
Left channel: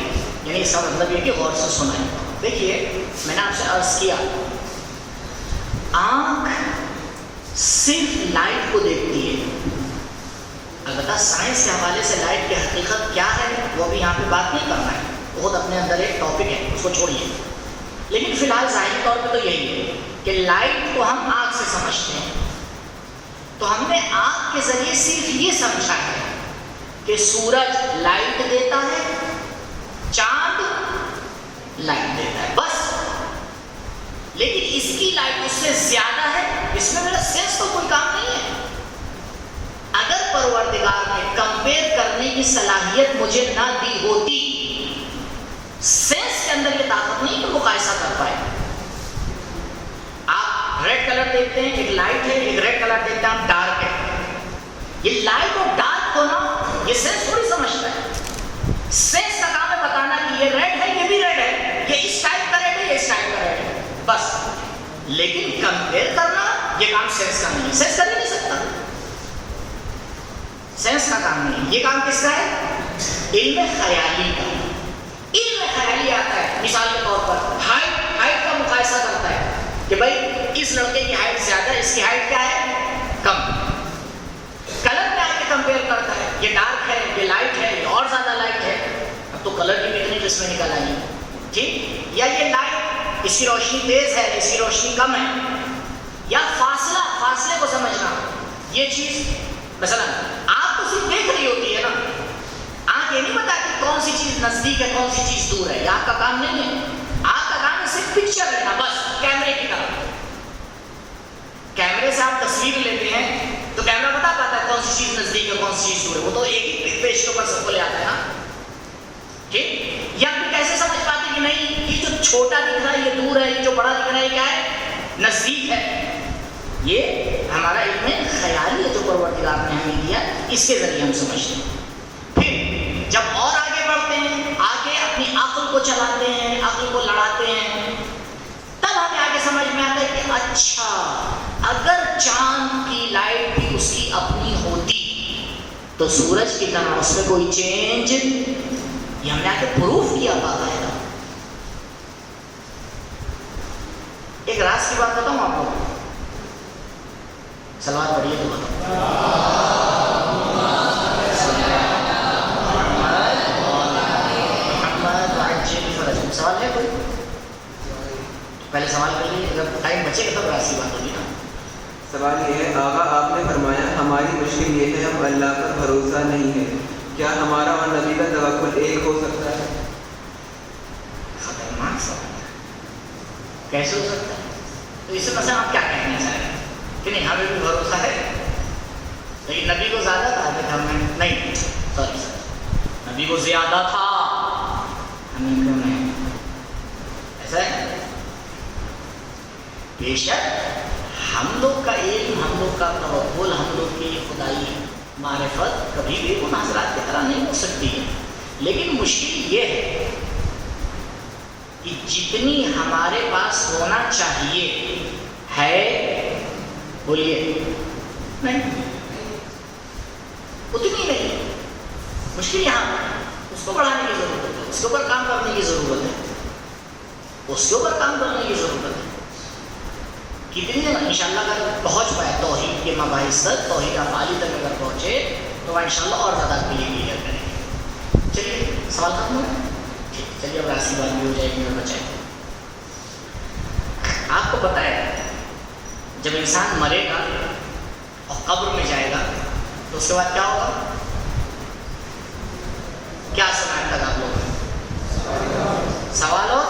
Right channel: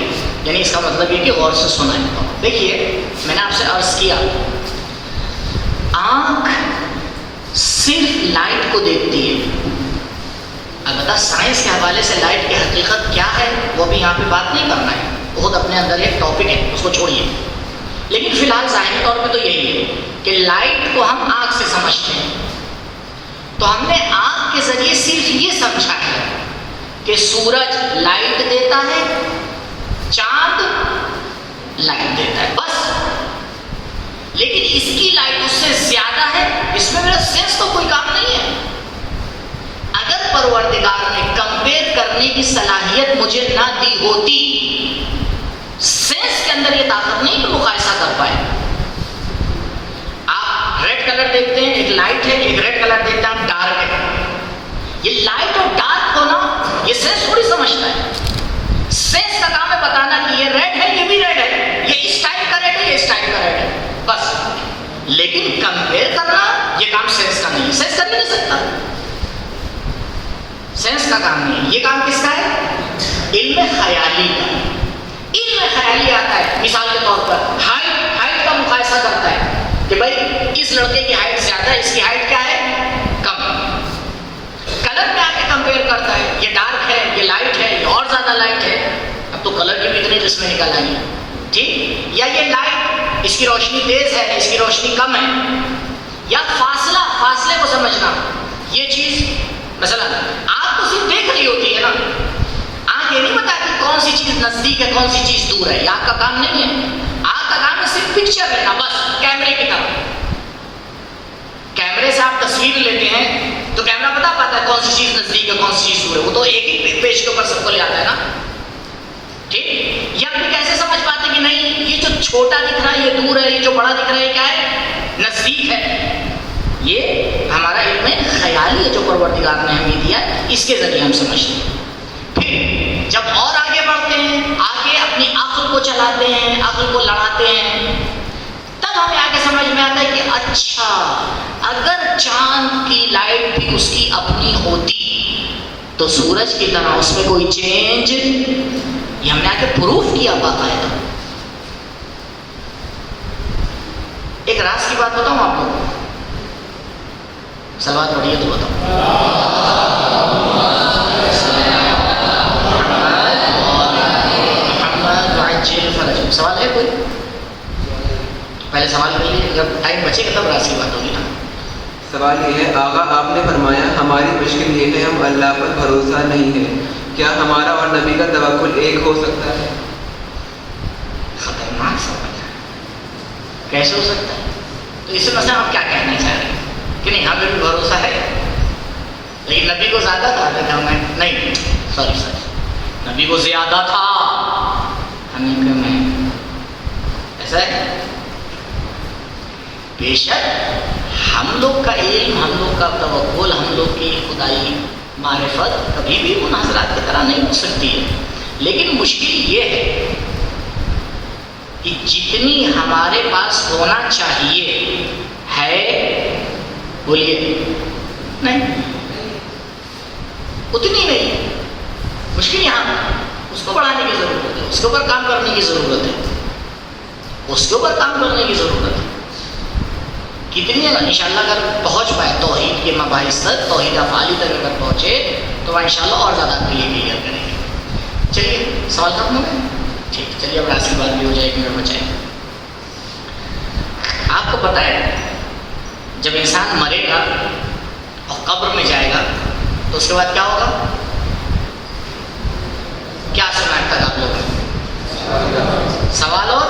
یعنی اس کا مطلب یہ کہ غور سے سنا ہے. دیکھیے میں نے آپ سے عرض کیا آنکھ صرف لائٹ کو دیکھتی ہے. البتہ سائنس کے حوالے سے لائٹ کی حقیقت کیا ہے وہ بھی یہاں پہ بات نہیں کرنا ہے، بہت اپنے اندر ایک ٹاپک ہے، اس کو چھوڑیے. لیکن فی الحال ظاہری طور پہ تو یہی ہے کہ لائٹ کو ہم آنکھ سے سمجھتے ہیں. تو ہم نے آنکھ کے ذریعے صرف یہ سمجھا ہے کہ سورج لائٹ دیتا ہے، چاند لائٹ دیتا ہے، بس. لیکن اس کی لائٹ اس سے زیادہ ہے، اس میں میرا سینس تو کوئی کام نہیں ہے. اگر پروردگار نے کمپیئر کرنے کی صلاحیت مجھے نہ دی ہوتی، سینس کے اندر یہ طاقت نہیں کہ مقایسہ کر پائے. لائٹ ہے، ایک ریڈ کلر دیکھتے ہیں ہم ڈارک ہے. یہ لائٹ اور ڈارک کو نا یہ سینس تھوڑی سمجھتا ہے. سینس کا کام ہے بتانا کہ یہ ریڈ ہے، یہ بھی ریڈ ہے، یہ اس ٹائپ کا ریڈ ہے، یہ اس ٹائپ کا ریڈ ہے، بس. لیکن کمپیئر کرنا یہ کام سینس کا نہیں ہے. سینس کر نہیں سکتا، سینس کا کام نہیں ہے. یہ کام کس کا ہے؟ علم خیالی کا. علم خیالی آتا ہے مثال کے طور پر ہائٹ کا مقایسہ کرتا ہے کہ بھائی اس لڑکے کی ہائٹ زیادہ ہے، اس کی ہائٹ کیا ہے؟ کم. کلر میں آ کے کمپیئر کرتا ہے، یہ ڈارک ہے، یہ لائٹ ہے، یہ اور زیادہ لائٹ ہے. اب تو کلر کی بھی اتنی قسمیں نکل آئی، ٹھیک. یا یہ لائٹ، اس کی روشنی تیز ہے، اس کی روشنی کم ہے. یا فاصلے کو سمجھنا. یہ چیز مثلا آپ تو صرف دیکھ رہی ہوتی ہے نا، آنکھ یہ نہیں بتاتی کون سی چیز نزدیک ہے کون سی چیز دور ہے. یہ آپ کا کام نہیں ہے. آپ کا کام ہے صرف پکچر لینا، بس کیمرے کی طرح. کیمرے سے آپ تصویر لیتے ہیں تو کیمرہ بتا پاتا ہے کون سی چیز نزدیک ہے کون سی چیز دور ہے. وہ تو ایک ہی پیج کے اوپر سب کو لے آتا ہے نا، ٹھیک. یا پھر کیسے سمجھ پاتے کہ نہیں یہ جو چھوٹا دکھ رہا ہے یہ دور ہے، یہ جو بڑا دکھ رہا ہے کیا ہے؟ نزدیک ہے. یہ ہمارا علم خیالی ہے جو پروردگار نے ہمیں دیا، اس کے ذریعے ہم سمجھتے ہیں. پھر جب اور آگے بڑھتے ہیں، آگے اپنی عقل کو چلاتے ہیں، عقل کو لڑاتے ہیں، تب ہمیں آگے سمجھ میں آتا ہے کہ اچھا اگر چاند کی لائٹ بھی اس کی اپنی ہوتی تو سورج کی طرح اس میں کوئی چینج، یہ ہم نے آگے پروف کیا باقاعدہ. ایک راز کی بات بتاؤں آپ کو، سلوات پڑھیے تو بتاؤ. سوال ہے کوئی؟ پہلے سوال کر لیجیے، اگر ٹائم بچے گا تب راز کی بات ہوگی نا. سوال یہ ہے آقا آپ نے فرمایا ہماری مشکل یہ ہے ہم اللہ پر بھروسہ نہیں ہے، کیا ہمارا اور نبی کا توکل ایک ہو سکتا ہے؟ خطرناک سوال ہے، کیسے ہو سکتا ہے؟ تو اس سے مثلا ہم کیا کہنا چاہ رہے ہیں کہ نہیں ہمیں بھی بھروسہ ہے لیکن نبی کو زیادہ تھا لیکن ہم نے نہیں، سوری نبی کو زیادہ تھا ہمیں کم ہے، ایسا ہے. بے شک ہم لوگ کا علم، ہم لوگ کا توکل، ہم لوگ کی خدائی معرفت کبھی بھی ان حضرات کی طرح نہیں ہو سکتی ہے. لیکن مشکل یہ ہے کہ جتنی ہمارے پاس ہونا چاہیے ہے، بولیے نہیں، اتنی نہیں. مشکل یہاں اس کو بڑھانے کی ضرورت ہے، اس کے اوپر کام کرنے کی ضرورت ہے، اس کے اوپر کام کرنے کی ضرورت ہے. کتنی انشاءاللہ اگر پہنچ پائے توحید کے مباحث تک، توحید افعالی تک اگر پہنچے تو انشاءاللہ اور زیادہ آپ کے لیے کلیئر کریں گے. چلیے سوال ختم ہو گیا، ٹھیک. چلیے اب راز کی بات بھی ہو جائے گی، میرا بچائے. آپ کو پتہ ہے جب انسان مرے گا اور قبر میں جائے گا تو اس کے بعد کیا ہوگا؟ کیا سنا ہے تک آپ لوگ؟ سوال اور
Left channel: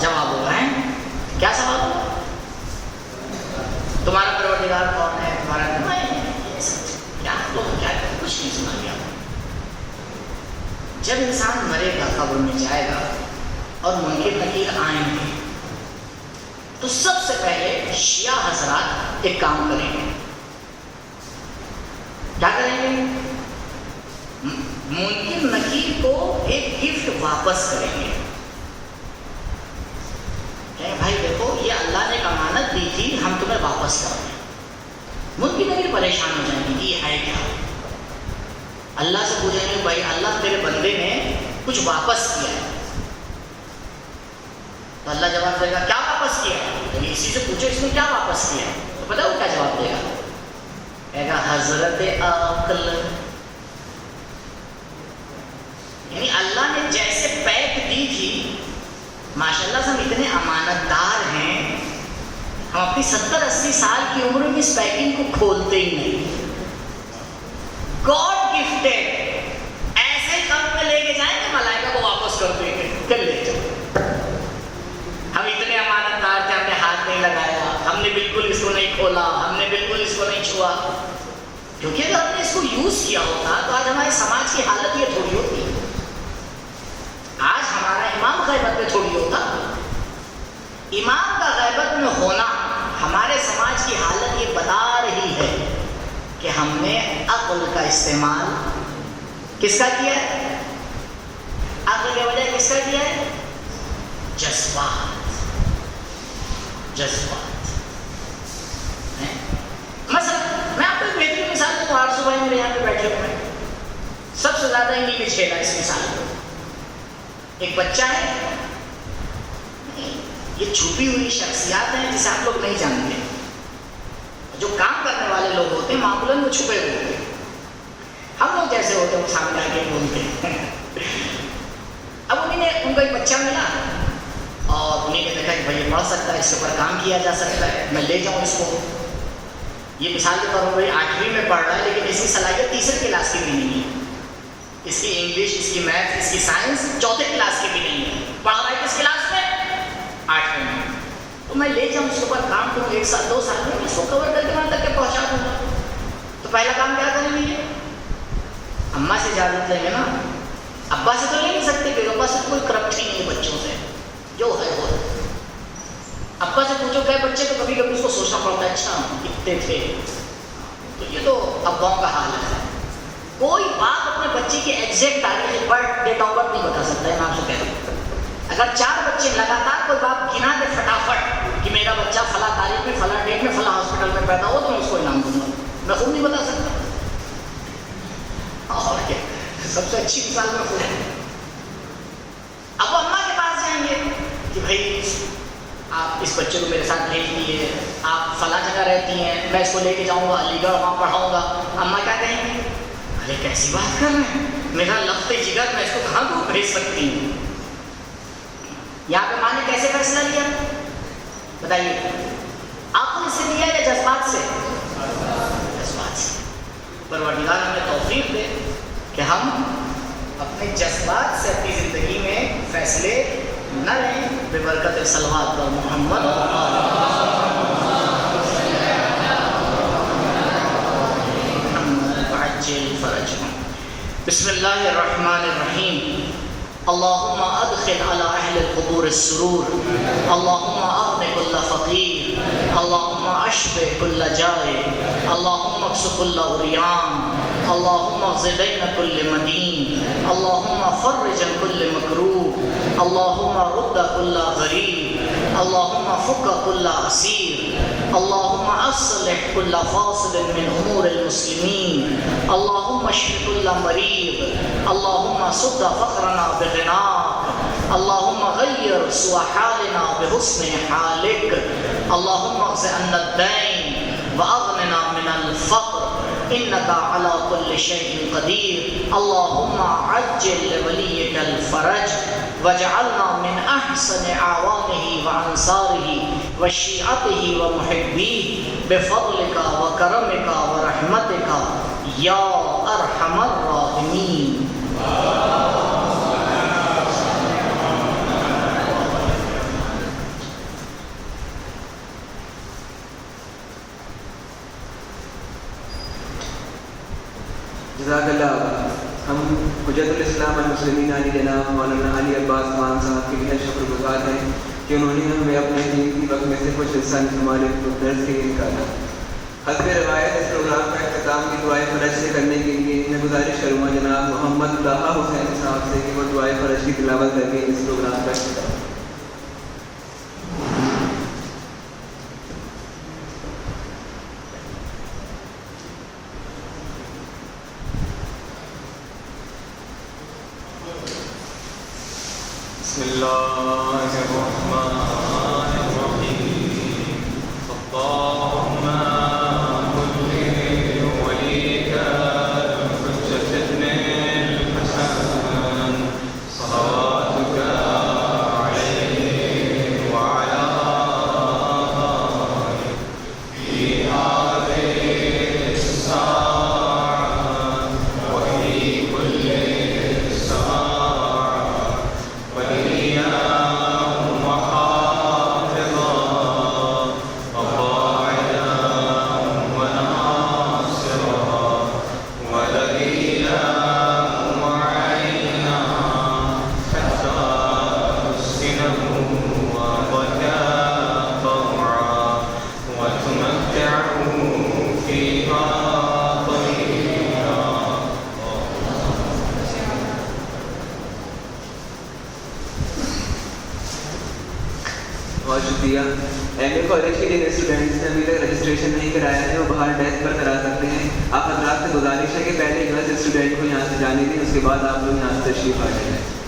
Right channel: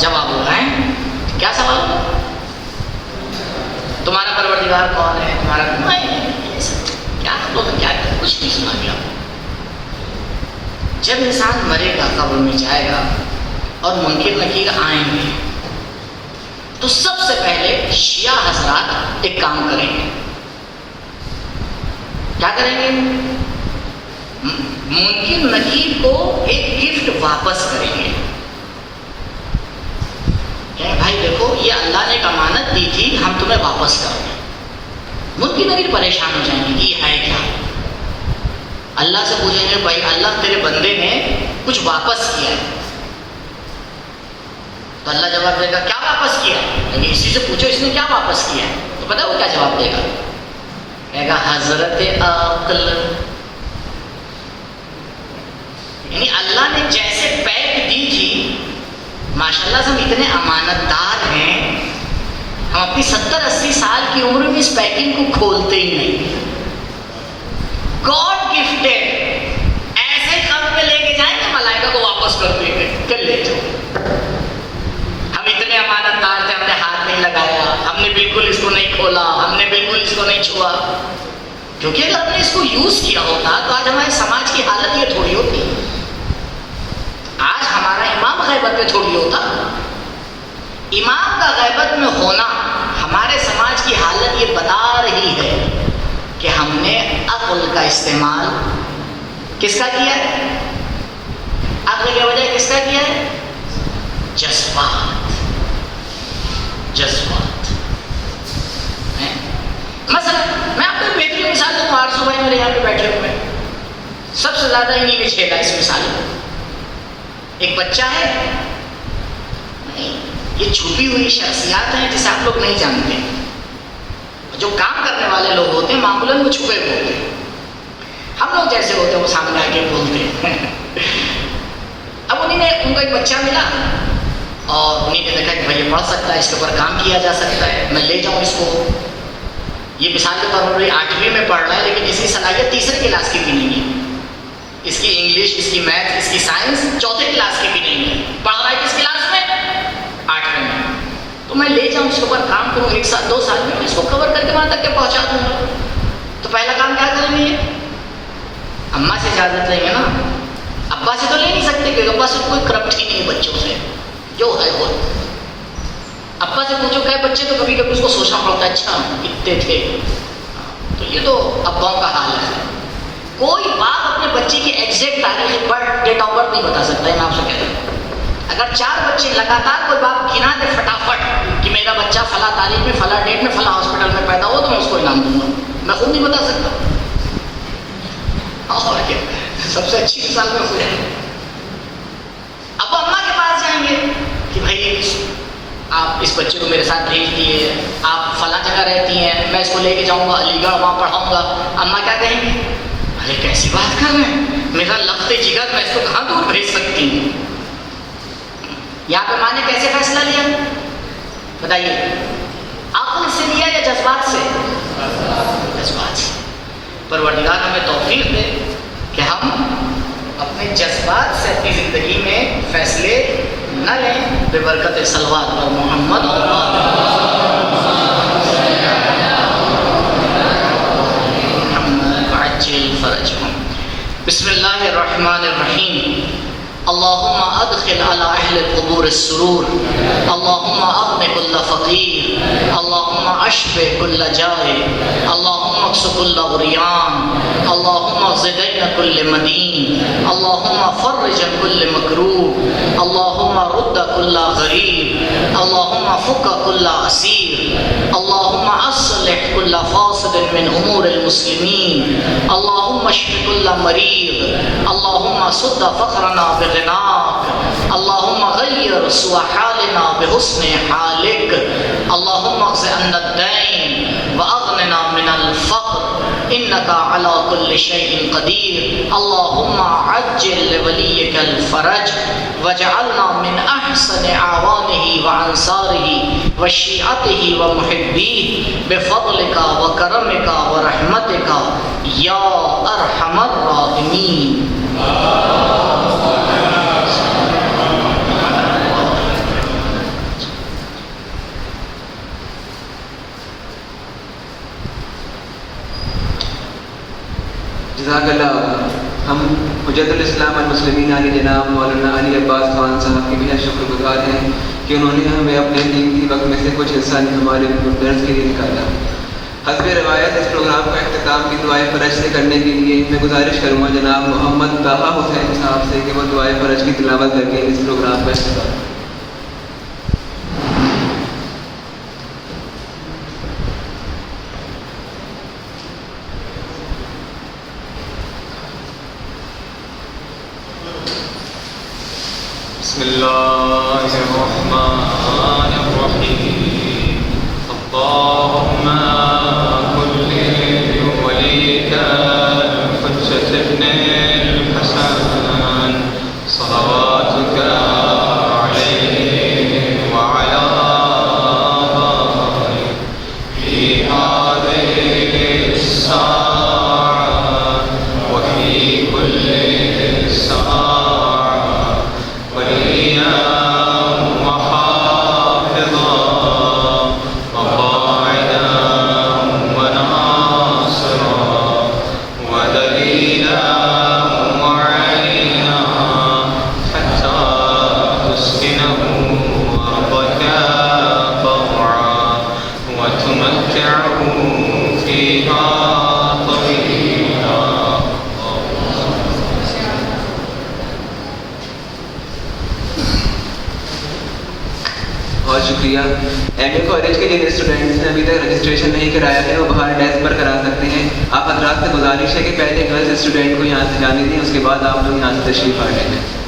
جواب ہو رہا ہے. کیا سوال ہوگا؟ تمہارا پروردگار کون ہے؟ تمہارا کیا لوگ کیا کچھ نہیں سنا گیا. جب انسان مرے گا قبر میں جائے گا اور منکر نکیر آئیں گے تو سب سے پہلے شیعہ حضرات ایک کام کریں گے. کیا کریں گے؟ منکر نکیر کو ایک گفٹ واپس کریں گے. بھائی دیکھو یہ اللہ نے ایک امانت دی تھی، ہم تمہیں واپس کر دیں. منکر نکیر پریشان ہو جائیں گے کہ یہ ہے کیا. اللہ سے پوچھیں گے بھائی اللہ تیرے بندے نے کچھ واپس کیا ہے. تو اللہ جواب دے گا کیا واپس کیا ہے؟ لیکن اسی سے پوچھو اس نے کیا واپس کیا ہے، تو پتہ ہے وہ کیا جواب دے گا؟ کہے گا حضرت عقل. یعنی اللہ نے جیسے پیک دی تھی، ماشاءاللہ سے ہم اتنے امانت دار ہیں، ہم اپنی 70-80 سال کی عمر میں اس پیکنگ کو کھولتے ہی نہیں. گاڈ گفٹڈ، ایسے قبر میں لے کے جائیں گے ملائکہ کو واپس کر دیں گے کہ لے جاؤ. ہم اتنے امانت دار تھے، ہم نے ہاتھ نہیں لگایا، ہم نے بالکل اس کو نہیں کھولا، ہم نے بالکل اس کو نہیں چھوا. کیونکہ اگر ہم نے اس کو یوز کیا ہوتا تو آج ہمارے سماج کی حالت یہ تھوڑی ہوتی. آج ہمارا امام غیبت میں تھوڑی ہوتا. امام کا غیبت میں ہونا ہمارے سماج کی حالت یہ بتا رہی ہے کہ ہم نے عقل کا استعمال کس کا کیا ہے؟ عقل کے بجائے کس کا کیا ہے؟ جذبات مثلا میں آپ کو ایک بہترین مثال دوں. آج صبح میرے یہاں پہ بیٹھے ہوئے سب سے زیادہ انہیں میں چھیڑا اس مثال کو. ایک بچہ ہے, یہ چھپی ہوئی شخصیات ہیں جسے آپ لوگ نہیں جانتے. جو کام کرنے والے لوگ ہوتے ہیں معمولاً وہ چھپے ہوتے ہیں. ہم لوگ جیسے ہوتے ہیں وہ سامنے آ کے بولتے ہیں. اب ان کو ایک بچہ ملا اور انہیں نے دیکھا کہ بھائی یہ پڑھ سکتا ہے, اس کے اوپر کام کیا جا سکتا ہے, میں لے جاؤں اس کو. یہ مثال کے طور پر 8ویں میں پڑھ رہا ہے لیکن اس کی صلاحیت تیسری کلاس کی بھی نہیں ہے. اس کی انگلش, اس کی میتھ, اس کی سائنس 4تھے کلاس کی بھی نہیں ہے. پڑھ رہا ہے کس کلاس میں؟ 8ویں میں. تو میں لے جاؤں اس کے اوپر کام کروں, 1 سال 2 سال میں اس کو کور کر کے وہاں تک کے پہنچا دوں گا. تو پہلا کام کیا کریں گے؟ اماں سے اجازت لیں گے نا. ابا سے تو لے نہیں سکتے کیونکہ ابا سے کوئی کرپٹ ہی نہیں بچوں سے, جو ہے وہ. ابا سے پوچھو کہ بچے تو کبھی کبھی اس کو سوچنا پڑتا ہے اچھا اتنے تھے. تو یہ تو اباؤں کا حال ہے. کوئی باپ اپنے بچے کی ایگزیکٹ تاریخ برتھ ڈیٹ آف برتھ نہیں بتا سکتا ہے. میں آپ سے کہہ رہا ہوں اگر 4 بچے لگاتار کوئی باپ گنا دے فٹافٹ کہ میرا بچہ فلاں تاریخ میں فلاں ڈیٹ میں فلاں ہاسپٹل میں پیدا ہو تو میں اس کو انعام دوں گا. میں خود نہیں بتا سکتا. اور کیا سب سے اچھی مثال میں خود ہے. اب اماں کے پاس جائیں گے کہ بھائی آپ اس بچے کو میرے ساتھ بھیج دیے, آپ فلاں جگہ رہتی ہیں, میں اس کو لے کے جاؤں گا علی گڑھ, وہاں پڑھاؤں گا. اماں کیا کہیں گی؟ ارے کیسی بات کر رہے ہیں, میرا لخت جگر, میں اس کو کہاں دور بھیج سکتی ہوں. یہاں پہ ماں نے کیسے فیصلہ لیا بتائیے؟ عقل سے لیا یا جذبات سے؟ جذبات سے. پروردگار ہمیں توفیق دے کہ ہم اپنے جذبات سے اپنی زندگی میں فیصلے نہ لیں, بے برکت صلوات پر محمد عجل فرجهم. بسم اللہ الرحمن الرحیم. اللہم ادخل علی اہل القبور السرور, اللہم اغن کل فقیر, اللہم اشف کل جائع, اللہم اکس کل عریان, اللہم اغز دین کل مدین, اللہم فرج کل مکروب, اللہم رد کل غریب, اللہم فک کل اسیر, اللہم اصلح کل فاسد من امور المسلمین, اللہم اشف کل مریض, اللہم سد فقرنا بغناک, اللہم غیر سوء حالنا بحسن حالک, اللہم اغز عنا الدین واغننا من الفقر انکا علی کل شیء قدیر, اللہم عجل لولیک الفرج وجعلنا من احسن اعوانه وانصاره وشیعته ومحبیه بفضلک وکرمک ورحمتک یا ارحم الراحمین. جزاک اللہ. ہم حجت الاسلام المسلمین علی جناب مولانا علی عباس خان صاحب کے بہت شکر گزار ہیں کہ انہوں نے ہمیں اپنے قیمتی وقت میں سے کچھ حصہ ہمارے درس کے لیے نکالا. حسب روایت اس پروگرام کا اختتام کی دعائے فرج سے کرنے کے لیے میں گزارش کروں گا جناب محمد طاہا حسین صاحب سے کہ وہ دعائے فرج کی تلاوت کر کے اس پروگرام کا اختتام. بسم اللہ الرحمن الرحیم. اللہم کل ولیک الحجۃ ابن الحسن صلواتک علیہ وعلی آلہ فی هذه الساعة وفی کل ساعة وإيام محافظ بہت شکریہ. ایم اے کالج کے جن اسٹوڈنٹس نے ابھی تک رجسٹریشن نہیں کرایا ہے وہ باہر ڈیسک پر کرا سکتے ہیں. آپ حضرات سے گزارش ہے کہ پہلے گرلز اسٹوڈنٹ کو یہاں سے جانے دیں, اس کے بعد آپ لوگ یہاں سے تشریف آ جائیں.